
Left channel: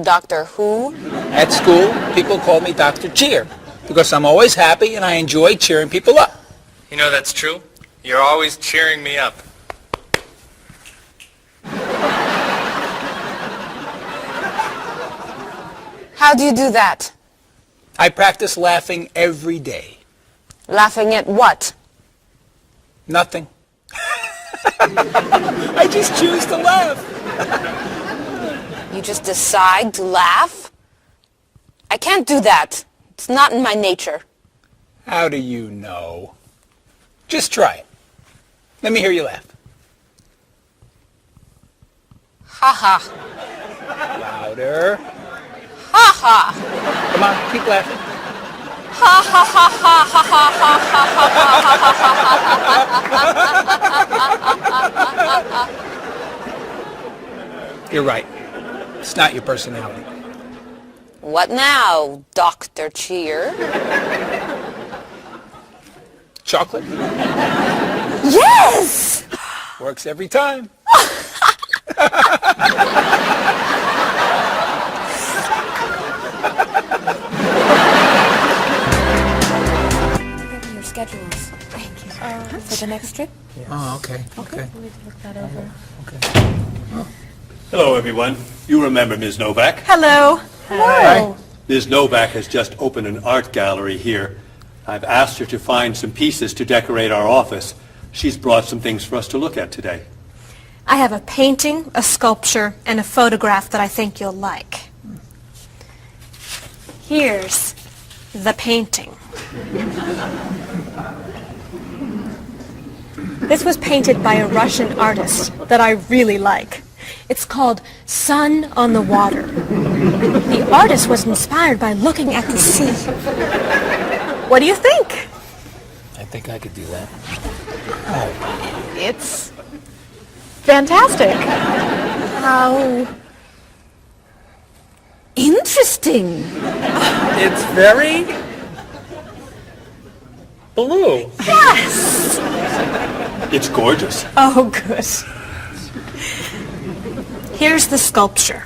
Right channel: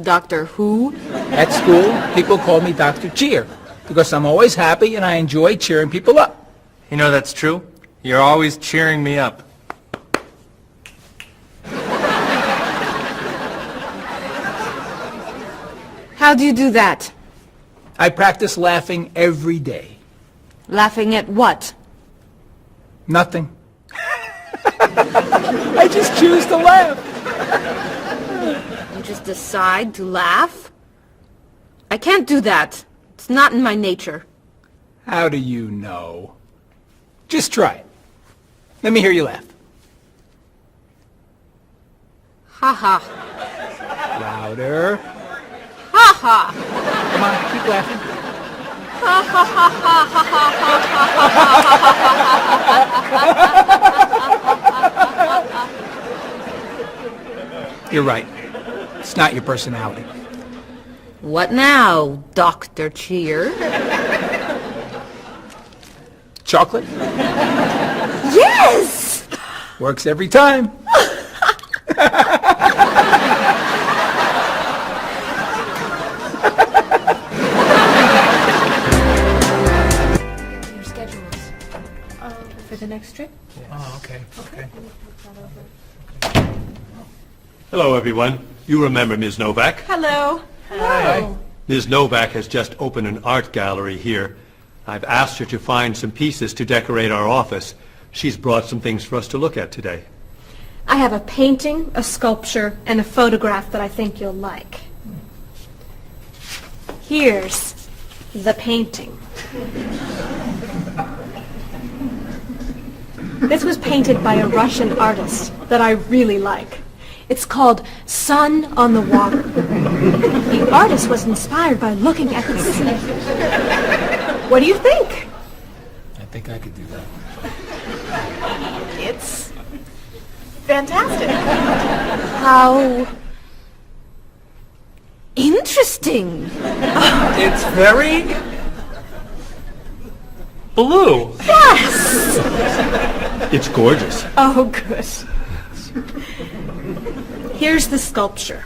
Doctor who? At school, people call me Dr. Cheer because I'm always happy and I enjoy cheering people up. You know that's true. You're always cheering me up. How do you do that? I practice laughing every day. Laughing at what? Nothing. I just choose to laugh. You just decide to laugh? I can't do that. It's not in my nature. How do you know? Just try it. Let me hear you laugh. Ha ha. Louder. Ha ha. Come on, keep laughing. Ha ha ha ha ha ha ha. You're right. It's not your personality. What now, Dr. Cheer? Chocolate? Yes! Works every time. Your schedules. For the next trip? Oh, okay. Okay. Look that over. Hello, everyone. You remember Ms. Novak? Hello. Hi. Ms. Novak has just opened an art gallery here. I've asked her to find some pieces to decorate our office. She's brought some things for us to look at today. I have a painting, a sculpture, and a photograph that I think you'll like. Here's the painting. This was painted by a Russian artist that I really like. It's called Sun on the Water. The artist was inspired by looking at the sea. What do you think? I think I could do that. It's fantastic. How interesting. It's very blue. Yes. It's gorgeous. Oh, good. Here's the sculpture.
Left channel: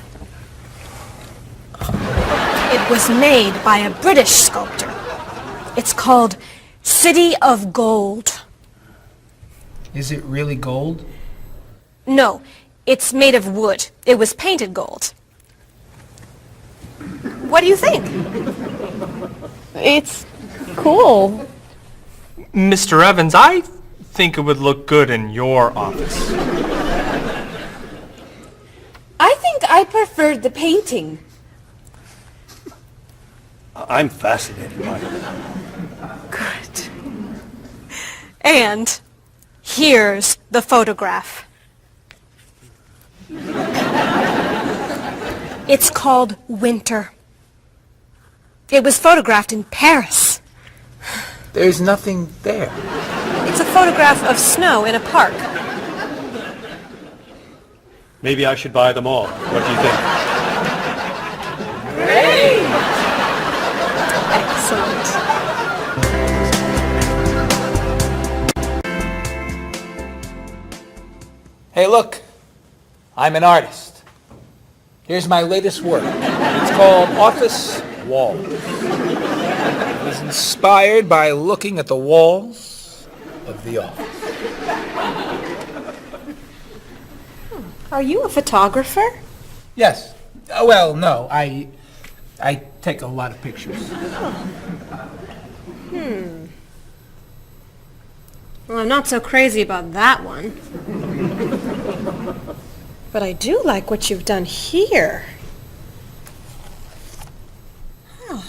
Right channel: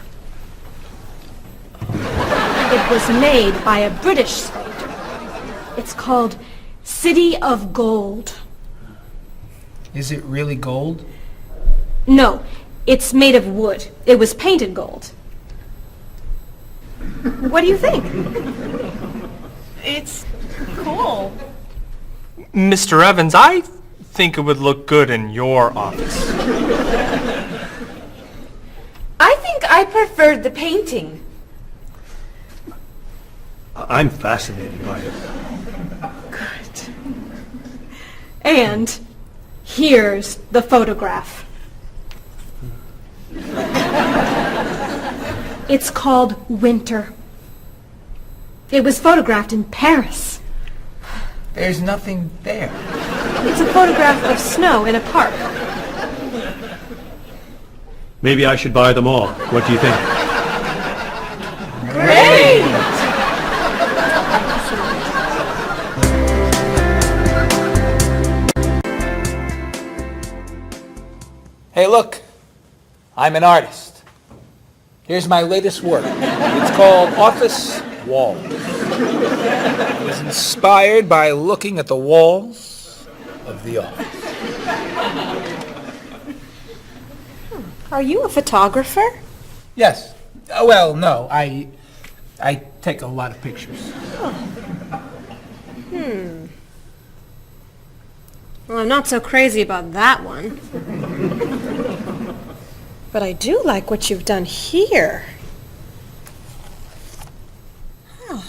It was made by a British sculptor. It's called City of Gold. Is it really gold? No, it's made of wood. It was painted gold. What do you think? It's cool. Mr. Evans, I think it would look good in your office. I think I preferred the painting. I'm fascinated by it. Good. And here's the photograph. It's called Winter. It was photographed in Paris. There's nothing there. It's a photograph of snow in a park. Maybe I should buy them all. What do you think? Great! Hey, look. I'm an artist. Here's my latest work. It's called Office Walls. It was inspired by looking at the walls of the office. Are you a photographer? Yes. Well, no. I take a lot of pictures. Well, I'm not so crazy about that one. But I do like what you've done here. Oh,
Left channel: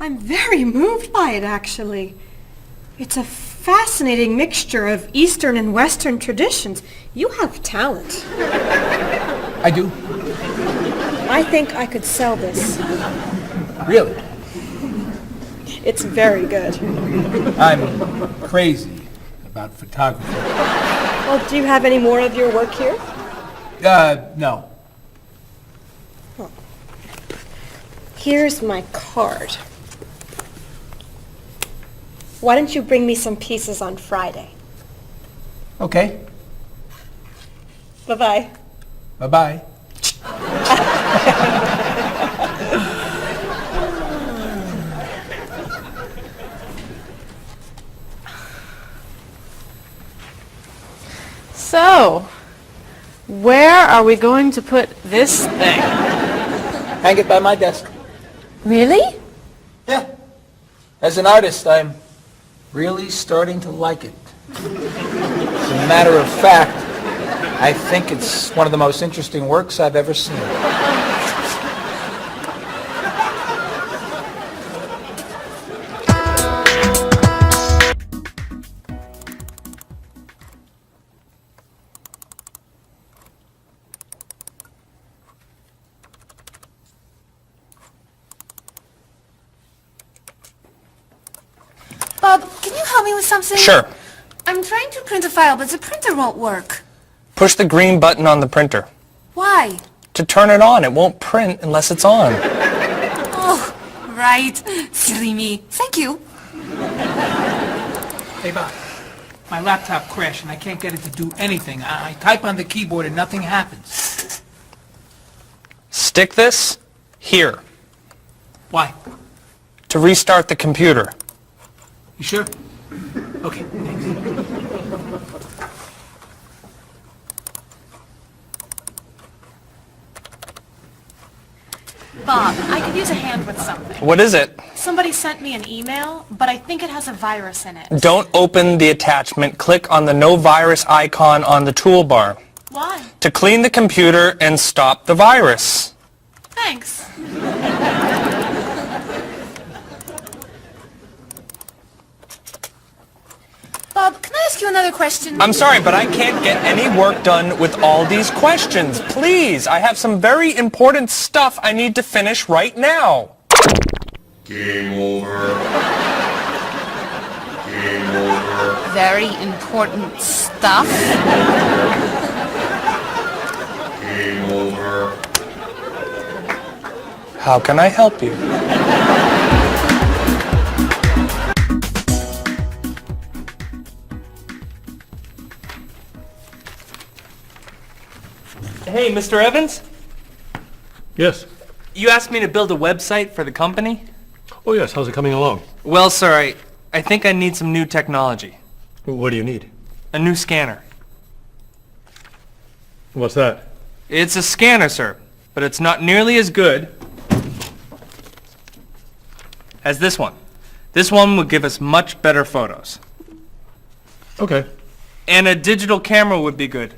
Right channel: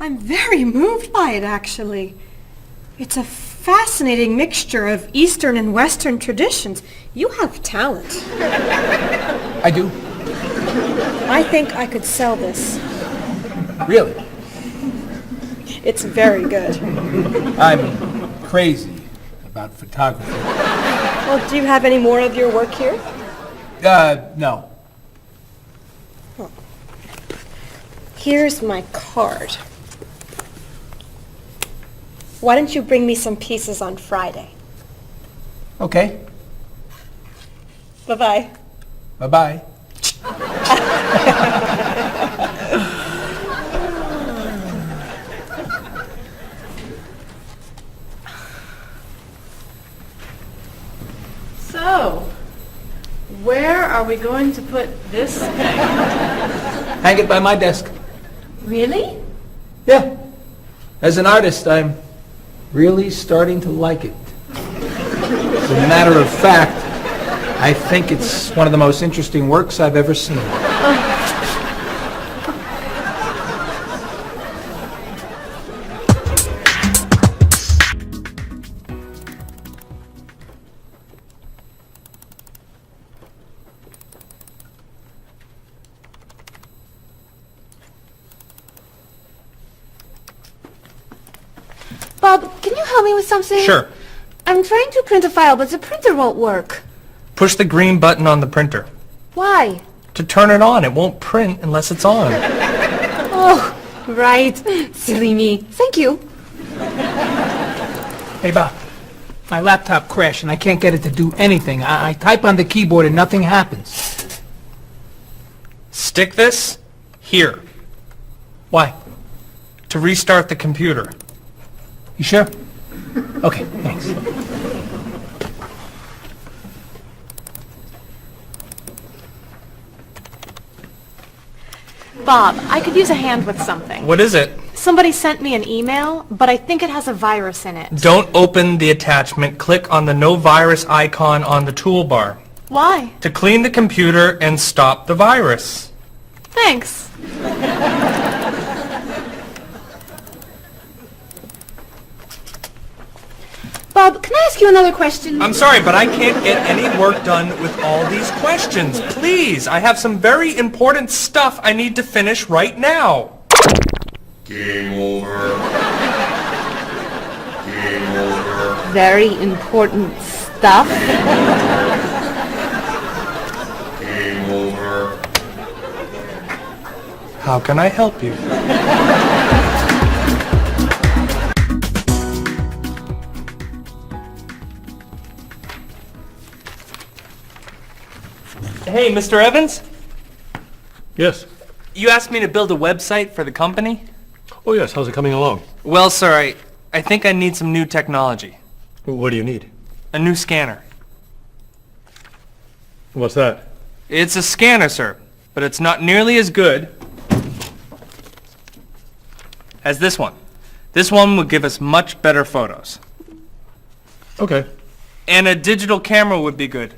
I'm very moved by it, actually. It's a fascinating mixture of Eastern and Western traditions. You have talent. I do. I think I could sell this. Really? It's very good. I'm crazy about photography. Well, do you have any more of your work here? No. Here's my card. Why don't you bring me some pieces on Friday? Okay. Bye-bye. Bye-bye. So, where are we going to put this thing? Hang it by my desk. Really? Yeah. As an artist, I'm really starting to like it. As a matter of fact, I think it's one of the most interesting works I've ever seen. Bob, can you help me with something? Sure. I'm trying to print a file, but the printer won't work. Push the green button on the printer. Why? To turn it on. It won't print unless it's on. Oh, right. Silly me. Thank you. Hey, Bob. My laptop crashed and I can't get it to do anything. I type on the keyboard and nothing happens. Stick this here. Why? To restart the computer. You sure? Okay, thanks. Bob, I could use a hand with something. What is it? Somebody sent me an email, but I think it has a virus in it. Don't open the attachment. Click on the no virus icon on the toolbar. Why? To clean the computer and stop the virus. Thanks. Bob, can I ask you another question? I'm sorry, but I can't get any work done with all these questions. Please, I have some very important stuff I need to finish right now. Game over. Game over. Very important stuff. Game over. How can I help you? Hey, Mr. Evans? Yes. You asked me to build a website for the company? Oh, yes. How's it coming along? Well, sir, I think I need some new technology. What do you need? A new scanner. What's that? It's a scanner, sir, but it's not nearly as good as this one. This one would give us much better photos. Okay. And a digital camera would be good.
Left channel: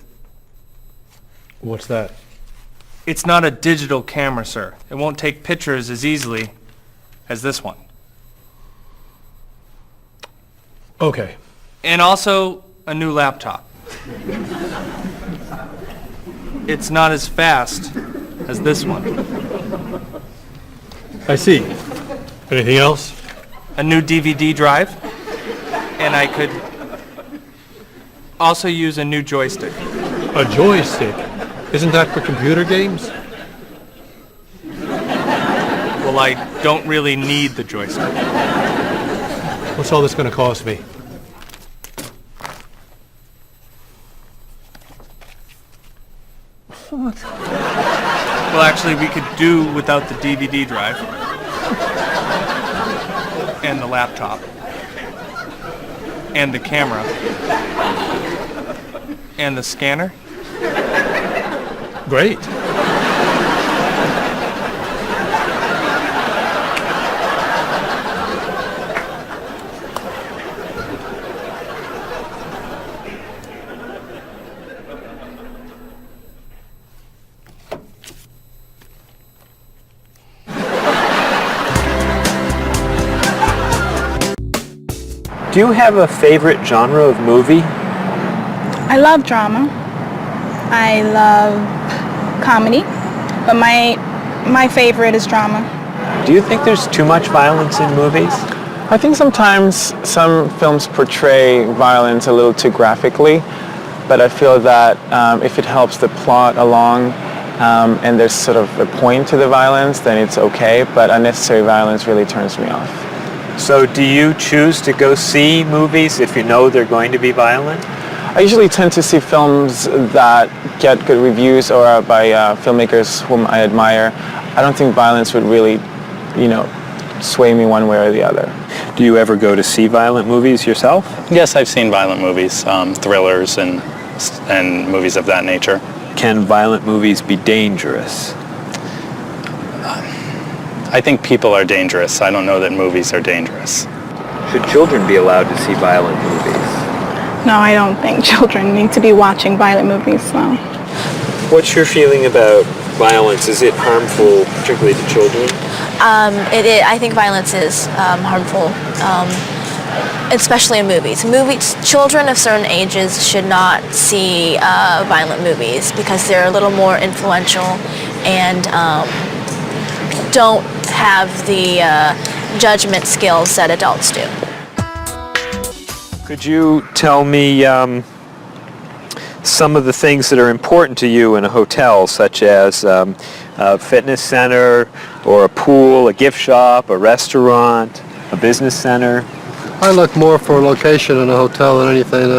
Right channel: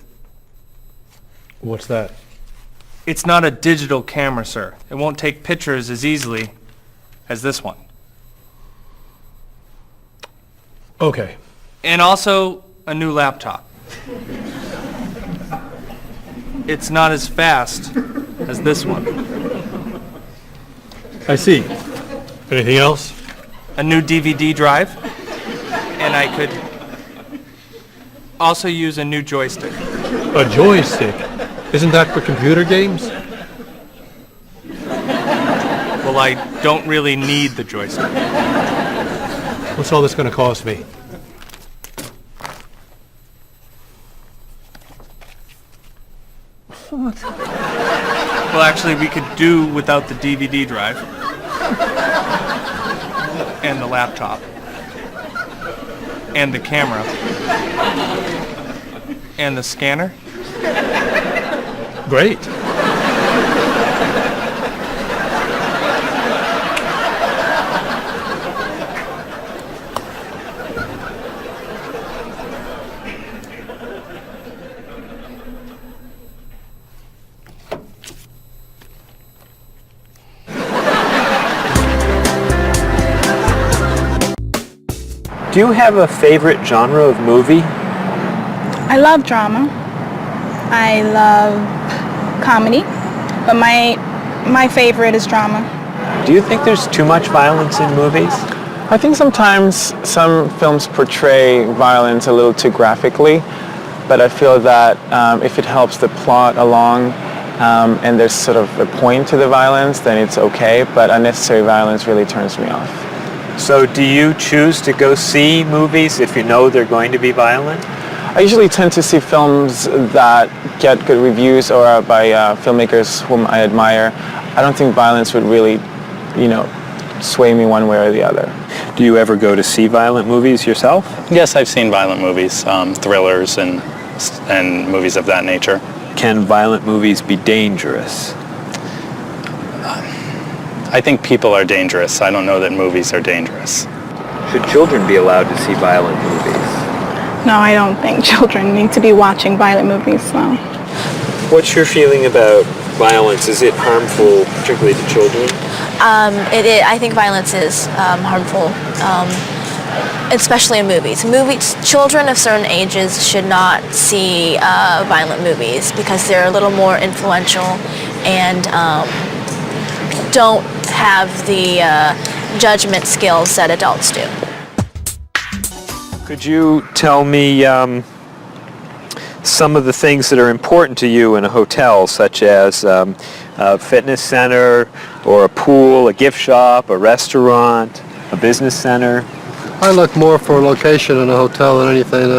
What's that? It's not a digital camera, sir. It won't take pictures as easily as this one. Okay. And also a new laptop. It's not as fast as this one. I see. Anything else? A new DVD drive. And I could also use a new joystick. A joystick? Isn't that for computer games? Well, I don't really need the joystick. What's all this going to cost me? What? Well, actually, we could do without the DVD drive. And the laptop. And the camera. And the scanner. Great. Do you have a favorite genre of movie? I love drama. I love comedy, but my favorite is drama. Do you think there's too much violence in movies? I think sometimes some films portray violence a little too graphically, but I feel that if it helps the plot along and there's sort of a point to the violence, then it's okay, but unnecessary violence really turns me off. So do you choose to go see movies if you know they're going to be violent? I usually tend to see films that get good reviews or are by filmmakers whom I admire. I don't think violence would really, sway me one way or the other. Do you ever go to see violent movies yourself? Yes, I've seen violent movies, thrillers and movies of that nature. Can violent movies be dangerous? I think people are dangerous. I don't know that movies are dangerous. Should children be allowed to see violent movies? No, I don't think children need to be watching violent movies, no. What's your feeling about violence? Is it harmful, particularly to children? I think violence is harmful, especially in movies. Children of certain ages should not see violent movies because they're a little more influential and don't have the judgment skills that adults do. Could you tell me some of the things that are important to you in a hotel, such as a fitness center or a pool, a gift shop, a restaurant, a business center? I look more for location in a hotel than anything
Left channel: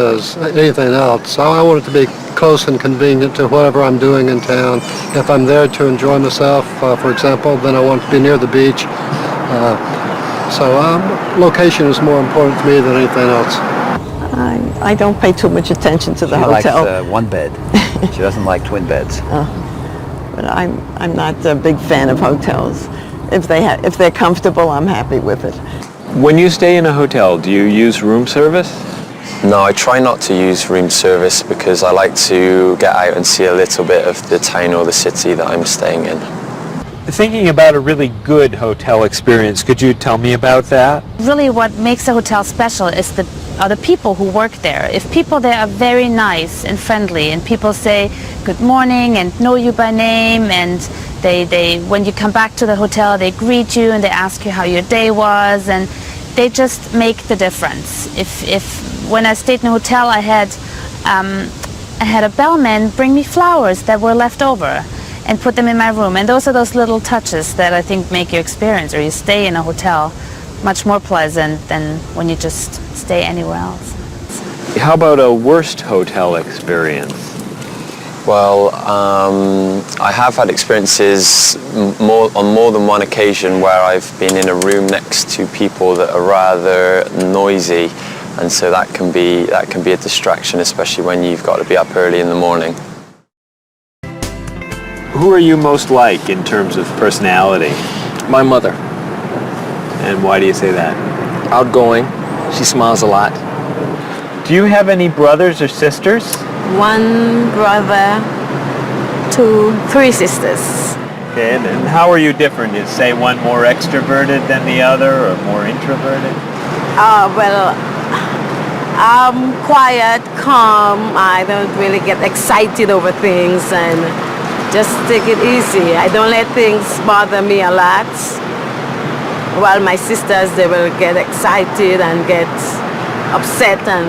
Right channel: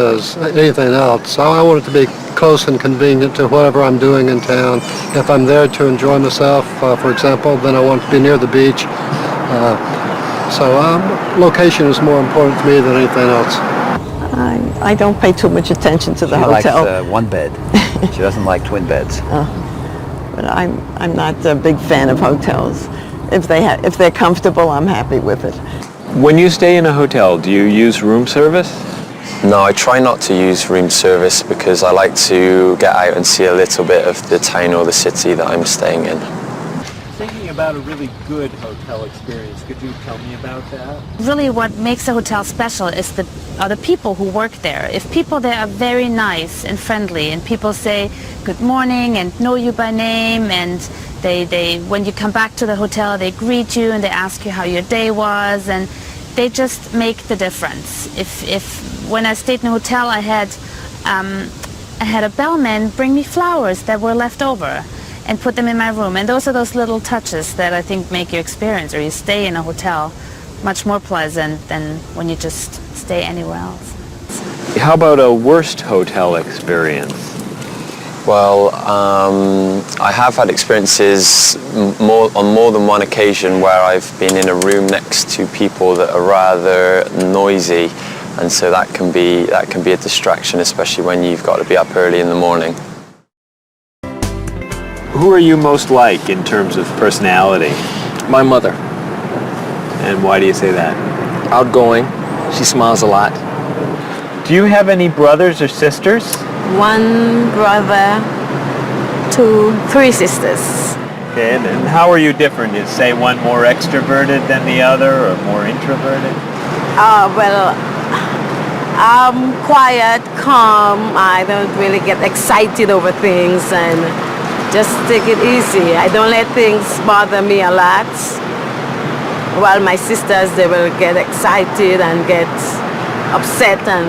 else. I want it to be close and convenient to whatever I'm doing in town. If I'm there to enjoy myself, for example, then I want to be near the beach. So location is more important to me than anything else. I don't pay too much attention to the She hotel. likes one bed. She doesn't like twin beds. But I'm not a big fan of hotels. If they're comfortable, I'm happy with it. When you stay in a hotel, do you use room service? No, I try not to use room service because I like to get out and see a little bit of the town or the city that I'm staying in. Thinking about a really good hotel experience, could you tell me about that? Really what makes a hotel special is are the people who work there. If people there are very nice and friendly and people say good morning and know you by name, and they when you come back to the hotel they greet you and they ask you how your day was, and they just make the difference. If when I stayed in a hotel I had a bellman bring me flowers that were left over and put them in my room, and those are those little touches that I think make your experience or you stay in a hotel much more pleasant than when you just stay anywhere else. How about a worst hotel experience? Well, I have had experiences on more than one occasion where I've been in a room next to people that are rather noisy, and so that can be a distraction, especially when you've got to be up early in the morning. Who are you most like in terms of personality? My mother. And why do you say that? Outgoing. She smiles a lot. Do you have any brothers or sisters? One brother, 3 sisters. Okay, and how are you different? Is, say, one more extroverted than the other or more introverted? Well, I'm quiet, calm. I don't really get excited over things and just take it easy. I don't let things bother me a lot. While my sisters, they will get excited and get upset, and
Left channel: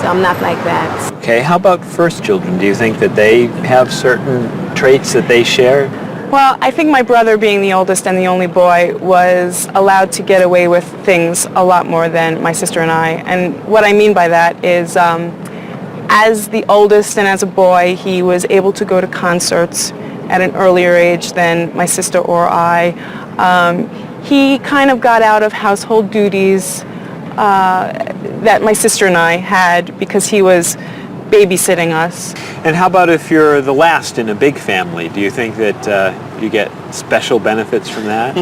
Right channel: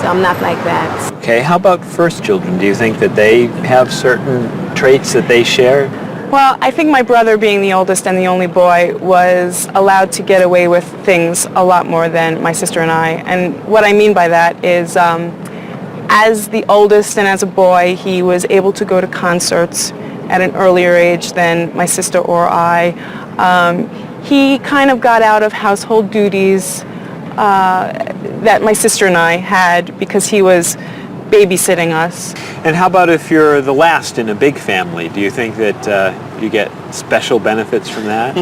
so I'm not like that. Okay, how about first children? Do you think that they have certain traits that they share? Well, I think my brother, being the oldest and the only boy, was allowed to get away with things a lot more than my sister and I. And what I mean by that is, as the oldest and as a boy, he was able to go to concerts at an earlier age than my sister or I. He kind of got out of household duties that my sister and I had because he was babysitting us. And how about if you're the last in a big family? Do you think that you get special benefits from that?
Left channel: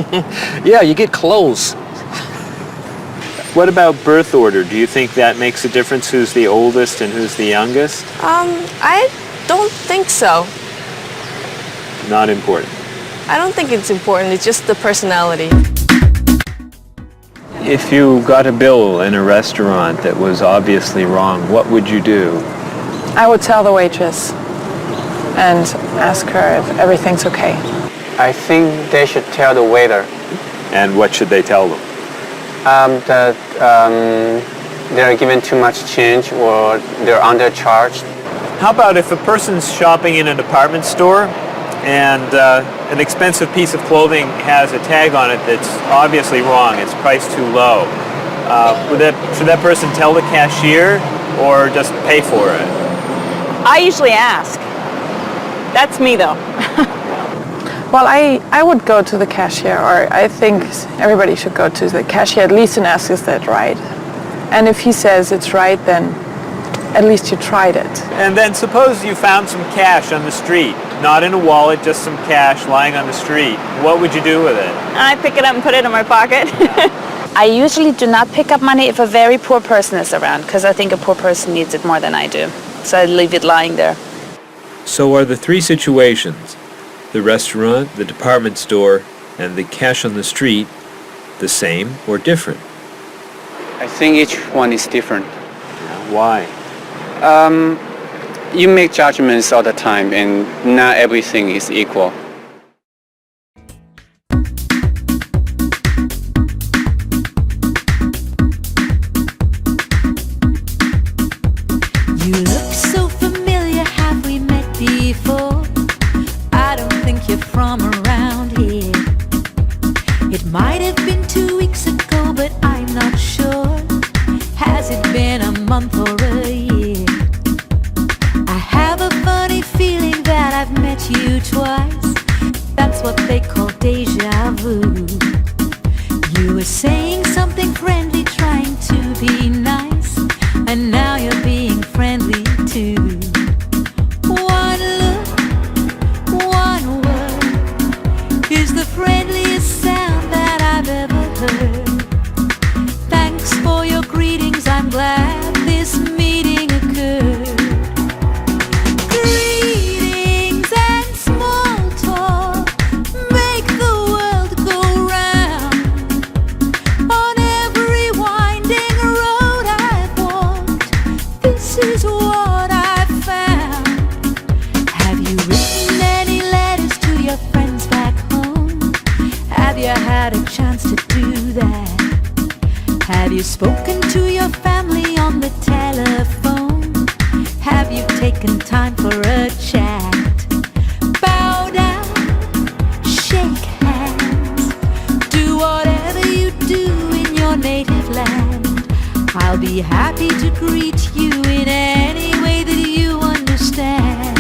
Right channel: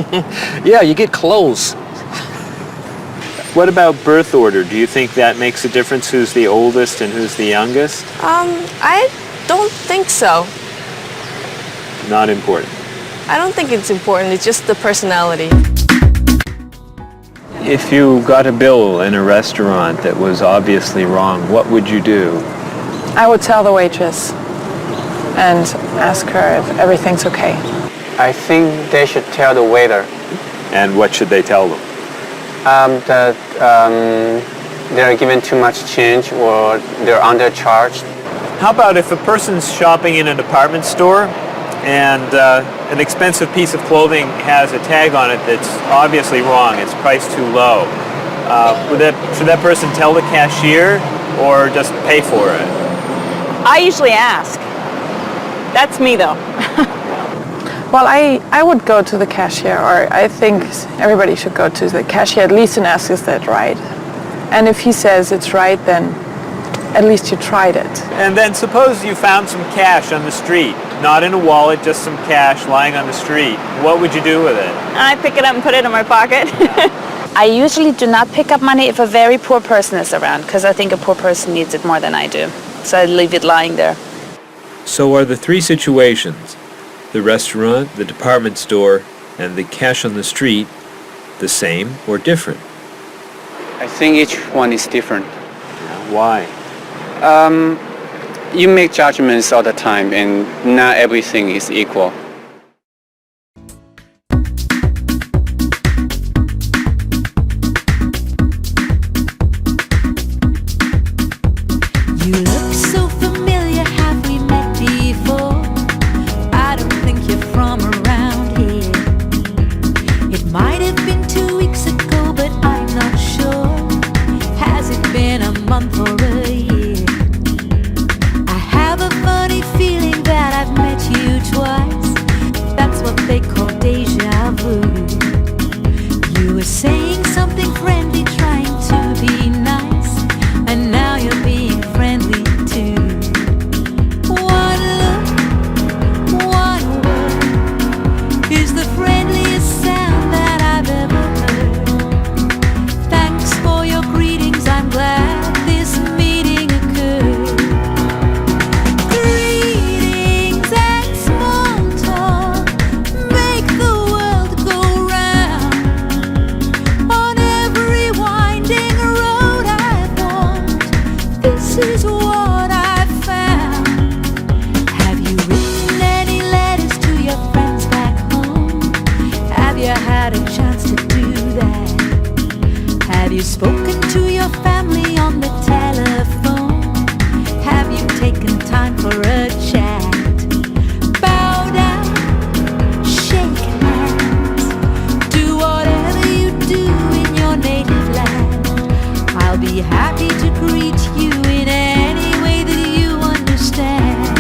Yeah, you get clothes. What about birth order? Do you think that makes a difference who's the oldest and who's the youngest? I don't think so. Not important. I don't think it's important. It's just the personality. If you got a bill in a restaurant that was obviously wrong, what would you do? I would tell the waitress and ask her if everything's okay. I think they should tell the waiter. And what should they tell them? That they're given too much change or they're undercharged. How about if a person's shopping in a department store and an expensive piece of clothing has a tag on it that's obviously wrong, it's priced too low. Should that person tell the cashier or just pay for it? I usually ask. That's me though. Well, I would go to the cashier, or I think everybody should go to the cashier at least and ask, is that right? And if he says it's right, then at least you tried it. And then suppose you found some cash on the street, not in a wallet, just some cash lying on the street. What would you do with it? I pick it up and put it in my pocket. I usually do not pick up money if a very poor person is around, because I think a poor person needs it more than I do. So I leave it lying there. So are the three situations, the restaurant, the department store, and the cash on the street, the same or different? I think each one is different. Why? You make judgments all the time, and not everything is equal. You look so familiar, have we met before? I don't think you're from around here. It might have been 2 weeks ago, but I'm not sure. Has it been a month or a year? I have a funny feeling that I've met you twice. That's what they call deja vu. You were saying something friendly, trying to be nice, and now you're being friendly too. One look, one word is the friendliest sound that I've ever heard. Thanks for your greetings, I'm glad this meeting occurred. Greetings and small talk make the world go round. On every winding road I've walked, this is what I've found. Have you written any letters to your friends back home? Have you had a chance to do that? Have you spoken to your family on the telephone? Have you taken time for a chat? Bow down, shake hands, do whatever you do in your native land. I'll be happy to greet you in any way that you understand.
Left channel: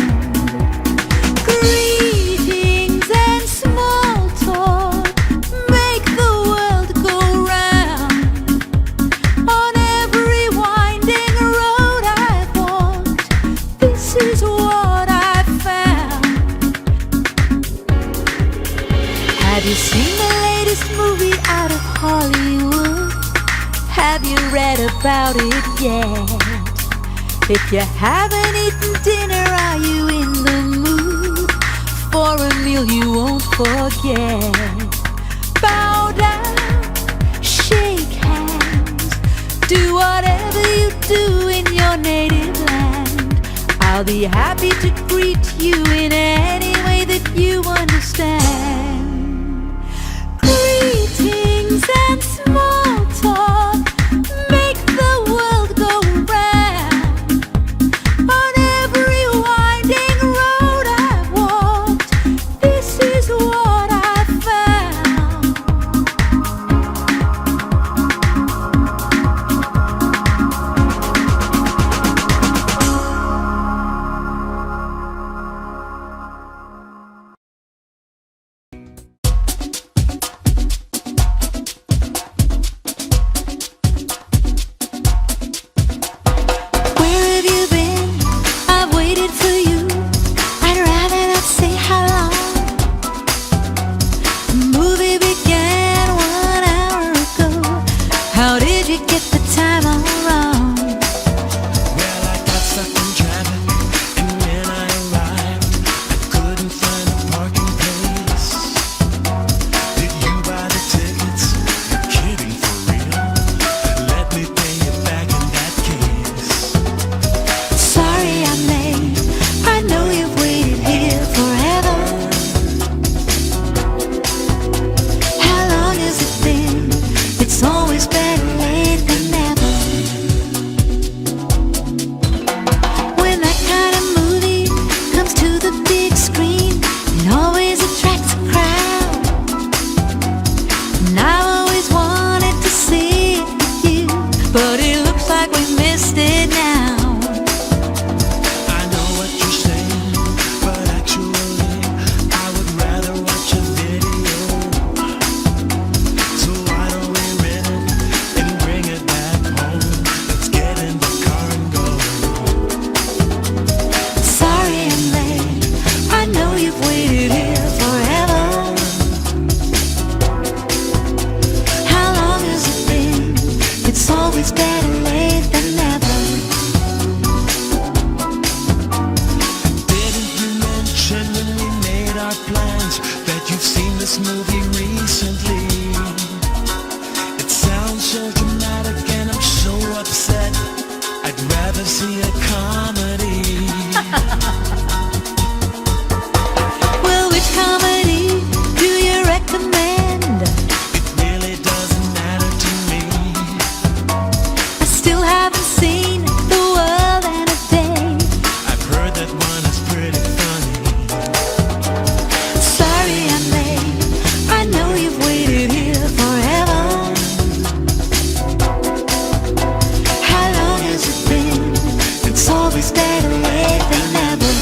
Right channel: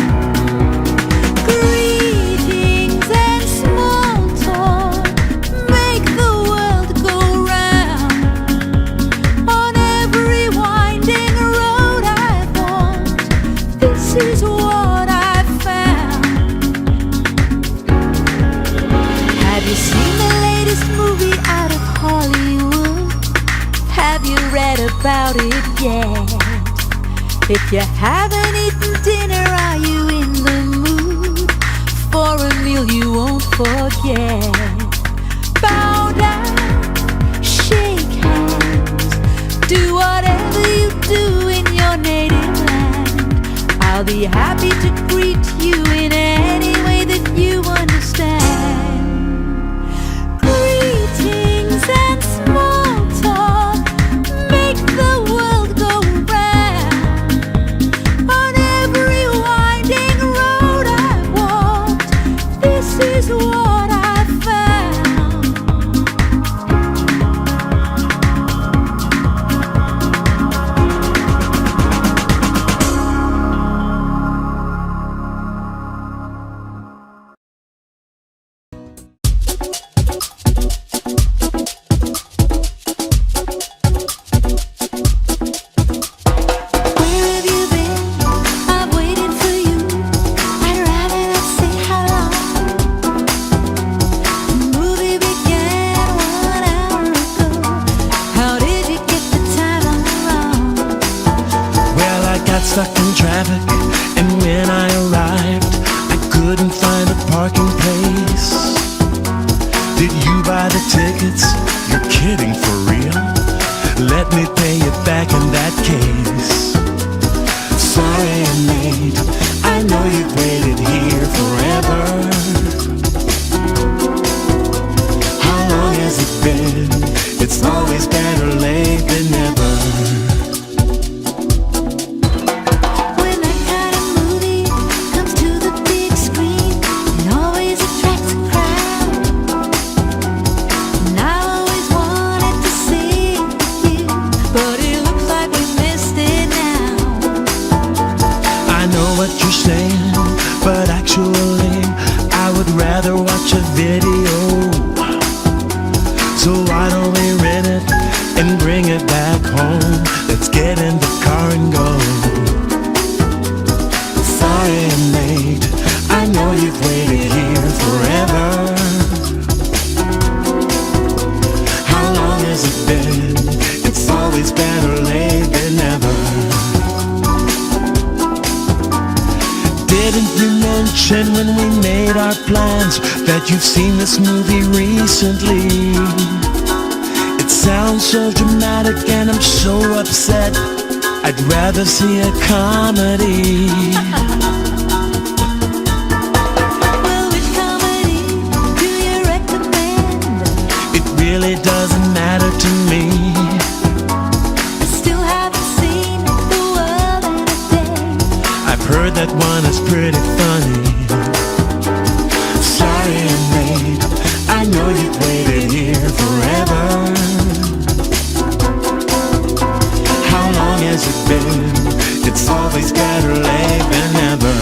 Greetings and small talk make the world go round. On every winding road I've walked, this is what I've found. Have you seen the latest movie out of Hollywood? Have you read about it yet? If you haven't eaten dinner, are you in the mood for a meal you won't forget? Bow down, shake hands, do whatever you do in your native land. I'll be happy to greet you in any way that you understand. Greetings and small talk make the world go round. On every winding road I've walked, this is what I've found. didn't you mention when we made our plans that you've seen this movie recently? It sounds so dramatic and I'm so upset. I'd rather see a comedy. Well, which comedy do you recommend? It really doesn't matter to me. I still haven't seen The World in a Day. I've heard that one is pretty funny. Sorry I'm late, I know you've waited here forever. How long has it been? It's always better late than never.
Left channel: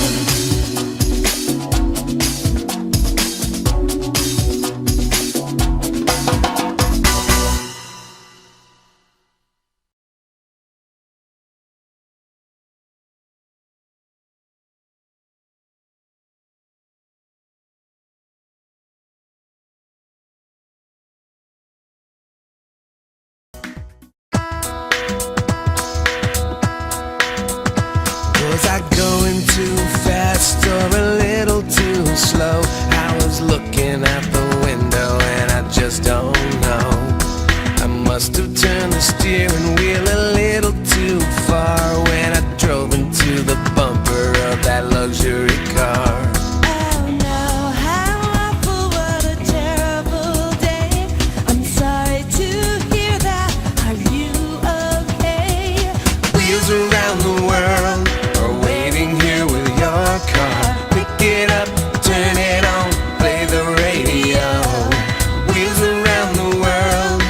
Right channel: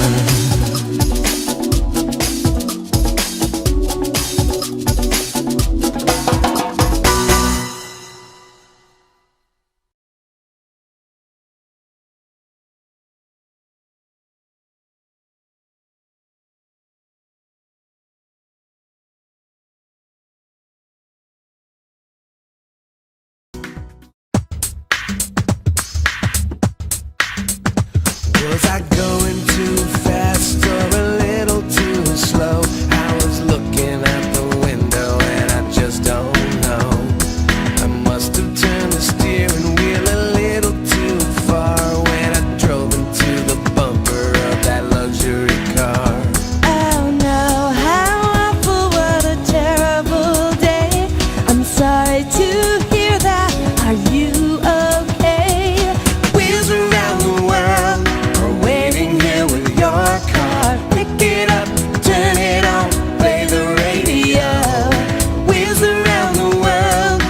Was I going too fast or a little too slow? I was looking out the window and I just don't know. I must have turned the steering wheel a little too far when I drove into the bumper of that luxury car. Oh no, how awful, what a terrible day. I'm sorry to hear that. Are you okay? Wheels around the world are waiting here with your car. Pick it up, turn it on, play the radio. Wheels around the world,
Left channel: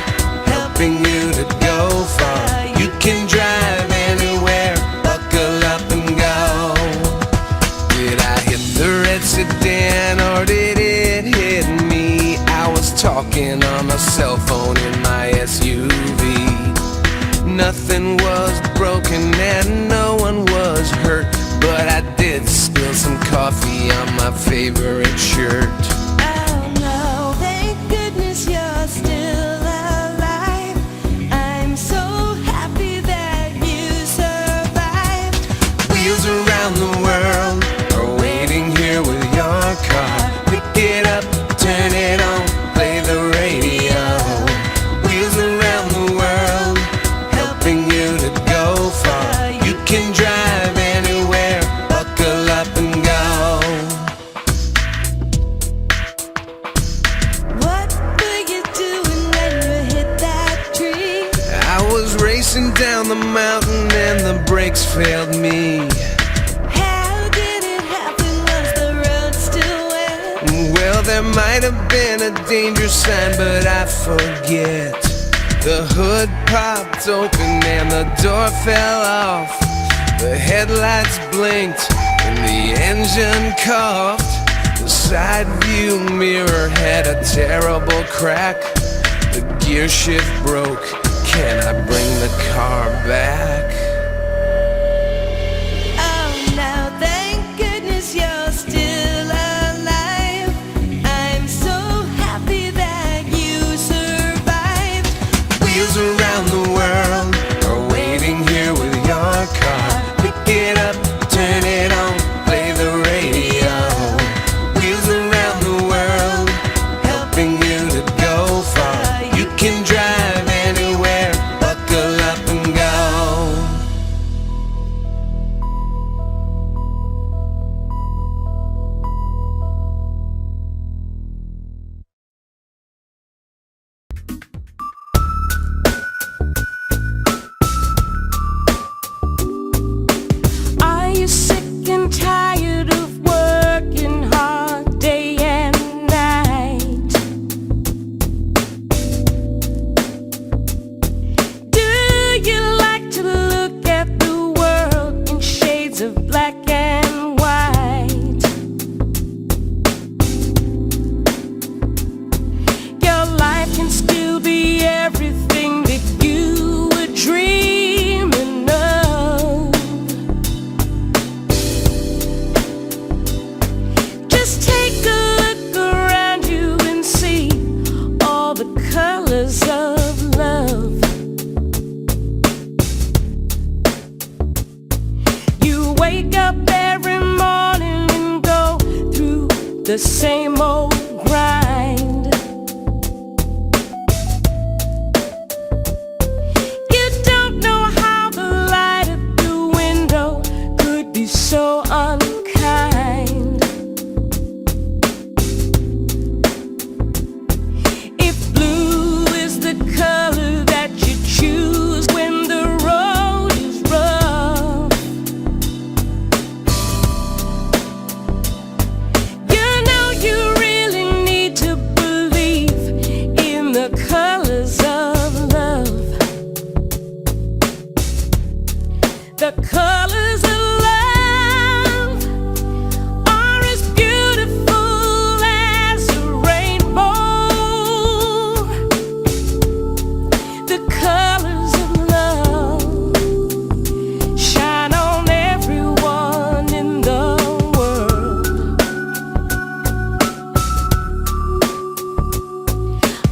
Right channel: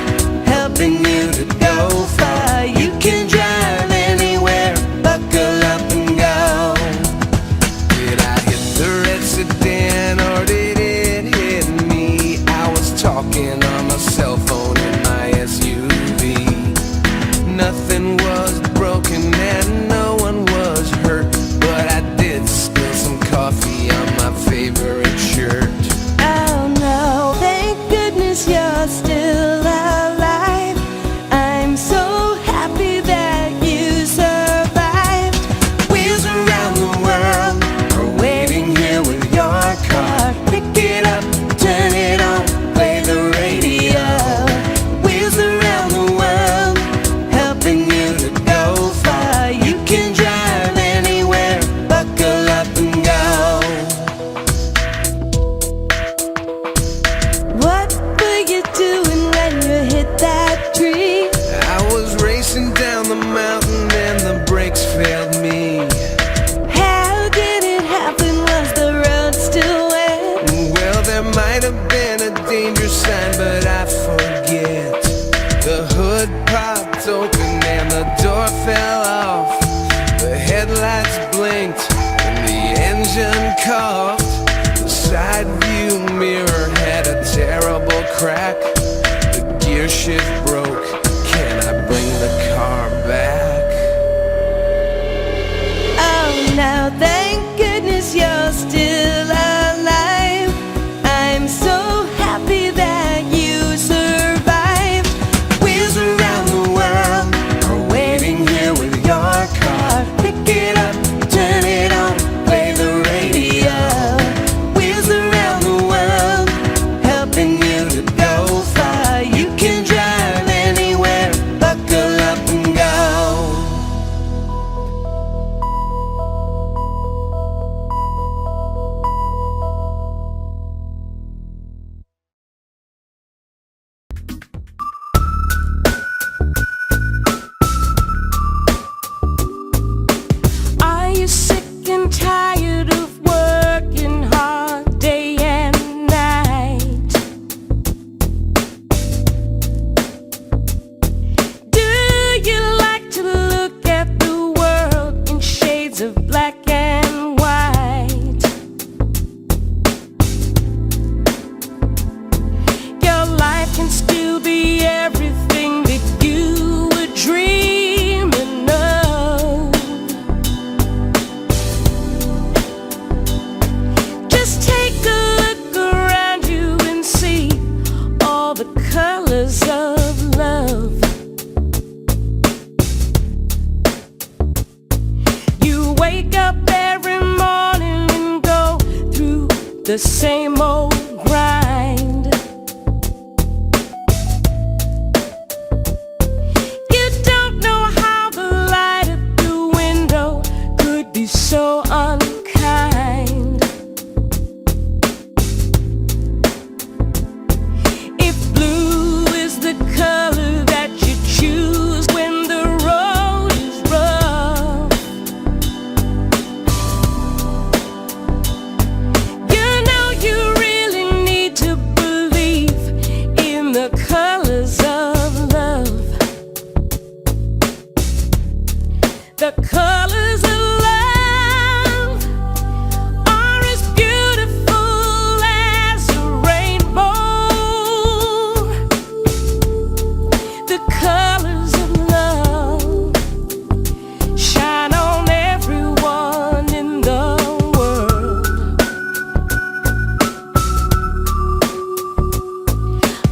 helping you to go far. You can drive anywhere, buckle up and go. Did I hit the red sedan or did it hit me? I was talking on my cell phone in my SUV. Nothing was broken and no one was hurt, but I did spill some coffee on my favorite shirt. Oh no, thank goodness you're still alive. I'm so happy that you survived. Wheels around the world are waiting here with your car. Pick it up, turn it on, play the radio. Wheels around the world, helping you to go far. You can drive anywhere, buckle up and go. What were you doing when you hit that tree? I was racing down the mountain and the brakes failed me. How did it happen? Was the road still wet? Well, there might have been a danger sign, but I forget. The hood popped open and the door fell off. The headlights blinked and the engine coughed. The side view mirror had a terrible crack. The gear shift broke. Can I bring the car back? Oh no, thank goodness you're still alive. I'm so happy that you survived. Wheels around the world are waiting here with your car. Pick it up, turn it on, play the radio. Wheels around the world, helping you to go far. You can drive anywhere, buckle up and go. the same old grind. You don't know how the light at the window could be so unkind. If blue is the color that you choose when the road is rough, you know you really need to believe in the colors of love. The colors of love are as beautiful as a rainbow. The colors of love shine on everyone in the world.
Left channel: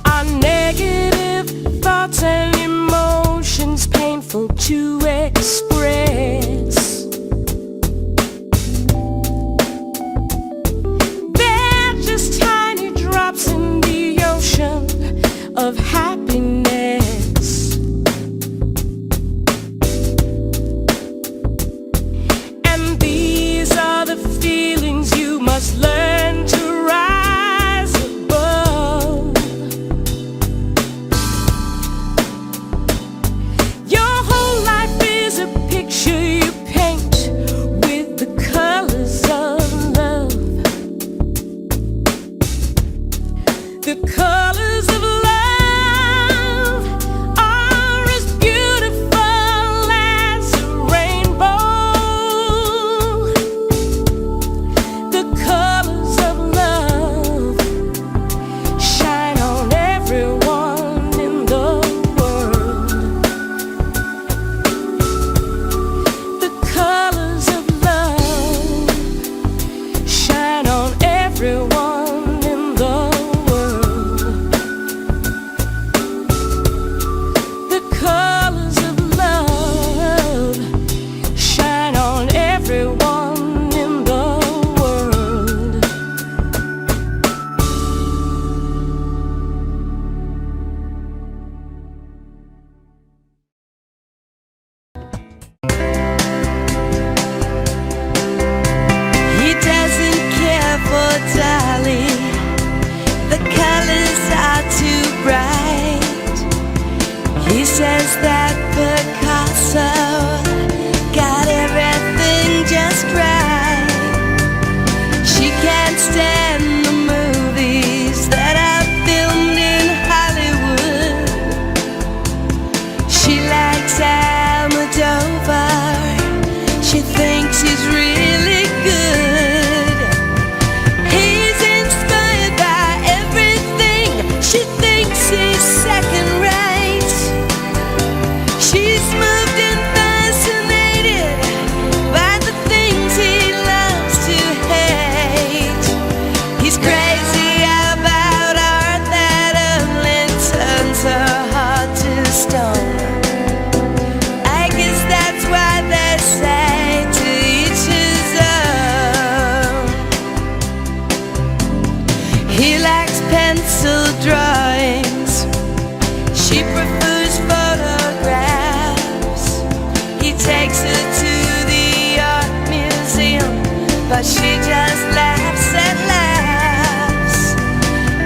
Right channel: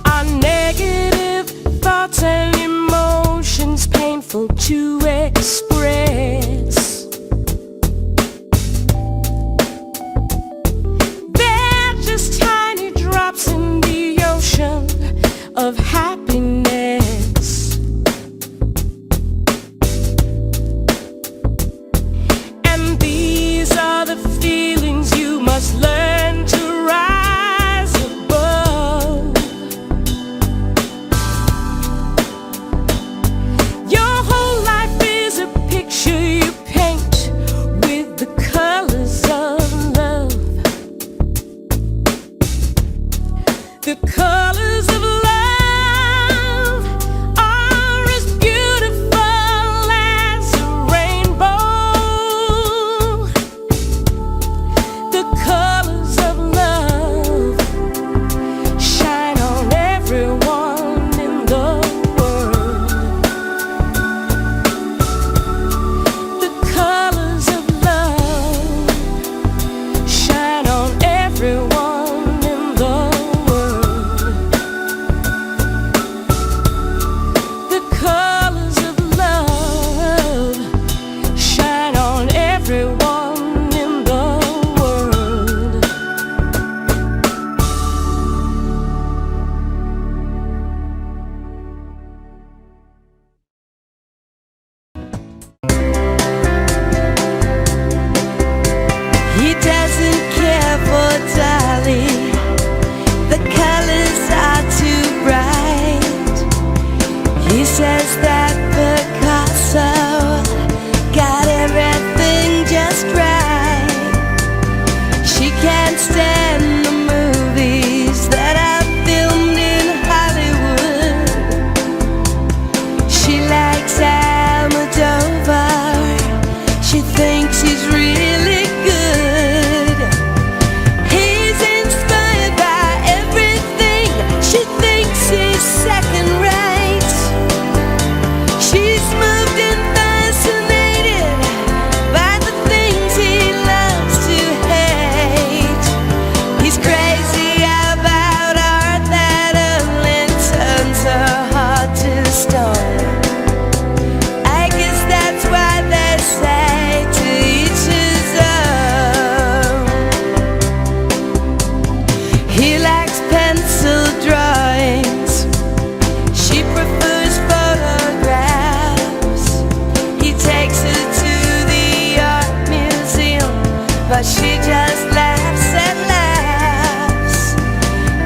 Our negative thoughts and emotions painful to express. They're just tiny drops in the ocean of happiness. And these are the feelings you must learn to rise above. Your whole life is a picture you paint with the colors of love. The colors of love are as beautiful as a rainbow. The colors of love shine on everyone in the world. The colors of love shine on everyone in the world. The colors of love shine on everyone in the world. He doesn't care for Dolly. The colors are too bright. He says that Picasso got everything just right. She can't stand the movies that are filmed in Hollywood. She likes Almodovar. She thinks he's really good. He's inspired by everything. She thinks he's second rate. She's moved and fascinated by the things he loves to hate. He's crazy about art that only turns her heart to stone. I guess that's why they say to each his own. He likes pencil drawings. She prefers photographs. He takes her to the art museum, but she just laughs and laughs.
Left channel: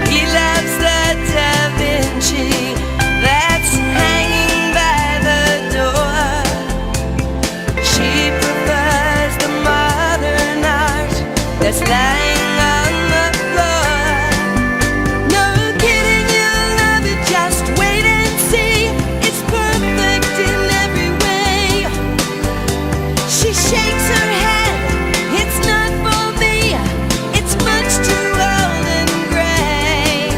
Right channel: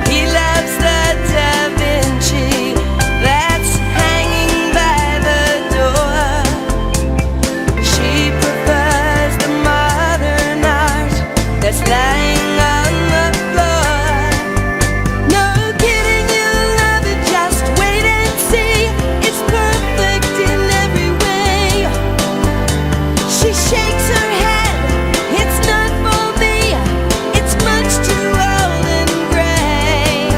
He loves the Da Vinci that's hanging by the door. She prefers the modern art that's lying on the floor. No kidding, you'll love it, just wait and see. It's perfect in every way. She shakes her head, it's not for me. It's much too old and gray.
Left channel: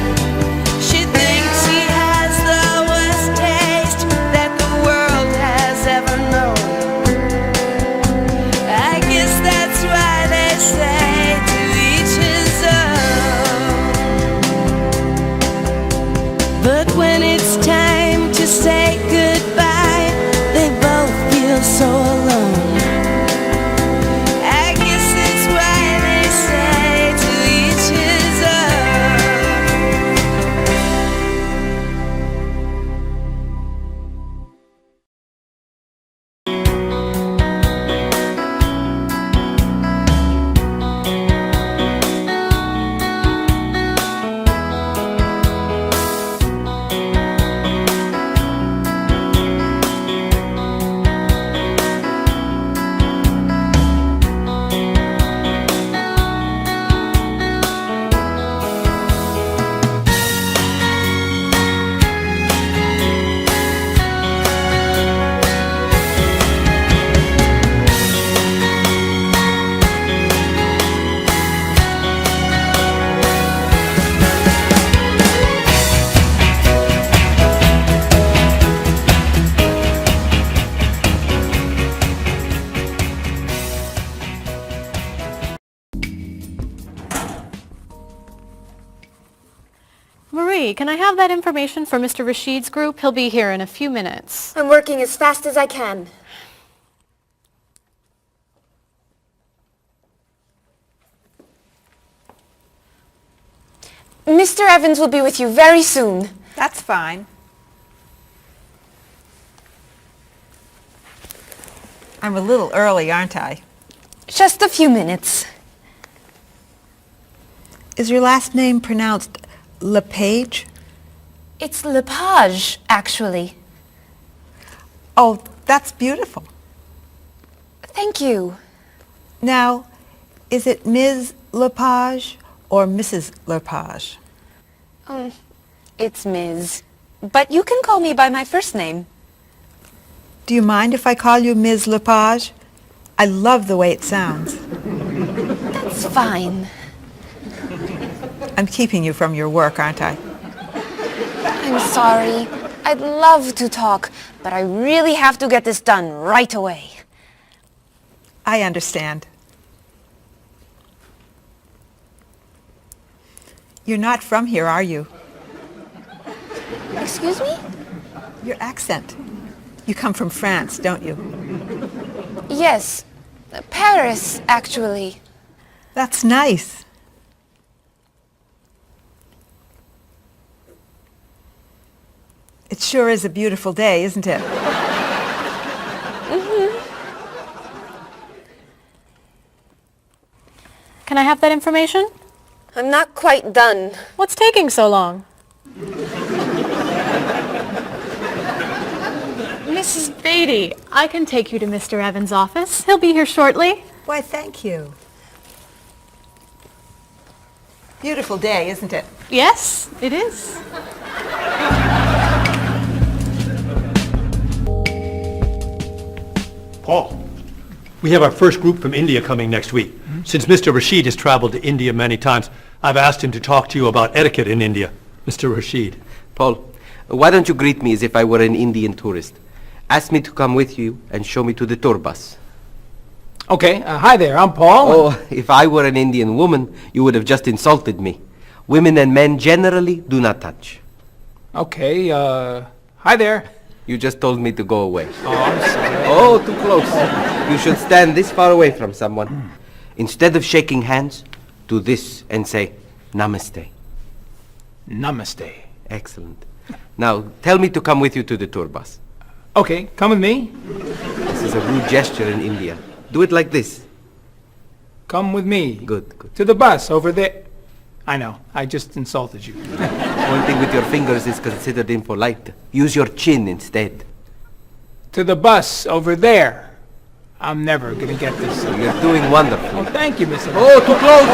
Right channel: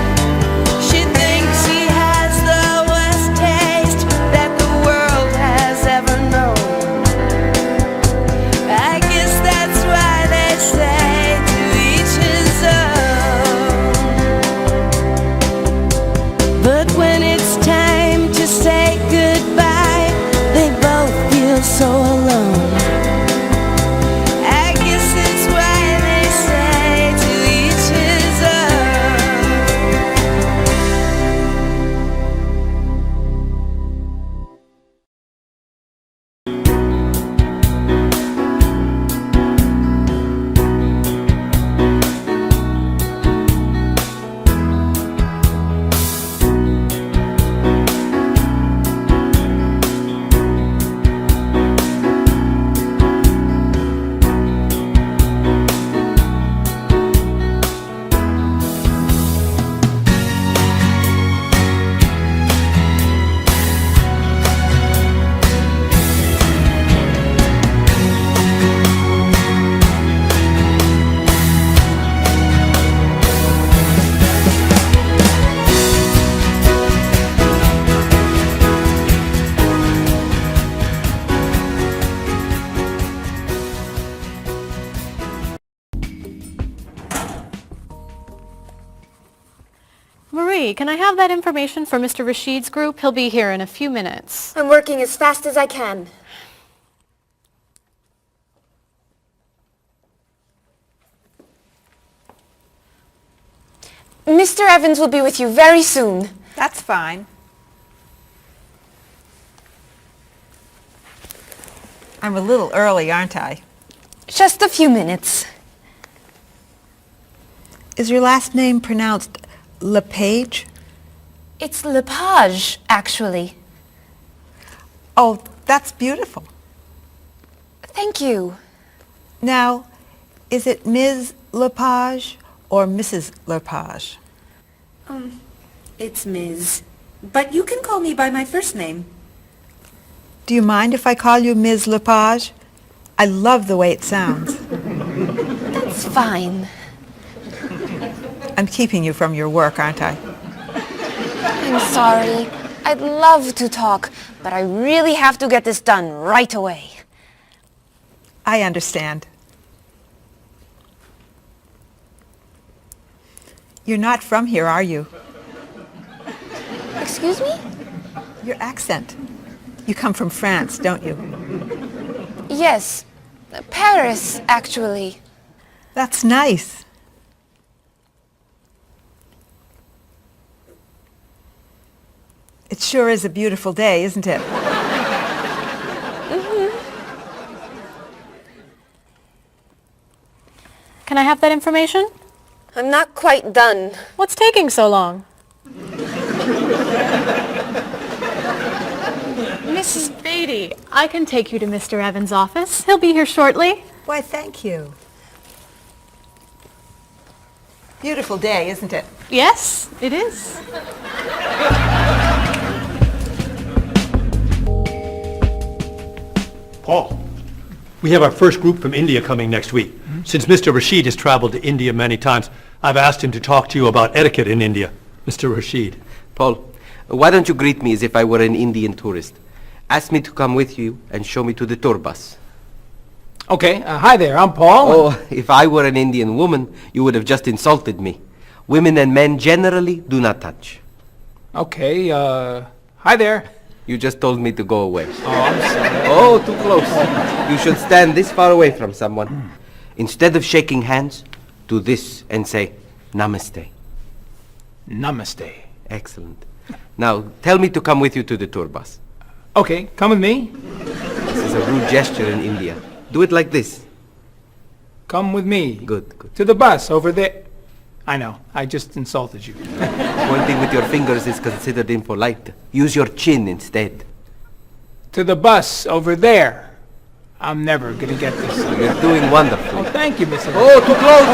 She thinks he has the worst taste that the world has ever known. I guess that's why they say to each Marie, can I have that information for Mr. Rashid's group? He'll be here in a few minutes. I'm working as fast as I can. Mr. Evans will be with you very soon. That's fine. I'm a little early, aren't I? Just a few minutes. Is your last name pronounced LePage? It's Lepage, actually. Oh, that's beautiful. Thank you. Now, is it Ms. Lepage or Mrs. Lepage? It's Ms. But you can call me by my first name. Do you mind if I call you Ms. Lepage? I love the way it sounds. That's fine. I'm keeping you from your work, aren't I? I'm sorry. I'd love to talk, but I really have to get this done right away. I understand. You're not from here, are you? Excuse me? Your accent. You come from France, don't you? Yes. Paris, actually. That's nice. It sure is a beautiful day, isn't it? Can I have that information? I'm not quite done. What's taking so long? Mrs. Beatty, I can take you to Mr. Evans' office. He'll be here shortly. Why, thank you. Beautiful day, isn't it? Yes, it is. Paul, we have our first group from India coming next week. Since Mr. Rashid has traveled to India many times, I've asked him to talk to you about etiquette in India. Mr. Rashid. Paul, why don't you greet me as if I were an Indian tourist? Ask me to come with you and show me to the tour bus. Okay, hi there, I'm Paul. Oh, if I were an Indian woman, you would have just insulted me. Women and men generally do not touch. Okay, hi there. You just told me to go away. Oh, I'm sorry. Oh, too close. You should stand this far away from someone. Instead of shaking hands, do this and say, Namaste. Namaste. Excellent. Now, tell me to come with you to the tour bus. Okay, come with me. This is a rude gesture in India. Do it like this. Come with me. Good, good. To the bus over there. I know, I just insulted you. Pointing with your fingers is considered impolite. Use your chin instead. To the bus over there. I'm never gonna get this. You're doing wonderfully. Oh, thank you, Mr. Oh, too close!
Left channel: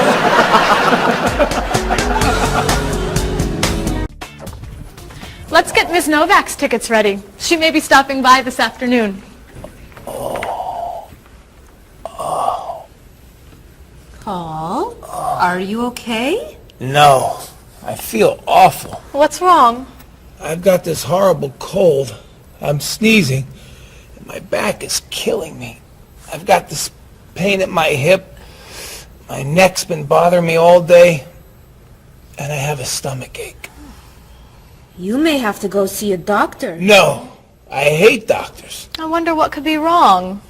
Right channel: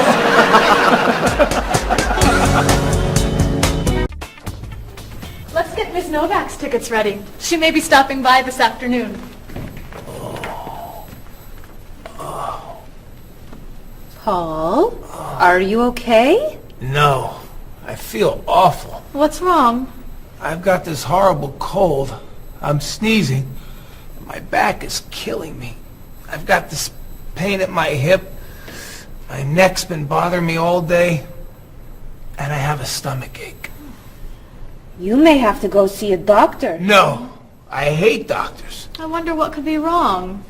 Let's get Ms. Novak's tickets ready. She may be stopping by this afternoon. Paul, are you okay? No, I feel awful. What's wrong? I've got this horrible cold. I'm sneezing, and my back is killing me. I've got this pain at my hip. My neck's been bothering me all day, and I have a stomach ache. You may have to go see a doctor. No, I hate doctors. I wonder what could be wrong.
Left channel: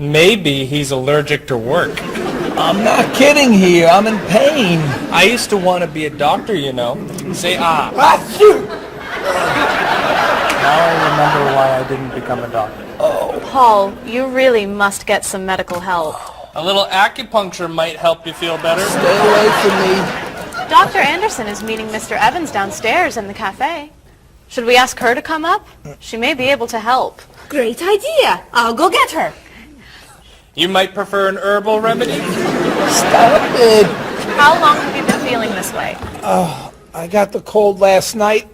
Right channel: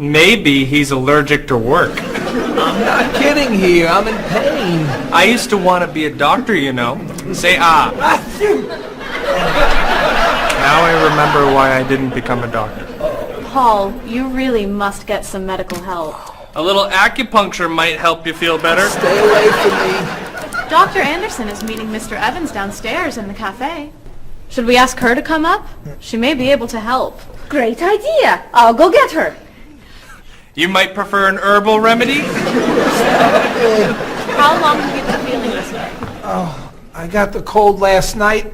Maybe he's allergic to work. I'm not kidding here. I'm in pain. I used to want to be a doctor, you know. Say ah. Now I remember why I didn't become a doctor. Paul, you really must get some medical help. A little acupuncture might help you feel better. Stay away from me. Dr. Anderson is meeting Mr. Evans downstairs in the cafe. Should we ask her to come up? She may be able to help. Great idea. I'll go get her. You might prefer an herbal remedy? Stop it. How long have you been feeling this way? Oh, I got the cold last night,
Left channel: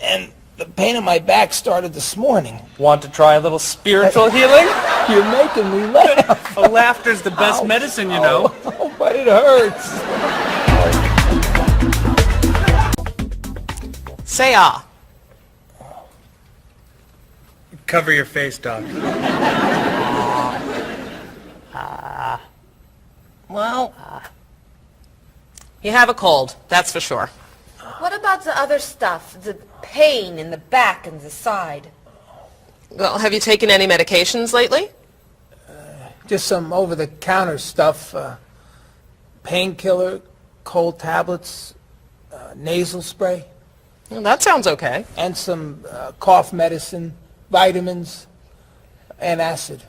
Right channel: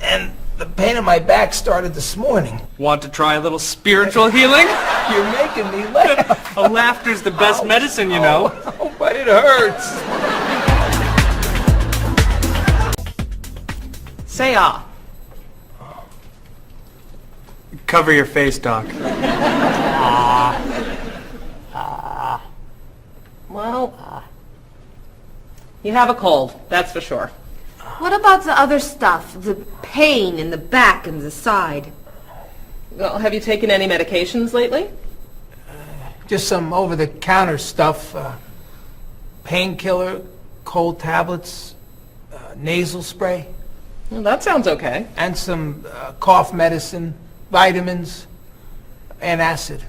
and the pain in my back started this morning. Want to try a little spiritual healing? You're making me laugh. Oh, laughter's the best medicine, you know. Oh, but it hurts. Say ah. Cover your face, Doc. Well, you have a cold, that's for sure. What about the other stuff? The pain in the back and the side? Well, have you taken any medications lately? Just some over-the-counter stuff. Painkiller, cold tablets, nasal spray. Well, that sounds okay. And some cough medicine, vitamins, and acid.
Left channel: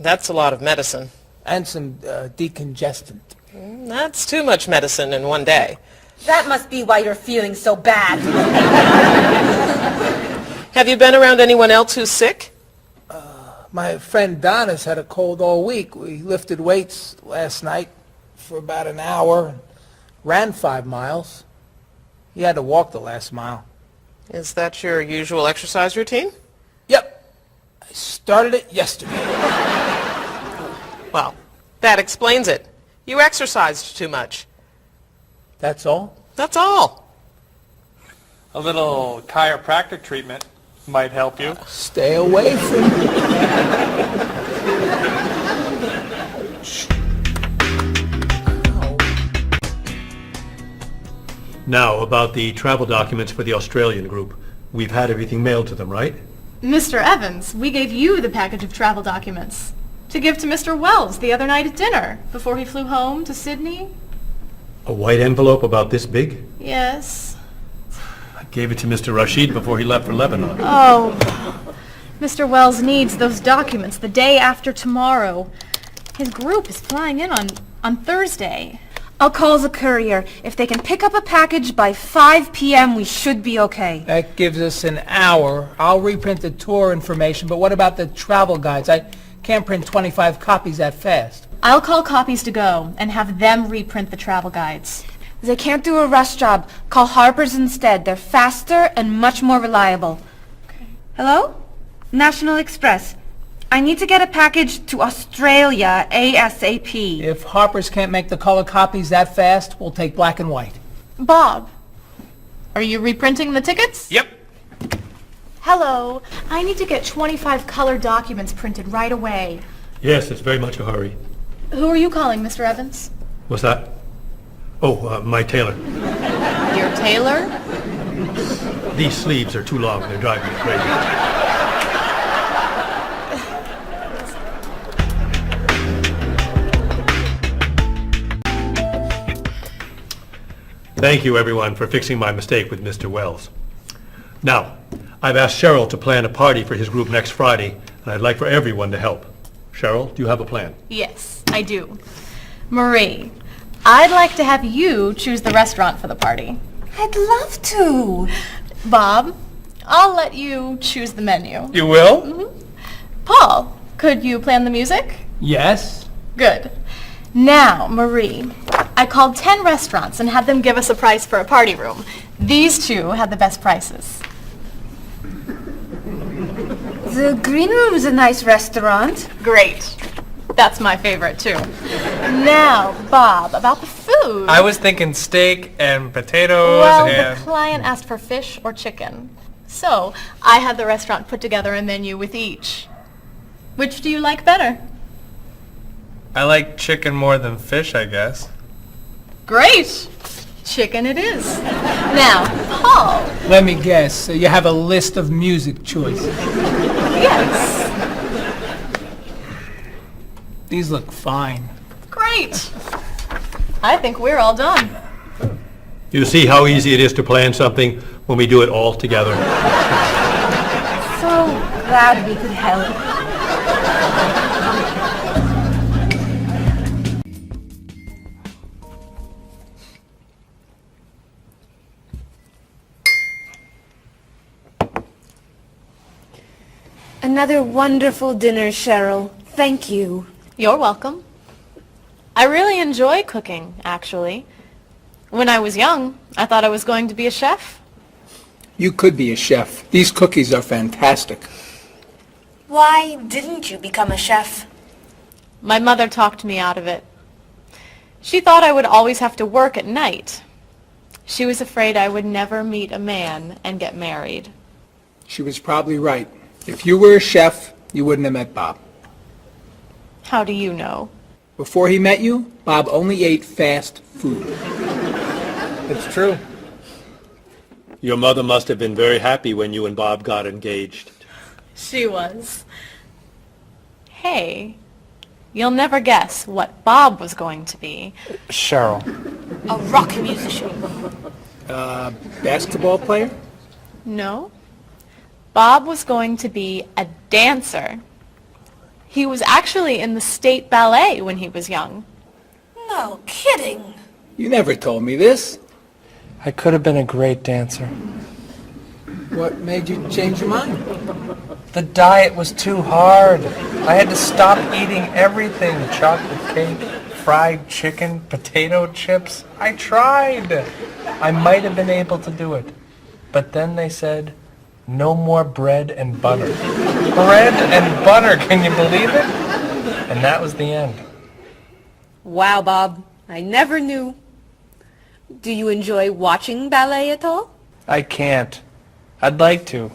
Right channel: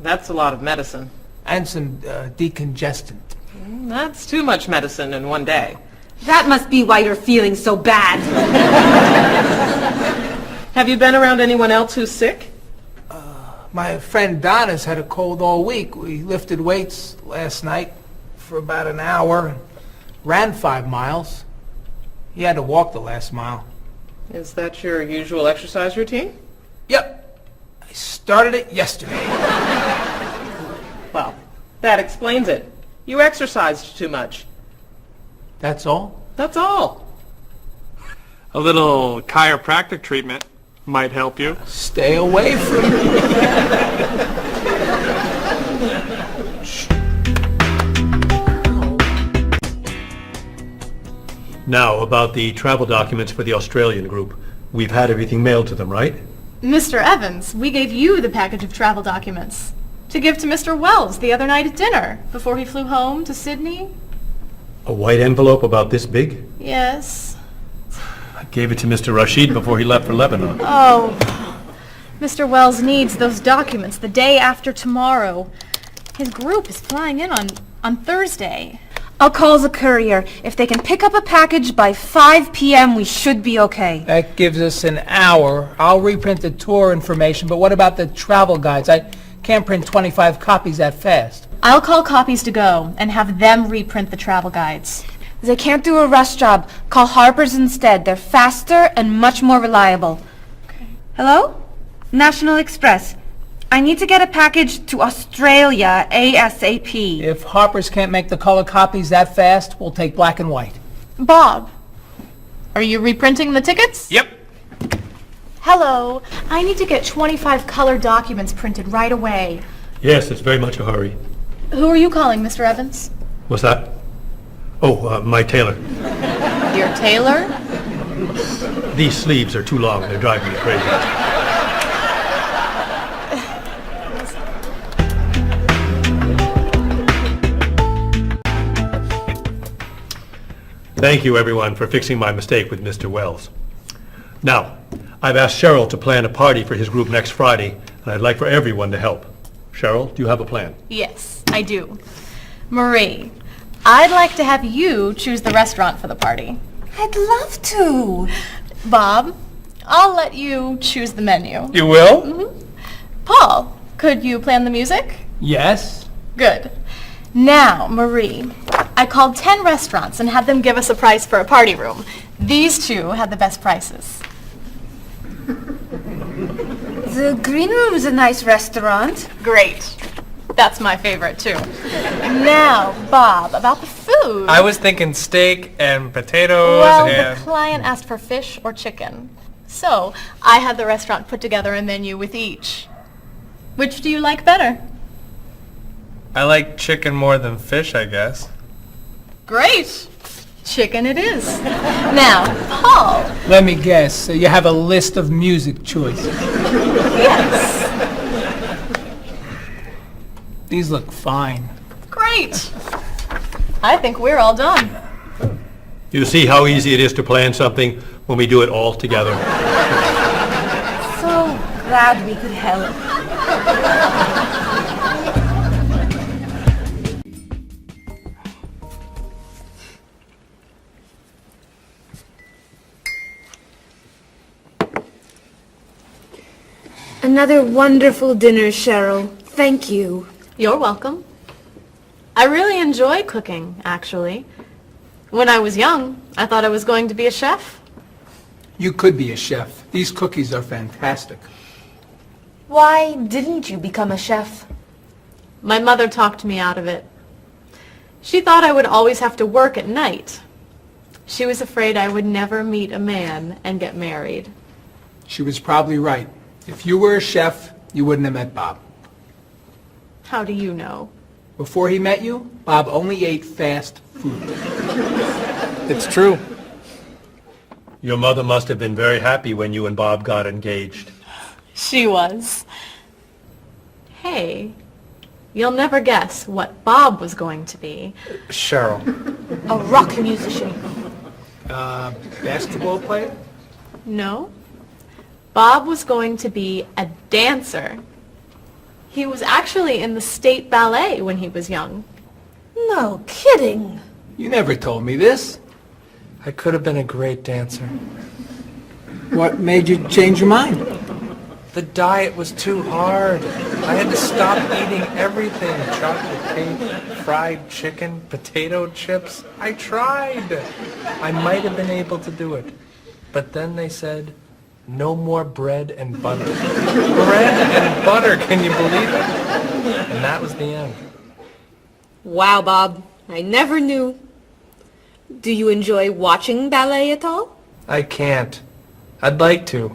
That's a lot of medicine. And some decongestant. That's too much medicine in one day. That must be why you're feeling so bad. Have you been around anyone else who's sick? My friend Donna's had a cold all week. We lifted weights last night for about an hour, ran 5 miles. He had to walk the last mile. Is that your usual exercise routine? Yep. I started it yesterday. Well, that explains it. You exercised too much. That's all? That's all. A little chiropractic treatment might help you. Stay away from me. Now, about the travel documents for the Australian group. We've had everything mailed to them, right? Mr. Evans, we gave you the package of travel documents to give to Mr. Wells the other night at dinner before he flew home to Sydney. A white envelope about this big? Yes. I gave it to Mr. Rashid before he left for Lebanon. Oh, Mr. Wells needs those documents the day after tomorrow. His group is flying in on Thursday. I'll call the courier. If they can pick up a package by 5 p.m., we should be okay. That gives us an hour. I'll reprint the tour information, but what about the travel guides? I can't print 25 copies that fast. I'll call Copies to Go and have them reprint the travel guides. They can't do a rush job. Call Harper's instead. They're faster and much more reliable. Okay. Hello? National Express. I need to get a package to Australia ASAP. If Harper's can't make the color copies that fast, we'll take black and white. Bob, are you reprinting the tickets? Yep. Hello. I need to get 25 color documents printed right away. Yes, it's very much a hurry. Who are you calling, Mr. Evans? What's that? Oh, my tailor. Your tailor? These sleeves are too long. They're driving me crazy. Thank you, everyone, for fixing my mistake with Mr. Wells. Now, I've asked Cheryl to plan a party for his group next Friday, and I'd like for everyone to help. Cheryl, do you have a plan? Yes, I do. Marie, I'd like to have you choose the restaurant for the party. I'd love to. Bob, I'll let you choose the menu. You will? Mm-hmm. Paul, could you plan the music? Yes. Good. Now, Marie, I called 10 restaurants and had them give us a price for a party room. These two had the best prices. The Green Room's a nice restaurant. Great. That's my favorite, too. Now, Bob, about the food. I was thinking steak and potatoes Well, and... the client asked for fish or chicken. So, I had the restaurant put together a menu with each. Which do you like better? I like chicken more than fish, I guess. Great. Chicken it is. Now, Paul. Let me guess. You have a list of music choices. Yes. These look fine. Great. I think we're all done. You see how easy it is to plan something when we do it all together? So glad we could help. Another wonderful dinner, Cheryl. Thank you. You're welcome. I really enjoy cooking, actually. When I was young, I thought I was going to be a chef. You could be a chef. These cookies are fantastic. Why didn't you become a chef? My mother talked me out of it. She thought I would always have to work at night. She was afraid I would never meet a man and get married. She was probably right. If you were a chef, you wouldn't have met Bob. How do you know? Before he met you, Bob only ate fast food. It's true. Your mother must have been very happy when you and Bob got engaged. She was. Hey, you'll never guess what Bob was going to be. Cheryl. A rock musician. Basketball player? No. Bob was going to be a dancer. He was actually in the state ballet when he was young. No kidding. You never told me this. I could have been a great dancer. What made you change your mind? The diet was too hard. I had to stop eating everything. Chocolate cake, fried chicken, potato chips. I tried. I might have been able to do it. But then they said, no more bread and butter. Bread and butter, can you believe it? And that was the end. Wow, Bob. I never knew. Do you enjoy watching ballet at all? I can't. I'd like to.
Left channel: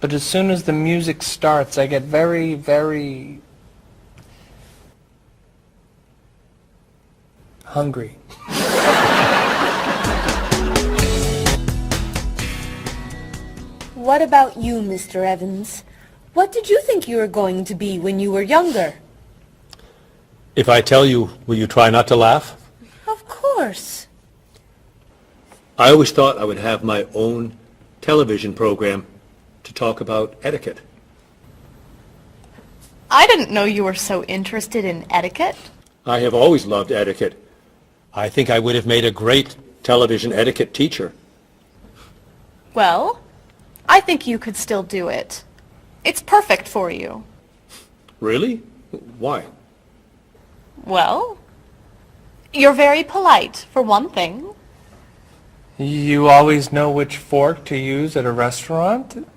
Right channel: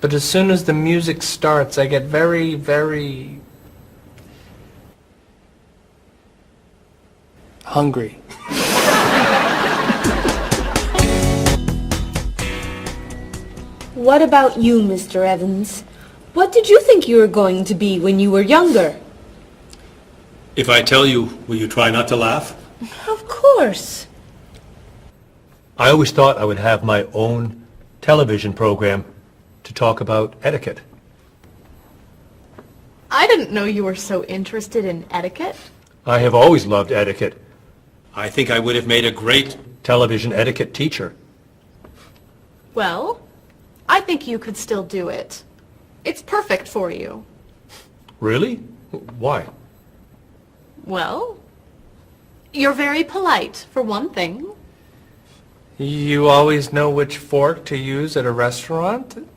But as soon as the music starts, I get very, very hungry. What about you, Mr. Evans? What did you think you were going to be when you were younger? If I tell you, will you try not to laugh? Of course. I always thought I would have my own television program to talk about etiquette. I didn't know you were so interested in etiquette. I have always loved etiquette. I think I would have made a great television etiquette teacher. Well, I think you could still do it. It's perfect for you. Really? Why? Well, you're very polite, for one thing. You always know which fork to use at a restaurant?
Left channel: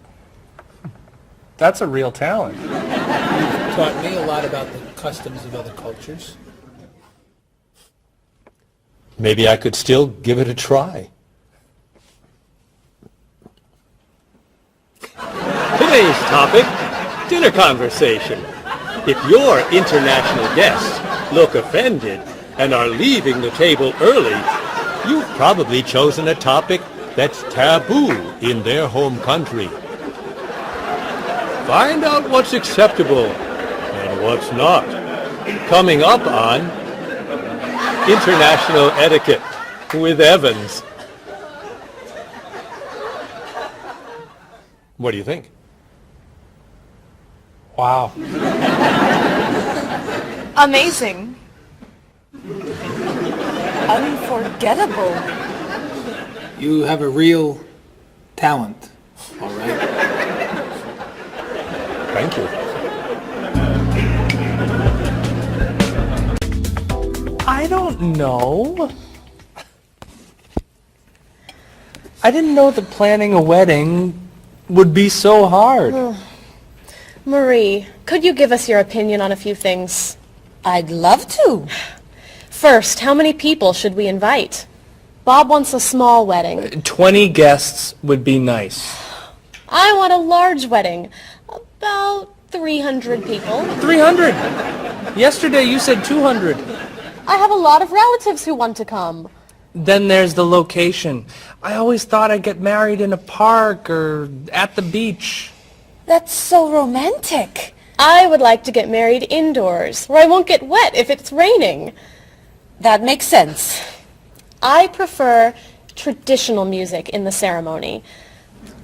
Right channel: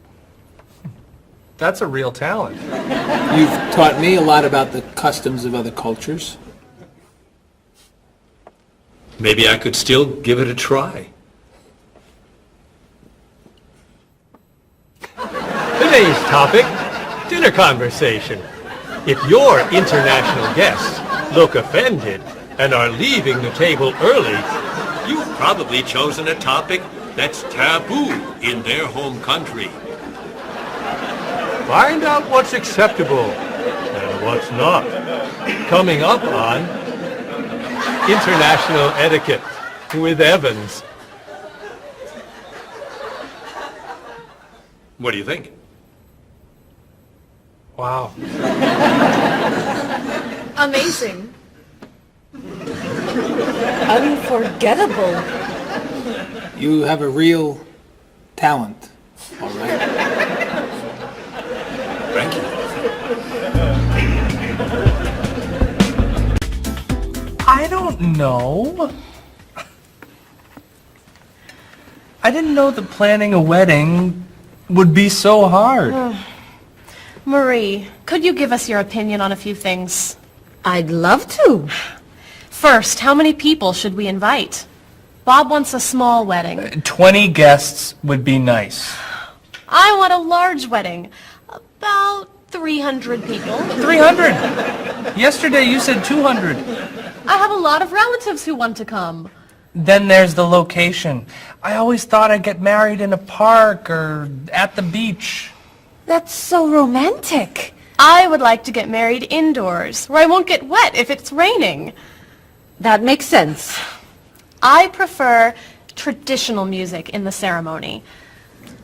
That's a real talent. You've taught me a lot about the customs of other cultures. Maybe I could still give it a try. Today's topic, dinner conversation. If your international guests look offended and are leaving the table early, you've probably chosen a topic that's taboo in their home country. Find out what's acceptable and what's not. Coming up on International Etiquette with Evans. What do you think? Wow. Amazing. Unforgettable. You have a real talent, all right? Thank you. I don't know. I didn't know that planning a wedding would be so hard. Marie, could you give us your opinion on a few things? I'd love to. First, how many people should we invite? Bob wants a small wedding. 20 guests would be nice. I want a large wedding. About 300 people. 300? Yesterday you said 200. I have a lot of relatives who want to come. Then there's the location. I always thought I'd get married in a park or at the beach. That's so romantic. I would like to get married indoors, where I won't get wet if it's raining. That makes sense. I prefer traditional music in the ceremony.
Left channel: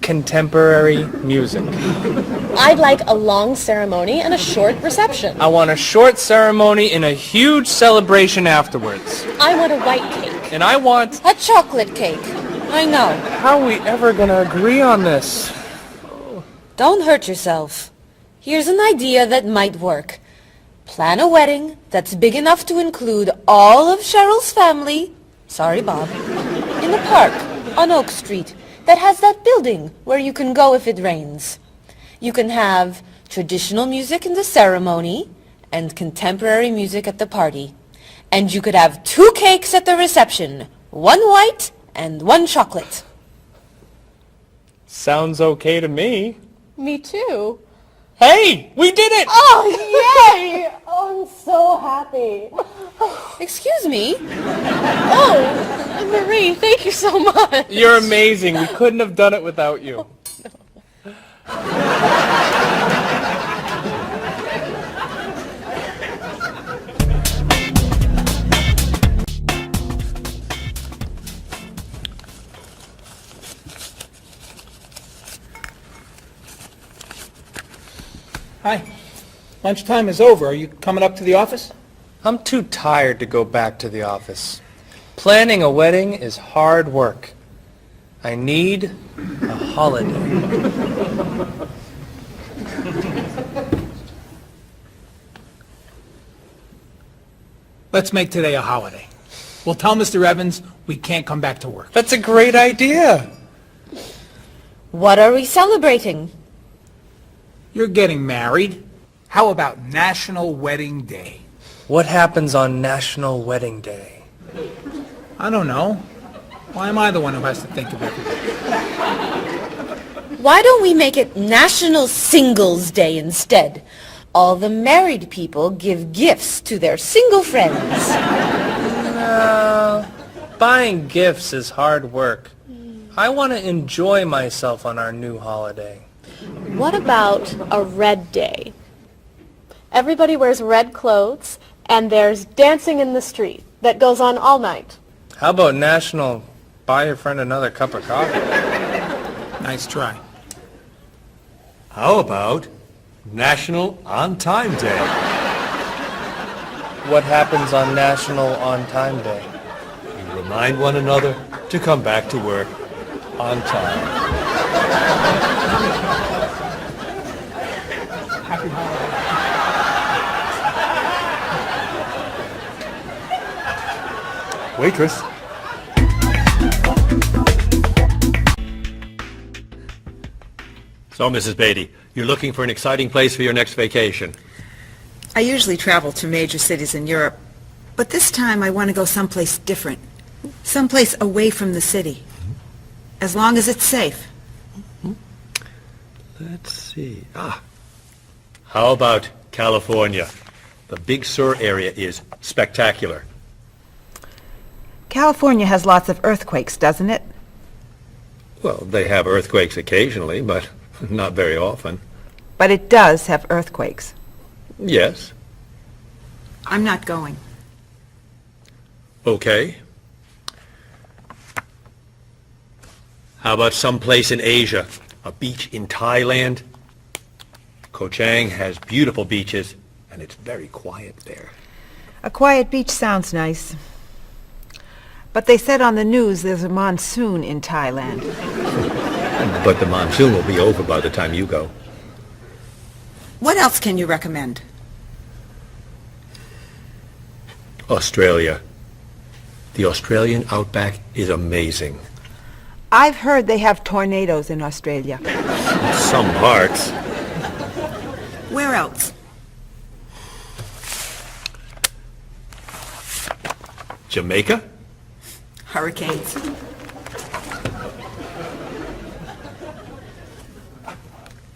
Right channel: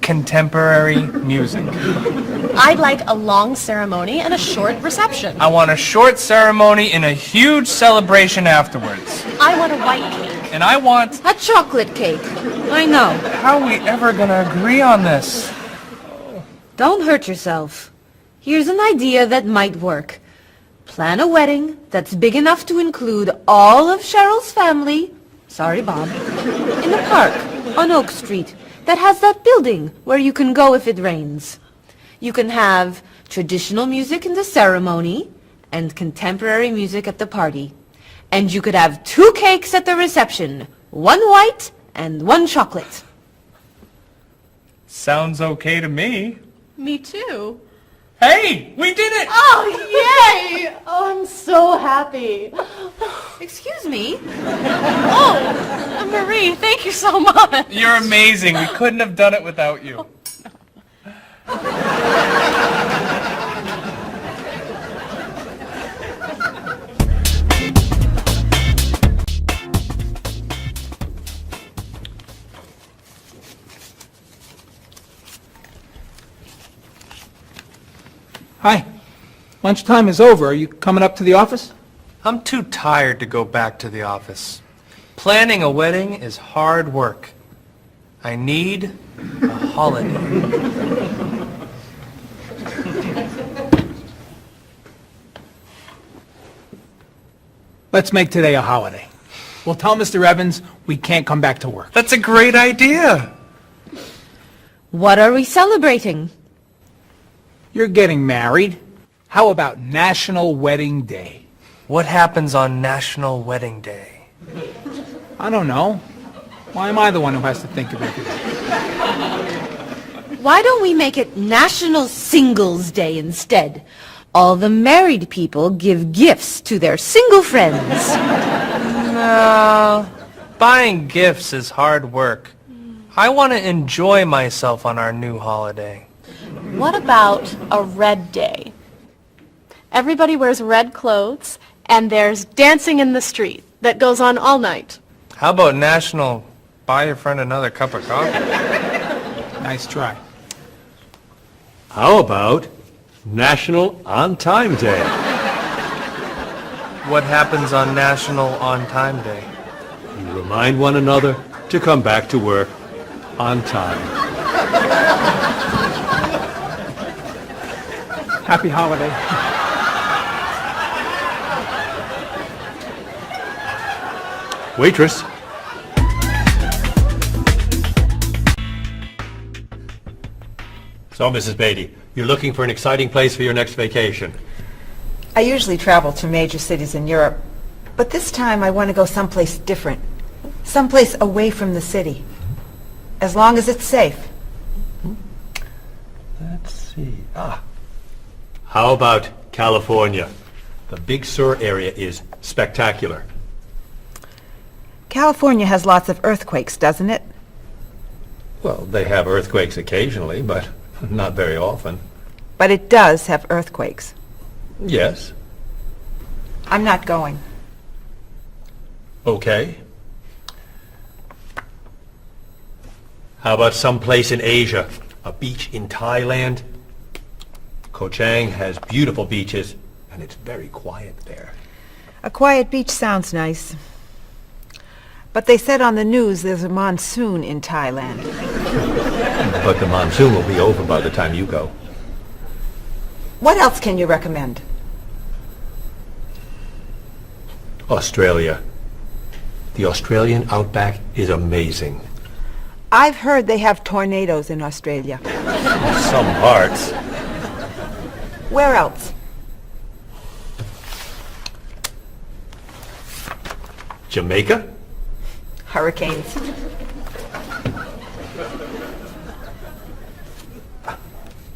Contemporary music. I'd like a long ceremony and a short reception. I want a short ceremony and a huge celebration afterwards. I want a white cake. And I want... A chocolate cake. I know. How are we ever gonna agree on this? Don't hurt yourself. Here's an idea that might work. Plan a wedding that's big enough to include all of Cheryl's family, sorry Bob, in a park on Oak Street that has that building where you can go if it rains. You can have traditional music in the ceremony and contemporary music at the party. And you could have 2 cakes at the reception, 1 white and 1 chocolate. Sounds okay to me. Me too. Hey, we did it! Oh, yay! Oh, I'm so happy. Excuse me? Oh, Marie. Hey, thank you so much. You're amazing. We couldn't have done it without you. Hi. Lunchtime is over. Are you coming up to the office? I'm too tired to go back to the office. Planning a wedding is hard work. I need a holiday. Let's make today a holiday. We'll tell Mr. Evans we can't come back to work. That's a great idea. What are we celebrating? You're getting married. How about National Wedding Day? What happens on National Wedding Day? I don't know. Why am I the one who has to think of everything? Why don't we make it National Singles Day instead? All the married people give gifts to their single friends. No, buying gifts is hard work. I want to enjoy myself on our new holiday. What about a red day? Everybody wears red clothes, and there's dancing in the street that goes on all night. How about National Buy Your Friend Another Cup of Coffee? Nice try. How about National On Time Day? What happens on National On Time Day? You remind one another to come back to work on time. Happy holiday. Waitress. So, Mrs. Beatty, you're looking for an exciting place for your next vacation. I usually travel to major cities in Europe, but this time I want to go someplace different. Someplace away from the city. As long as it's safe. Let's see. How about California? The Big Sur area is spectacular. California has lots of earthquakes, doesn't it? Well, they have earthquakes occasionally, but not very often. But it does have earthquakes. Yes. I'm not going. Okay. How about someplace in Asia? A beach in Thailand? Koh Chang has beautiful beaches, and it's very quiet there. A quiet beach sounds nice. But they said on the news there's a monsoon in Thailand. But the monsoon will be over by the time you go. What else can you recommend? Australia. The Australian outback is amazing. I've heard they have tornadoes in Australia. Some parts. Where else? Jamaica? Hurricanes.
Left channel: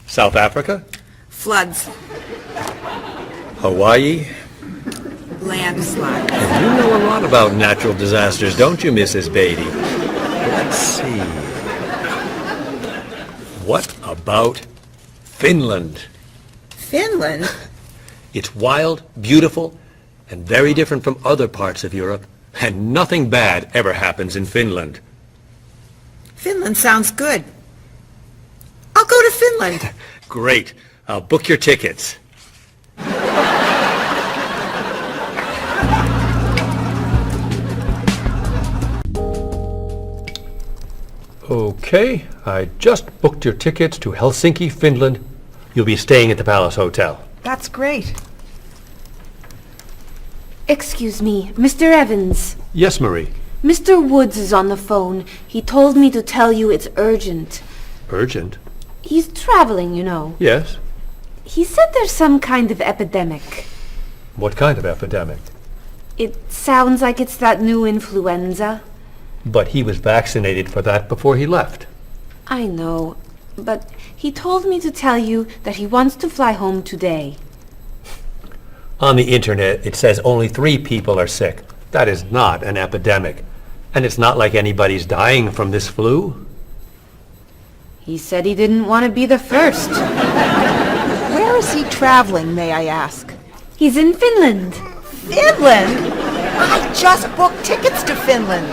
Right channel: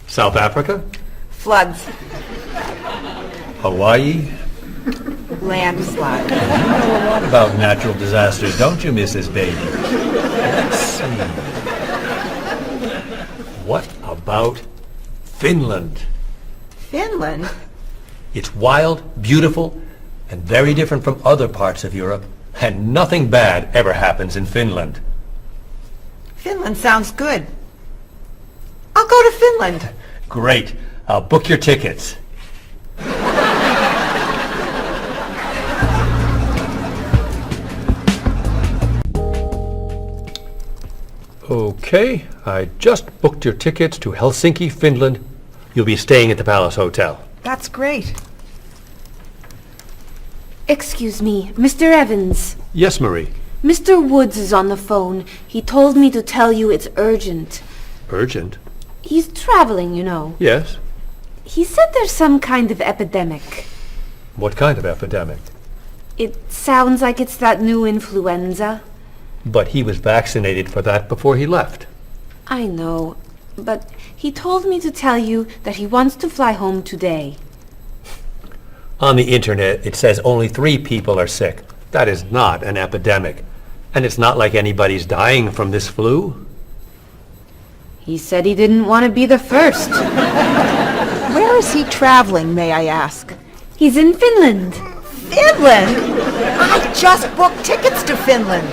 South Africa? Floods. Hawaii? Landslides. You know a lot about natural disasters, don't you, Mrs. Beatty? Let's see. What about Finland? Finland? It's wild, beautiful, and very different from other parts of Europe. And nothing bad ever happens in Finland. Finland sounds good. I'll go to Finland. Great. I'll book your tickets. Okay, I just booked your tickets to Helsinki, Finland. You'll be staying at the Palace Hotel. That's great. Excuse me, Mr. Evans. Yes, Marie. Mr. Woods is on the phone. He told me to tell you it's urgent. Urgent? He's traveling, you know. Yes. He said there's some kind of epidemic. What kind of epidemic? It sounds like it's that new influenza. But he was vaccinated for that before he left. I know, but he told me to tell you that he wants to fly home today. On the internet, it says only 3 people are sick. That is not an epidemic. And it's not like anybody's dying from this flu. He said he didn't want to be the first. Where is he traveling, may I ask? He's in Finland. Finland? I just booked tickets to Finland.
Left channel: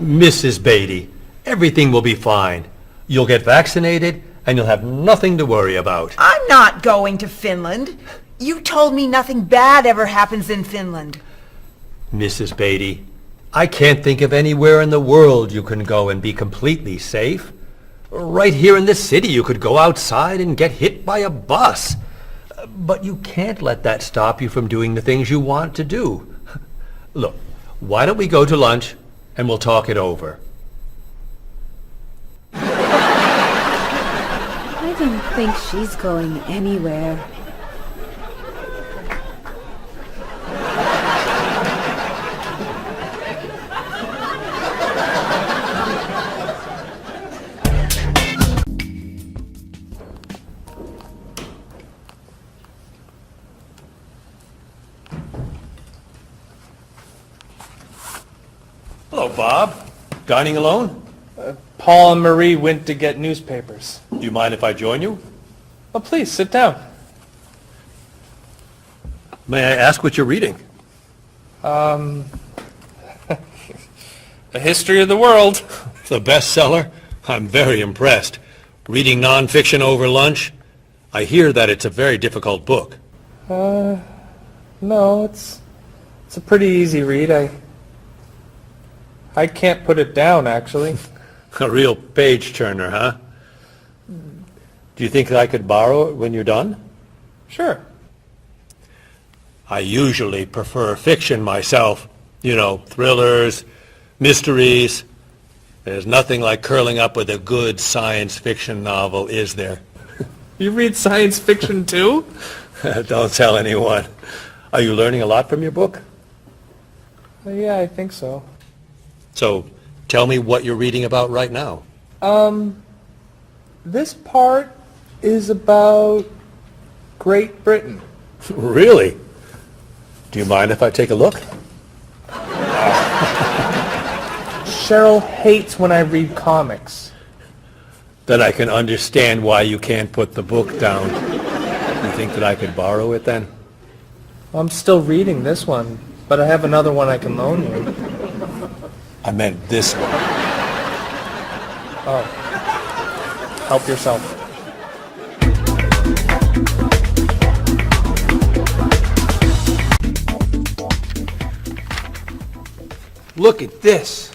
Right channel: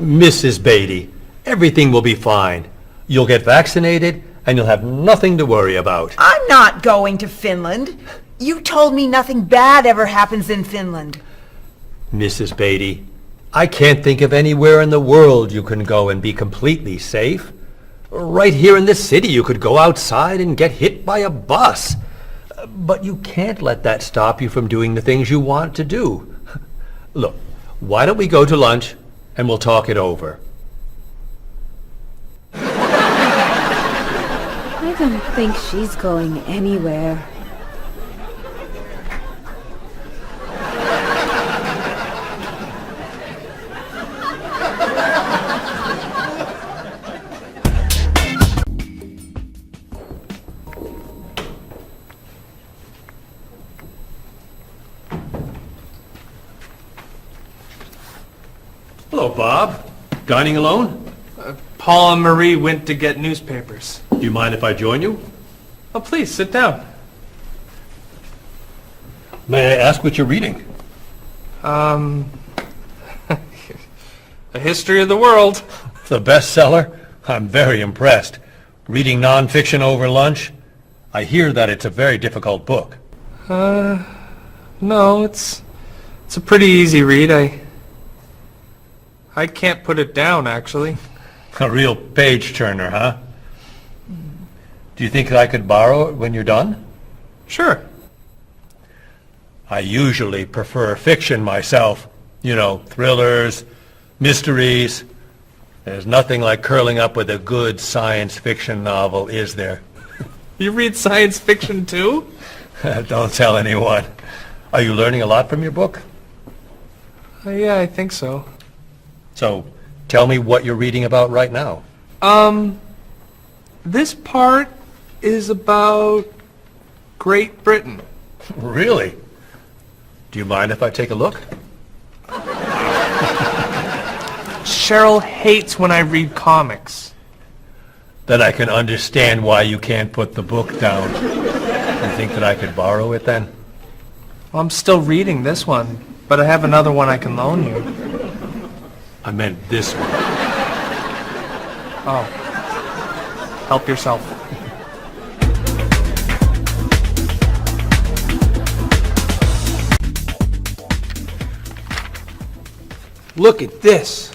Mrs. Beatty, everything will be fine. You'll get vaccinated, and you'll have nothing to worry about. I'm not going to Finland. You told me nothing bad ever happens in Finland. Mrs. Beatty, I can't think of anywhere in the world you can go and be completely safe. Right here in this city, you could go outside and get hit by a bus. But you can't let that stop you from doing the things you want to do. Look, why don't we go to lunch and we'll talk it over? I don't think she's going anywhere. Hello, Bob. Dining alone? Paul and Marie went to get newspapers. Do you mind if I join you? Oh, please, sit down. May I ask what you're reading? A History of the World. The bestseller? I'm very impressed. Reading nonfiction over lunch? I hear that it's a very difficult book. No, it's a pretty easy read. I can't put it down, actually. A real page-turner, huh? Do you think I could borrow it when you're done? Sure. I usually prefer fiction myself. You know, thrillers, mysteries. There's nothing like curling up with a good science fiction novel, is there? You read science fiction too? Don't tell anyone. Are you learning a lot from your book? Yeah, I think so. So, tell me what you're reading about right now. This part is about Great Britain. Really? Do you mind if I take a look? Cheryl hates when I read comics. Then I can understand why you can't put the book down. You think that I could borrow it then? Well, I'm still reading this one, but I have another one I can loan you. I meant this one. Oh. Help yourself. Look at this.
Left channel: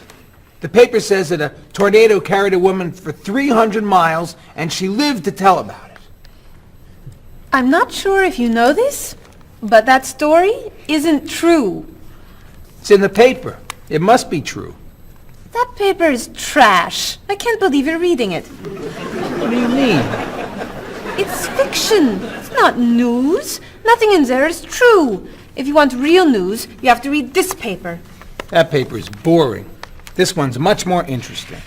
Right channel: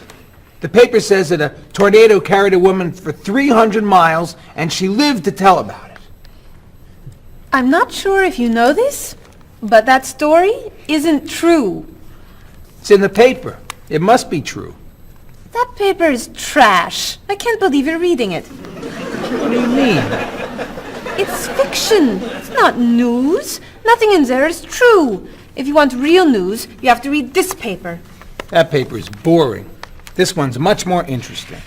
The paper says that a tornado carried a woman for 300 miles, and she lived to tell about it. I'm not sure if you know this, but that story isn't true. It's in the paper. It must be true. That paper is trash. I can't believe you're reading it. What do you mean? It's fiction. It's not news. Nothing in there is true. If you want real news, you have to read this paper. That paper is boring. This one's much more interesting.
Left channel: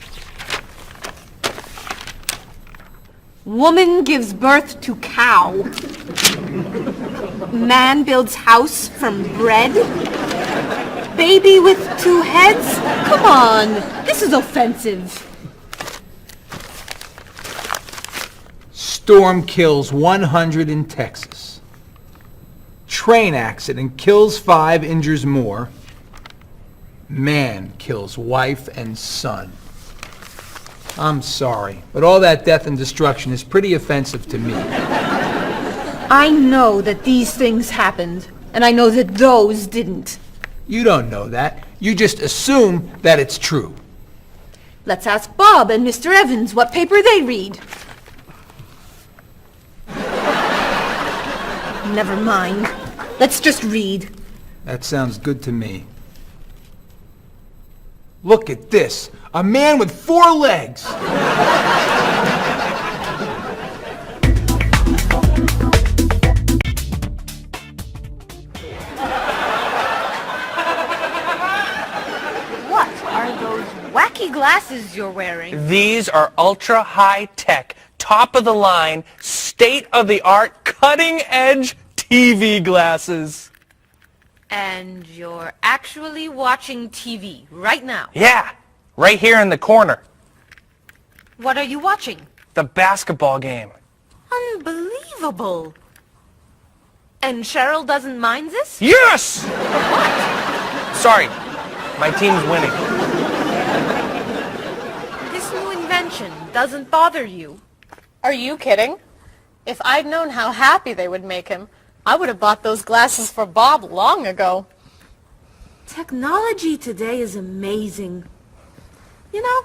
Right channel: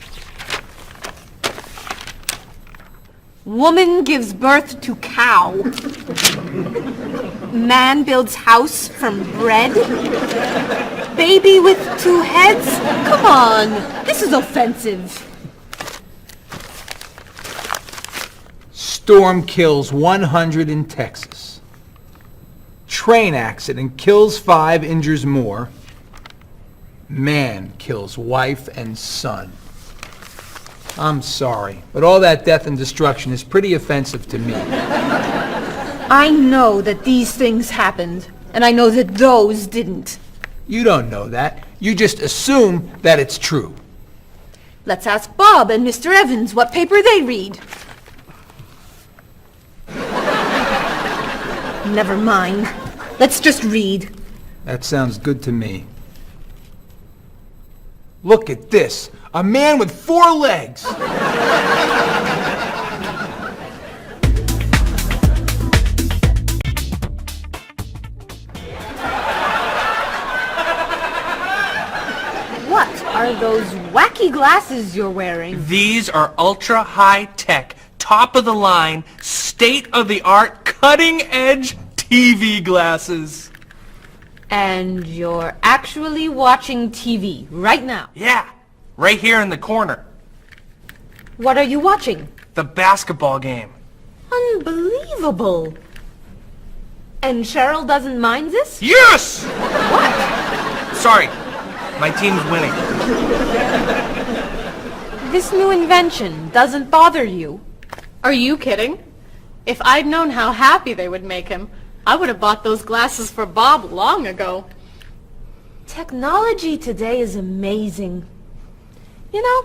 Woman gives birth to cow. Man builds house from bread. Baby with 2 heads? Come on, this is offensive. Storm kills 100 in Texas. Train accident kills 5, injures more. Man kills wife and son. I'm sorry, but all that death and destruction is pretty offensive to me. I know that these things happened, and I know that those didn't. You don't know that. You just assume that it's true. Let's ask Bob and Mr. Evans what paper they read. Never mind. Let's just read. That sounds good to me. Look at this. A man with 4 legs. What are those wacky glasses you're wearing? These are ultra high tech, top of the line, state of the art, cutting edge TV glasses. And you're actually watching TV right now. Yeah, right here in the corner. What are you watching? The basketball game. Unbelievable. And Cheryl doesn't mind this? Yes! Sorry, my team's winning. This new invention doesn't bother you. Are you kidding? If I'd known how happy they would make him, I would have bought those glasses for Bob long ago. Technology today is amazing. You know,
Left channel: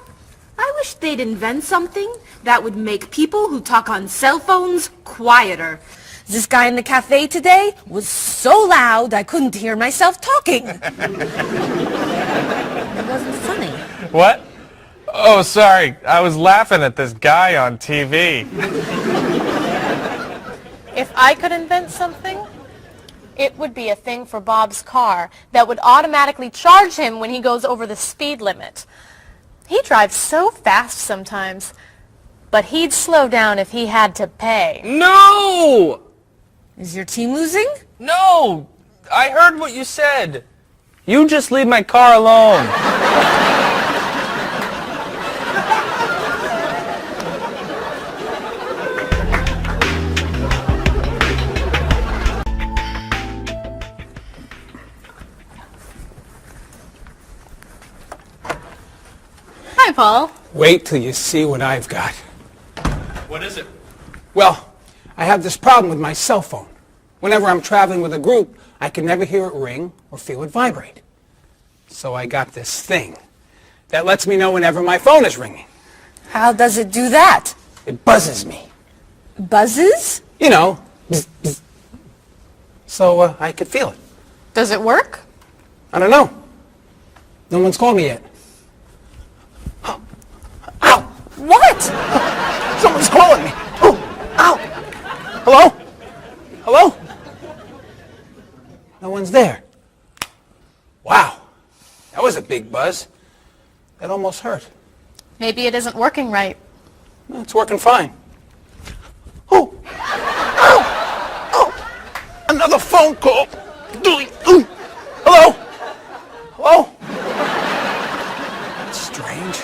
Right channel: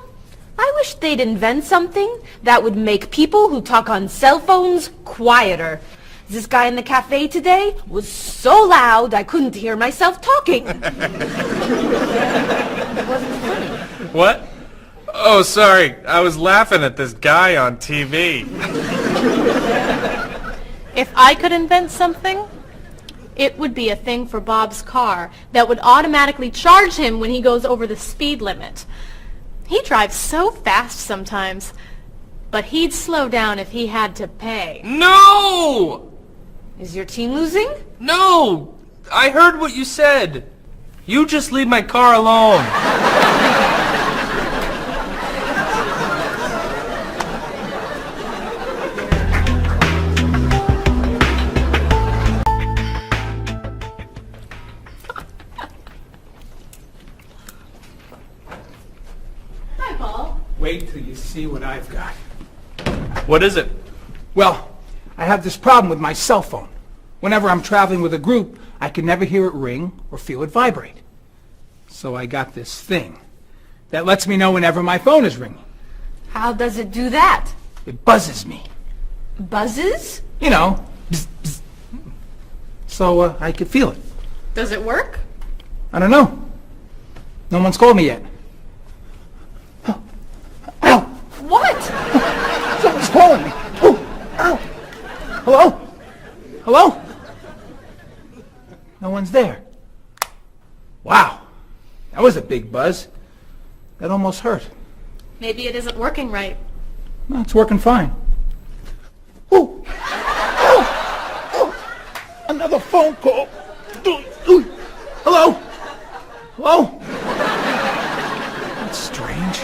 I wish they'd invent something that would make people who talk on cell phones quieter. This guy in the cafe today was so loud I couldn't hear myself talking. It wasn't funny. What? Oh, sorry. I was laughing at this guy on TV. If I could invent something, it would be a thing for Bob's car that would automatically charge him when he goes over the speed limit. He drives so fast sometimes, but he'd slow down if he had to pay. No! Is your team losing? No! I heard what you said. You just leave my car alone. Hi, Paul. Wait till you see what I've got. What is it? Well, I have this problem with my cell phone. Whenever I'm traveling with a group, I can never hear it ring or feel it vibrate. So I got this thing that lets me know whenever my phone is ringing. How does it do that? It buzzes me. Buzzes? You know, bzz, bzz. So I could feel it. Does it work? I don't know. No one's called me yet. Ow! What? Someone's calling me. Oh, ow! Hello? Hello? No one's there. Wow. That was a big buzz. That almost hurt. Maybe it isn't working right. No, it's working fine. Oh! Ow! Oh! Another phone call. Ooh. Hello? Hello? That's strange.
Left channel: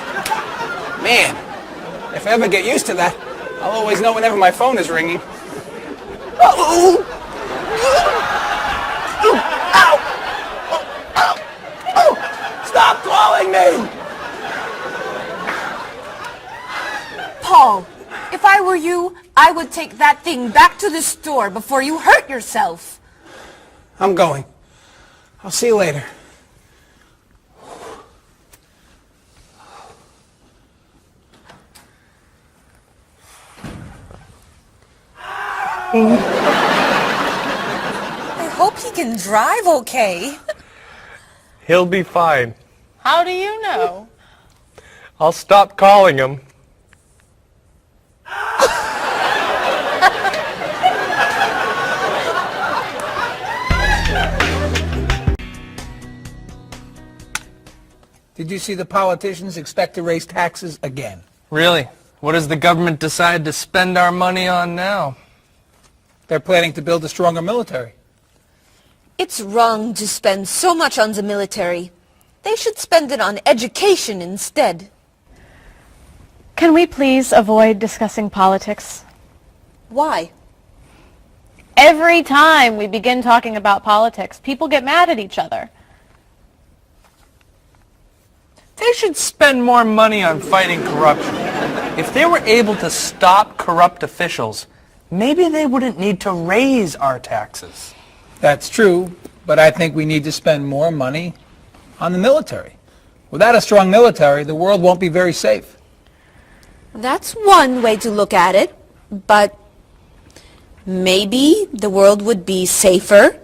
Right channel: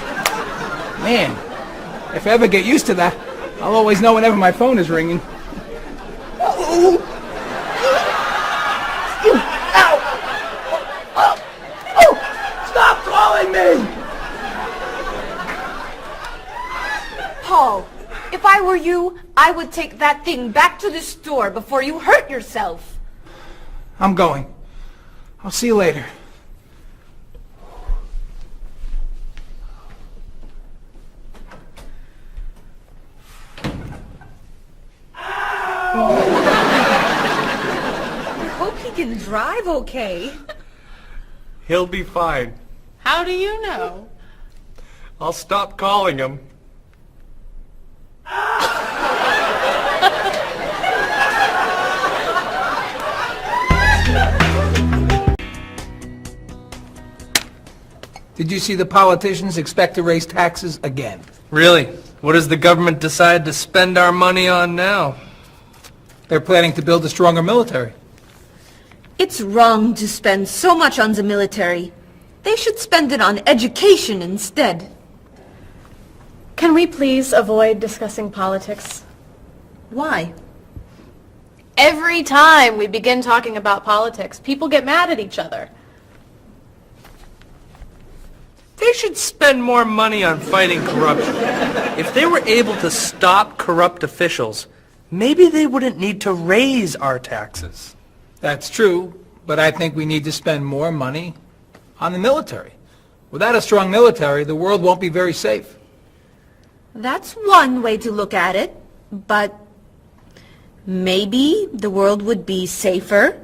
Man, if I ever get used to that, I'll always know whenever my phone is ringing. Oh! Stop calling me! Paul, if I were you, I would take that thing back to the store before you hurt yourself. I'm going. I'll see you later. I hope he can drive okay. He'll be fine. How do you know? I'll stop calling him. Did you see the politicians expect to raise taxes again? Really? What has the government decided to spend our money on now? They're planning to build a stronger military. It's wrong to spend so much on the military. They should spend it on education instead. Can we please avoid discussing politics? Why? Every time we begin talking about politics, people get mad at each other. They should spend more money on fighting corruption. If they were able to stop corrupt officials, maybe they wouldn't need to raise our taxes. That's true, but I think we need to spend more money on the military. Without a strong military, the world won't be very safe. That's one way to look at it, but maybe the world would be safer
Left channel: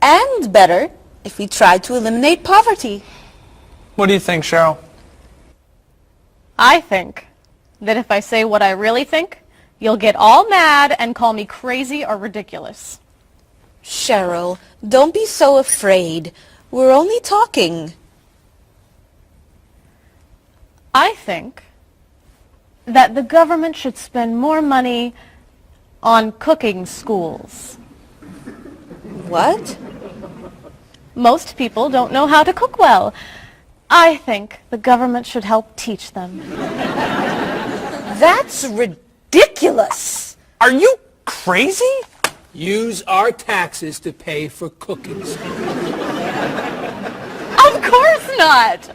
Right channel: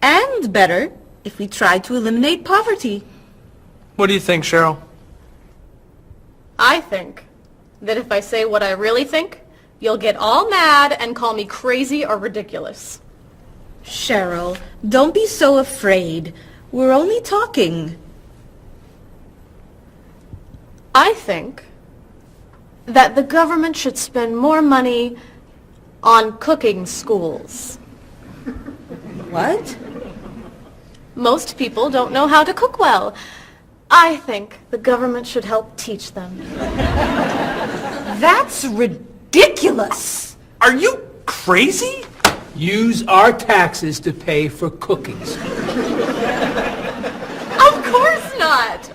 and better if we tried to eliminate poverty. What do you think, Cheryl? I think that if I say what I really think, you'll get all mad and call me crazy or ridiculous. Cheryl, don't be so afraid. We're only talking. I think that the government should spend more money on cooking schools. What? Most people don't know how to cook well. I think the government should help teach them. That's ridiculous. Are you crazy? Use our taxes to pay for cookies. Of course not.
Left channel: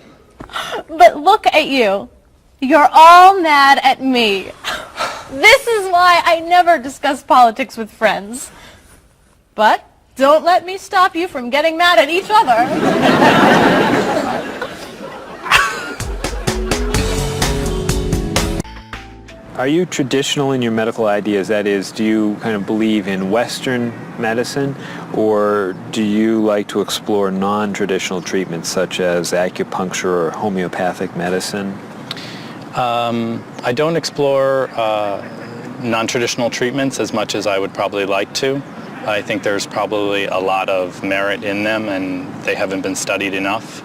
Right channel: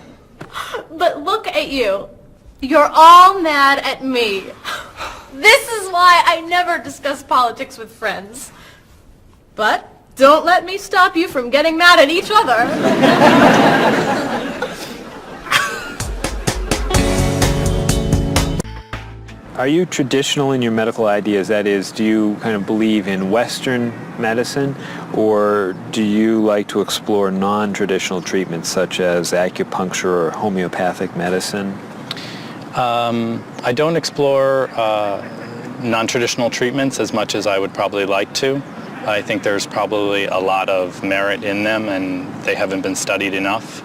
But look at you. You're all mad at me. This is why I never discuss politics with friends. But don't let me stop you from getting mad at each other. Are you traditional in your medical ideas? That is, do you kind of believe in Western medicine, or do you like to explore non-traditional treatments such as acupuncture or homeopathic medicine? I don't explore non-traditional treatments as much as I would probably like to. I think there's probably a lot of merit in them, and they haven't been studied enough.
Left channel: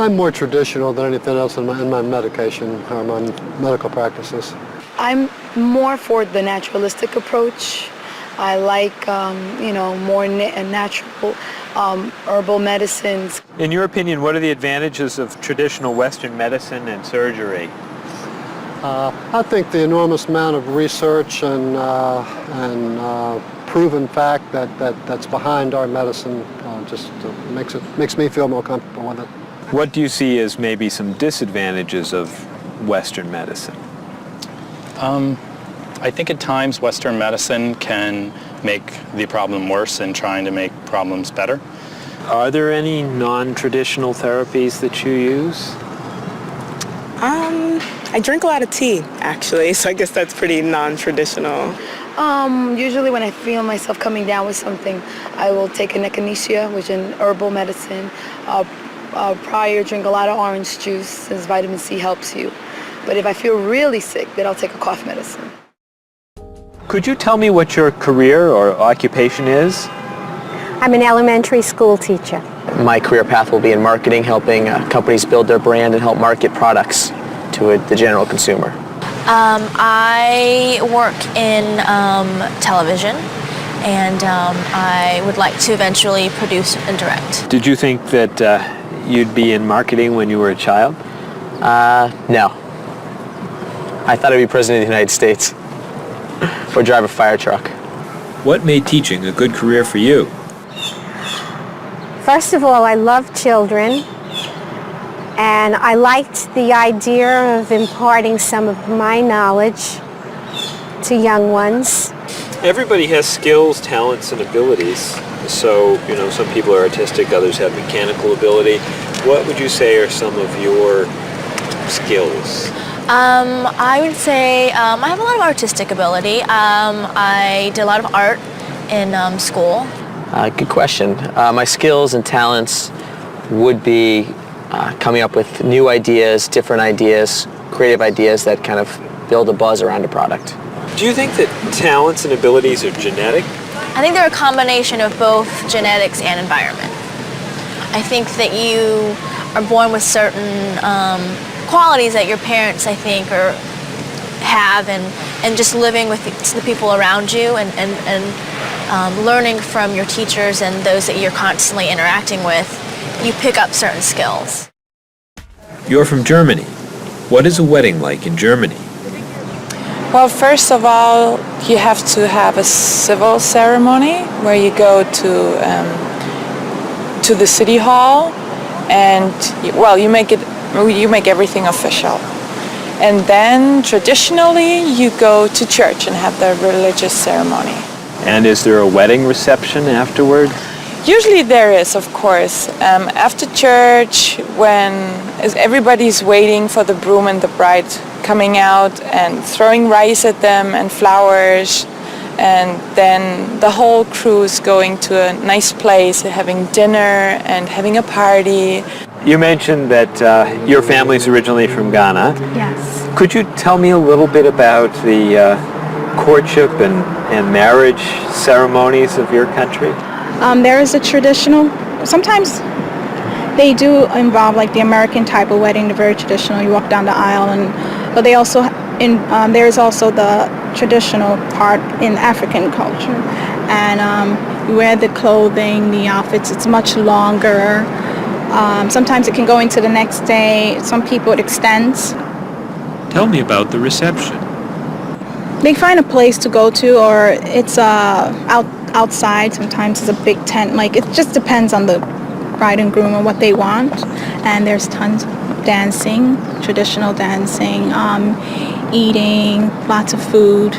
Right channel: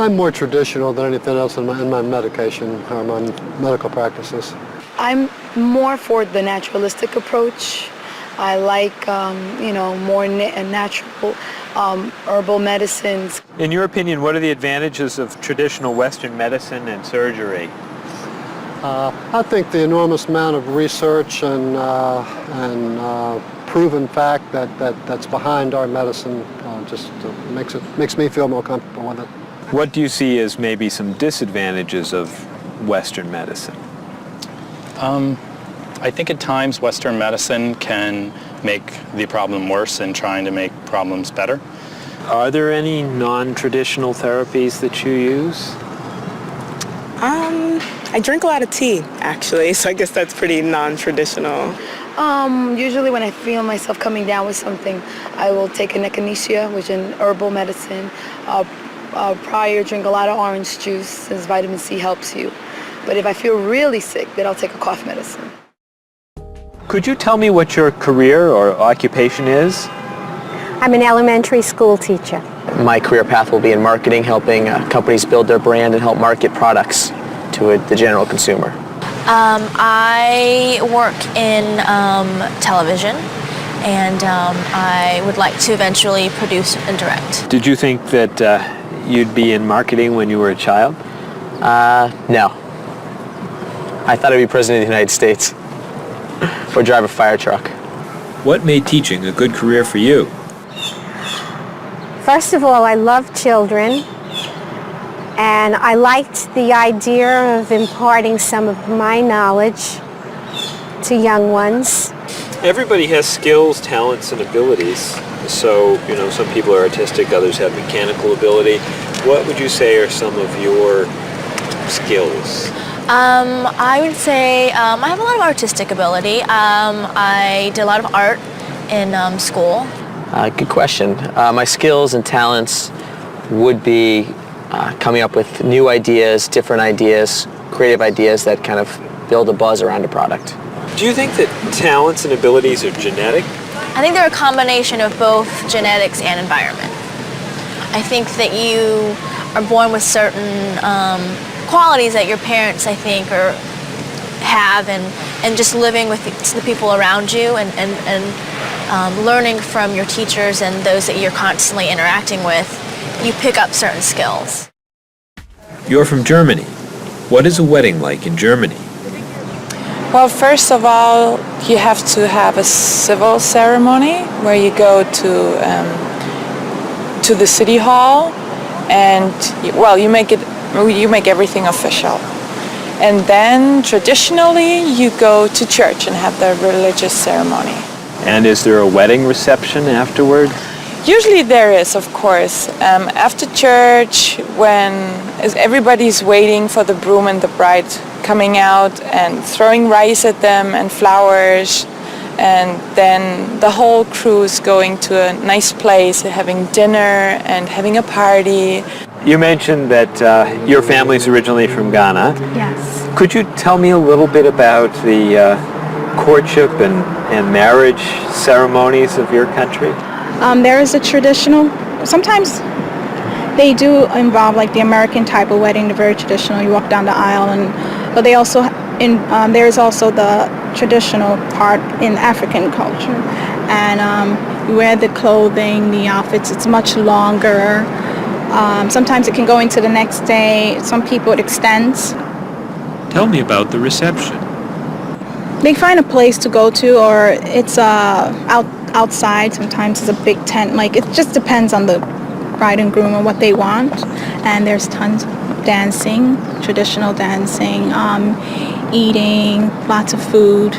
I'm more traditional than anything else in my medication or my medical practices. I'm more for the naturalistic approach. I like, more natural herbal medicines. In your opinion, what are the advantages of traditional Western medicine and surgery? I think the enormous amount of research and proven fact that's behind our medicine just makes me feel more comfortable with it. What do you see as maybe some disadvantages of Western medicine? I think at times Western medicine can make the problem worse in trying to make problems better. Are there any non-traditional therapies that you use? I drink a lot of tea, actually, so I guess that's pretty non-traditional. Usually when I feel myself coming down with something, I will take an echinacea, which is an herbal medicine. Prior, drink a lot of orange juice, since vitamin C helps you. But if I feel really sick, then I'll take a cough medicine. Could you tell me what your career or occupation is? I'm an elementary school teacher. My career path will be in marketing, helping companies build their brand and help market products to the general consumer. I work in television, and I would like to eventually produce and direct. Did you think that you'd be in marketing when you were a child? No. I thought I'd be president of the United States or drive a fire truck. What made teaching a good career for you? First of all, I love children, and I liked the idea of imparting some of my knowledge to young ones. Everybody has skills, talents, and abilities. So, some people are artistic, others have mechanical ability. What would you say are some of your skills? I would say I have a lot of artistic ability. I did a lot of art in school. Good question. My skills and talents would be coming up with new ideas, different ideas, creative ideas that kind of build a buzz around a product. Do you think that talents and abilities are genetic? I think they're a combination of both genetics and environment. I think that you are born with certain qualities that your parents, I think, have, and just living with the people around you and learning from your teachers and those that you're constantly interacting with, you pick up certain skills. You're from Germany. What is a wedding like in Germany? Well, first of all, you have to have a civil ceremony where you go to the city hall, and you make everything official. And then traditionally you go to church and have the religious ceremony. And is there a wedding reception afterward? Usually there is, of course. After church, when everybody's waiting for the groom and the bride coming out and throwing rice at them and flowers, and then the whole crew is going to a nice place, having dinner and having a party. You mentioned that your family's originally from Ghana. Yes. Could you tell me a little bit about the courtship and marriage ceremonies of your country? There is a traditional, sometimes they do involve like the American type of wedding, the very traditional, you walk down the aisle, but they also, there is also the traditional part in African culture. And You wear the clothing, the outfits, it's much longer. Sometimes it can go into the next day. Some people it extends. Tell me about the reception. They find a place to go to, or it's outside. Sometimes it's a big tent. Like, it just depends on the bride and groom and what they want. And there's tons of dancing, traditional dancing, eating, lots of food.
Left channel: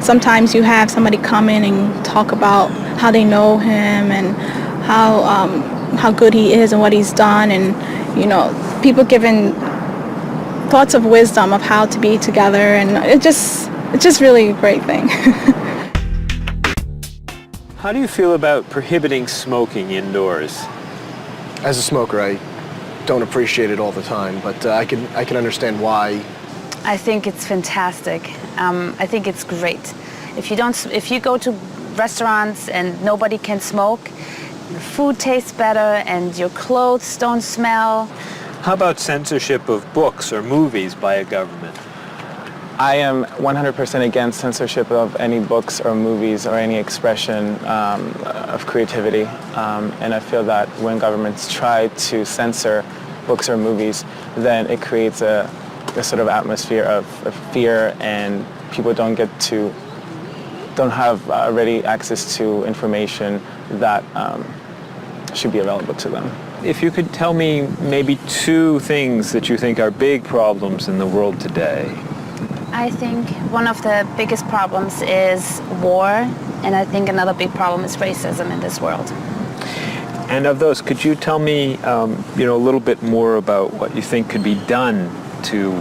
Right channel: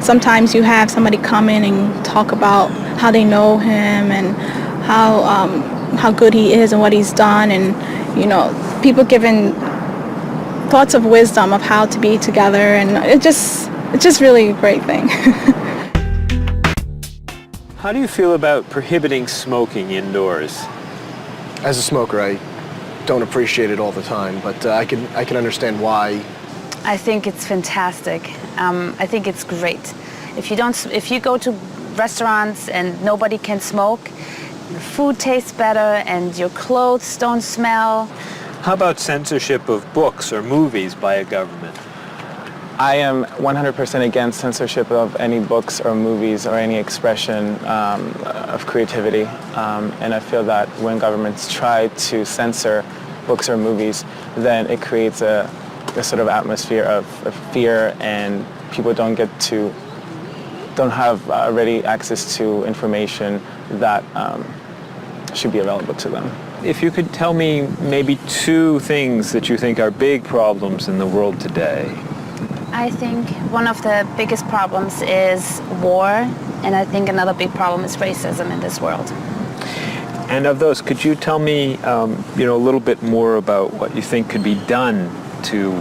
Sometimes you have somebody come in and talk about how they know him and how good he is and what he's done, and people giving thoughts of wisdom of how to be together, and it's just really a great thing. How do you feel about prohibiting smoking indoors? As a smoker, I don't appreciate it all the time, but I can understand why. I think it's fantastic. I think it's great. If you go to restaurants and nobody can smoke, the food tastes better and your clothes don't smell. How about censorship of books or movies by a government? I am 100% against censorship of any books or movies or any expression of creativity. And I feel that when governments try to censor books or movies, then it creates a sort of atmosphere of fear, and people don't have ready access to information that should be available to them. If you could tell me maybe 2 things that you think are big problems in the world today. I think one of the biggest problems is war, and I think another big problem is racism in this world. And of those, could you tell me a little bit more about what you think could be done to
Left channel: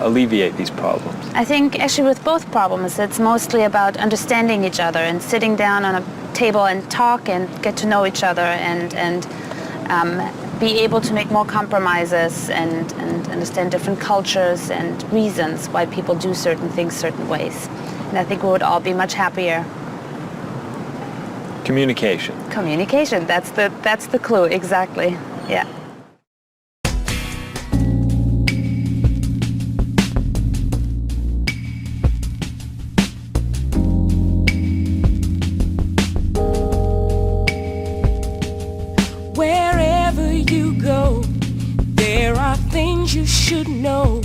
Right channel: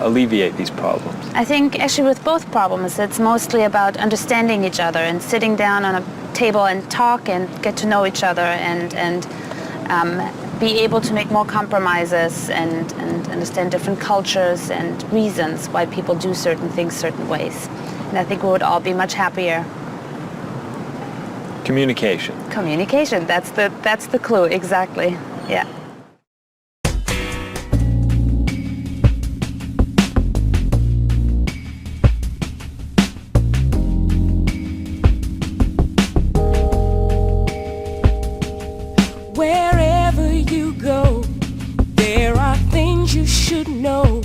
alleviate these problems? I think actually with both problems, it's mostly about understanding each other and sitting down on a table and talk and get to know each other and be able to make more compromises and understand different cultures and reasons why people do certain things certain ways. And I think we would all be much happier. Communication. Communication, that's the clue, exactly, yeah. Wherever you go, there are things you should know.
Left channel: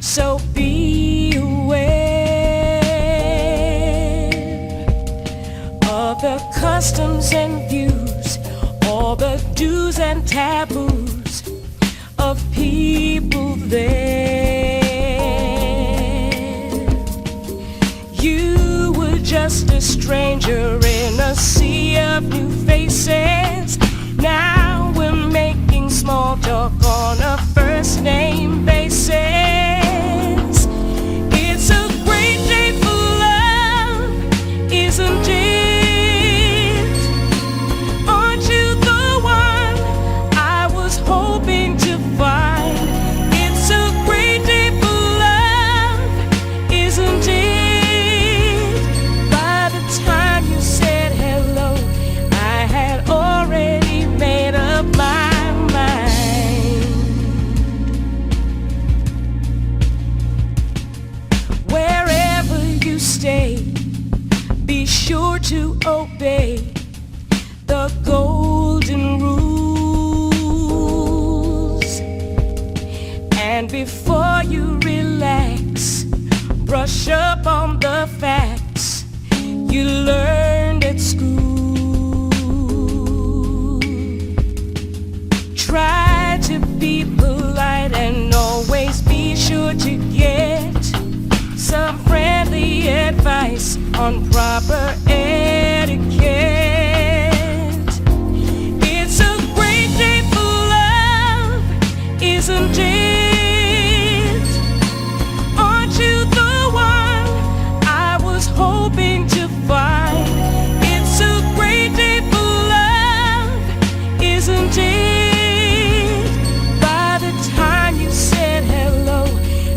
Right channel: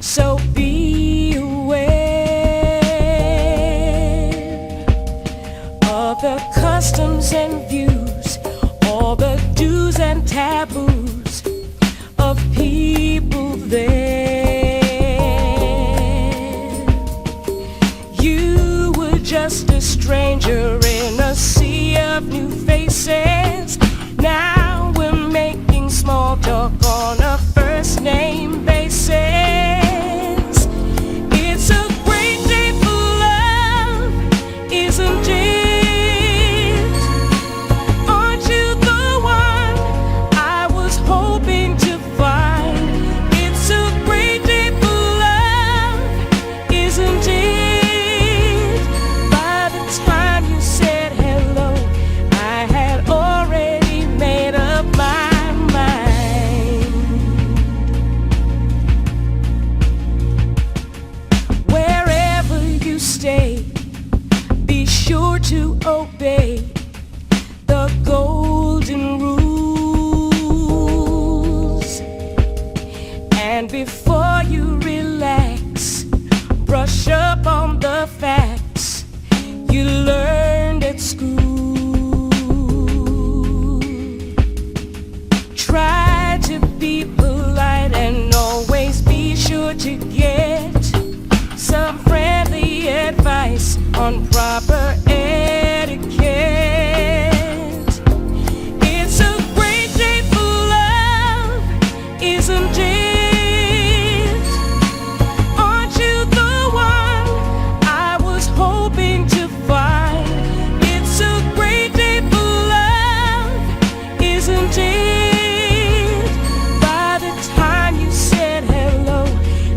So be aware of the customs and views, all the do's and taboos of people there. You were just a stranger in a sea of new faces. Now we're making small talk on a first name basis. It's a great day for love, isn't it? Aren't you the one I was hoping to find? It's a great day for love, isn't it? By the time you said hello, I had already made up my mind. Wherever you stay, be sure to obey the golden rules. And before you relax, brush up on the facts you learned at school. Try to be polite and always be sure to get some friendly advice on proper etiquette. It's a great day for love, isn't it? Aren't you the one I was hoping to find? It's a great day for love, isn't it? By the time you said hello,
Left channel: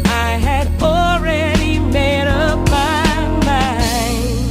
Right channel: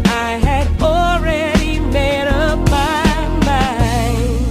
I had already made up my mind.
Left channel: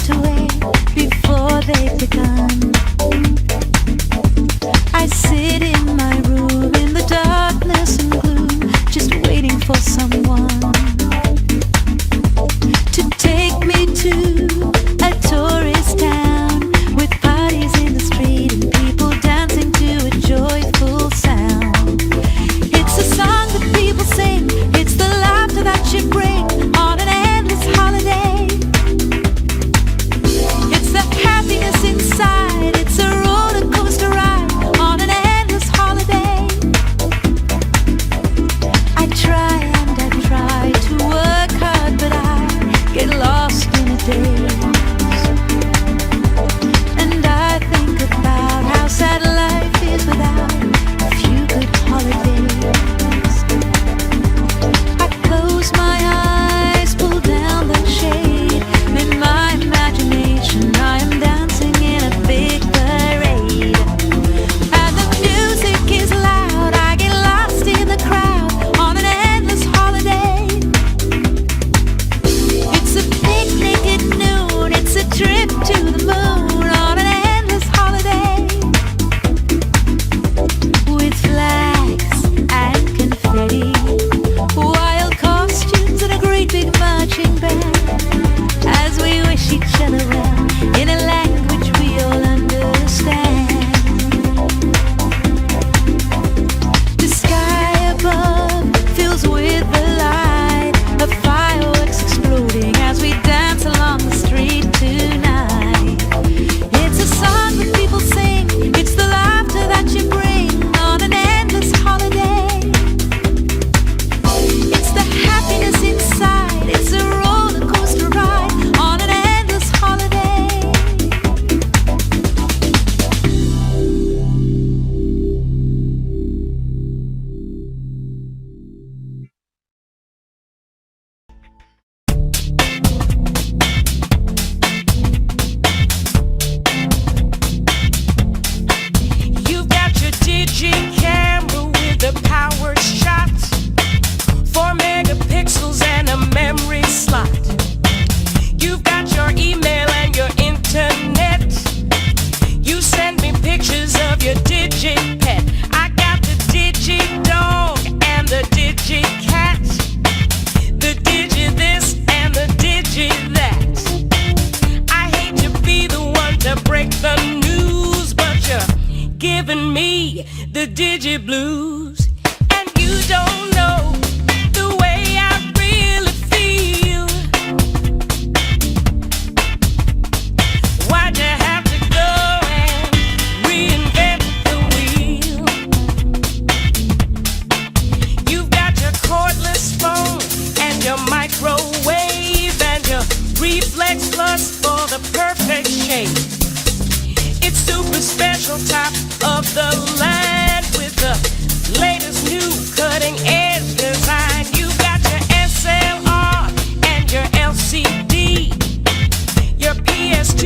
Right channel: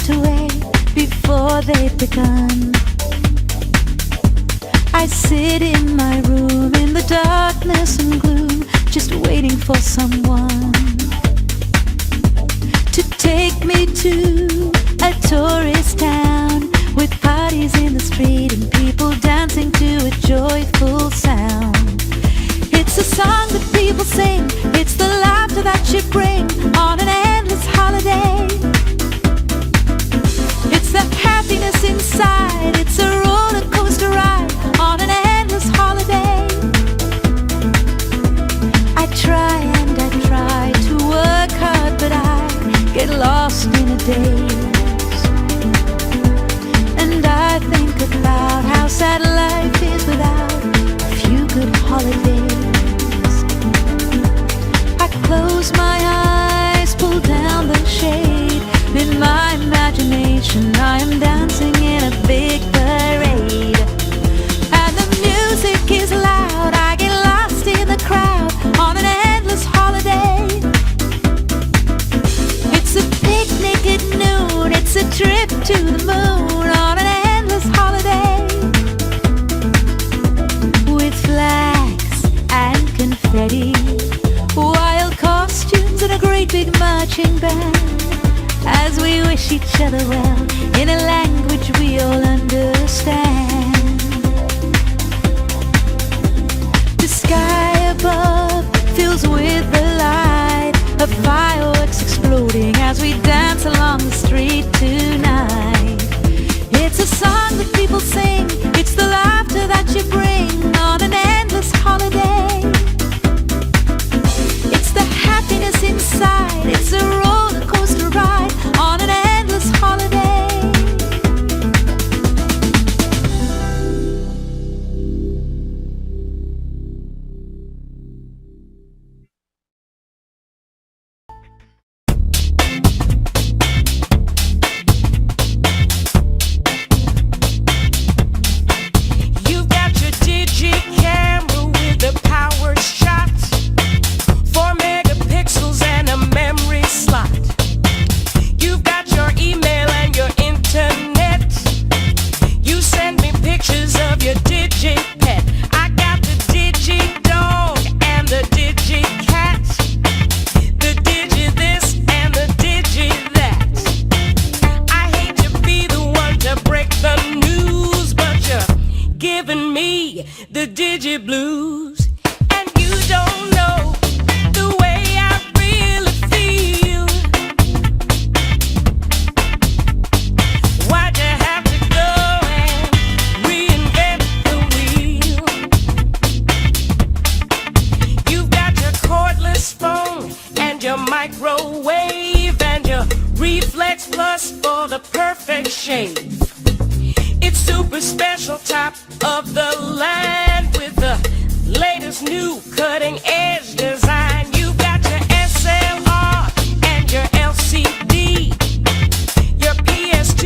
slipped away before they've begun. I sit in my room in the darkness and gloom, just waiting for someone to take me to a tourist town with parties in the street and people dancing to a joyful sound. It's a song that people sing, it's the laughter that you bring on an endless holiday. It's the happiness inside, it's a roller coaster ride on an endless holiday. I try and I try to work hard, but I get lost in a daze. And I think about how sad life is without a few good holidays. I close my eyes, pull down the shade. In my imagination I am dancing in a big parade. And the music is loud, I get lost in the crowd on an endless holiday. It's a picnic at noon, it's a trip to the moon on an endless holiday. With flags and confetti, wild costumes and a great big marching band, as we wish each other well in a language we all understand. The sky above fills with the light of fireworks exploding as we dance along the street tonight. It's a song that people sing, it's the laughter that you bring on an endless holiday. It's the happiness inside, it's a roller coaster ride on an endless holiday. You've got your digi camera with a power shot, 4 megapixels and a memory slot. You've got your email and your internet. You send me pictures of your digi pet. I got the digi dog and the digi cat, the digi this and the digi that. I hate to be the one to break the news, but you're giving me the digi blues. And you don't know the way I really feel. Why'd you have to go and reinvent the wheel? You've got your cordless phone and your microwave and your Reflex Plus for the perfect shape. It's super special, top of the line with the latest new cutting edge design. You've got your SLR and your LCD, your PS2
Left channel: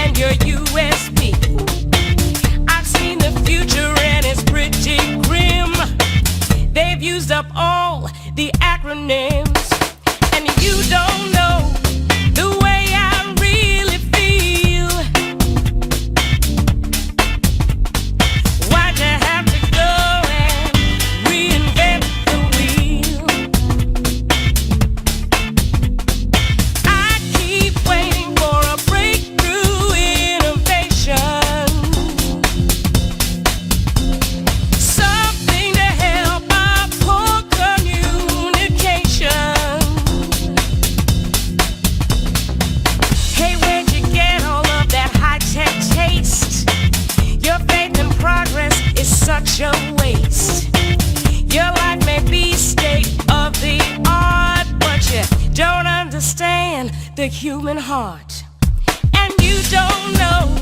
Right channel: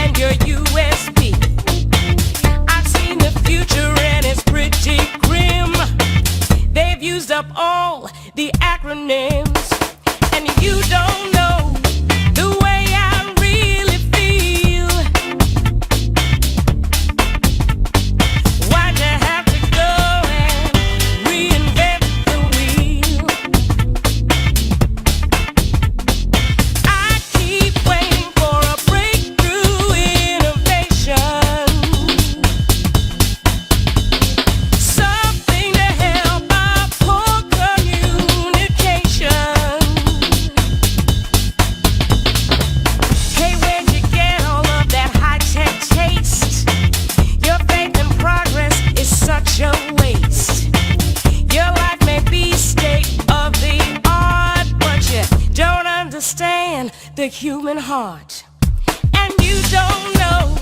and your USB. I've seen the future and it's pretty grim. They've used up all the acronyms, and you don't know the way I really feel. Why'd you have to go and reinvent the wheel? I keep waiting for a breakthrough innovation, something to help our poor communication. Hey, where'd you get all of that high-tech taste? Your faith in progress is such a waste. Your life may be state of the art, but you don't understand the human heart. And you don't know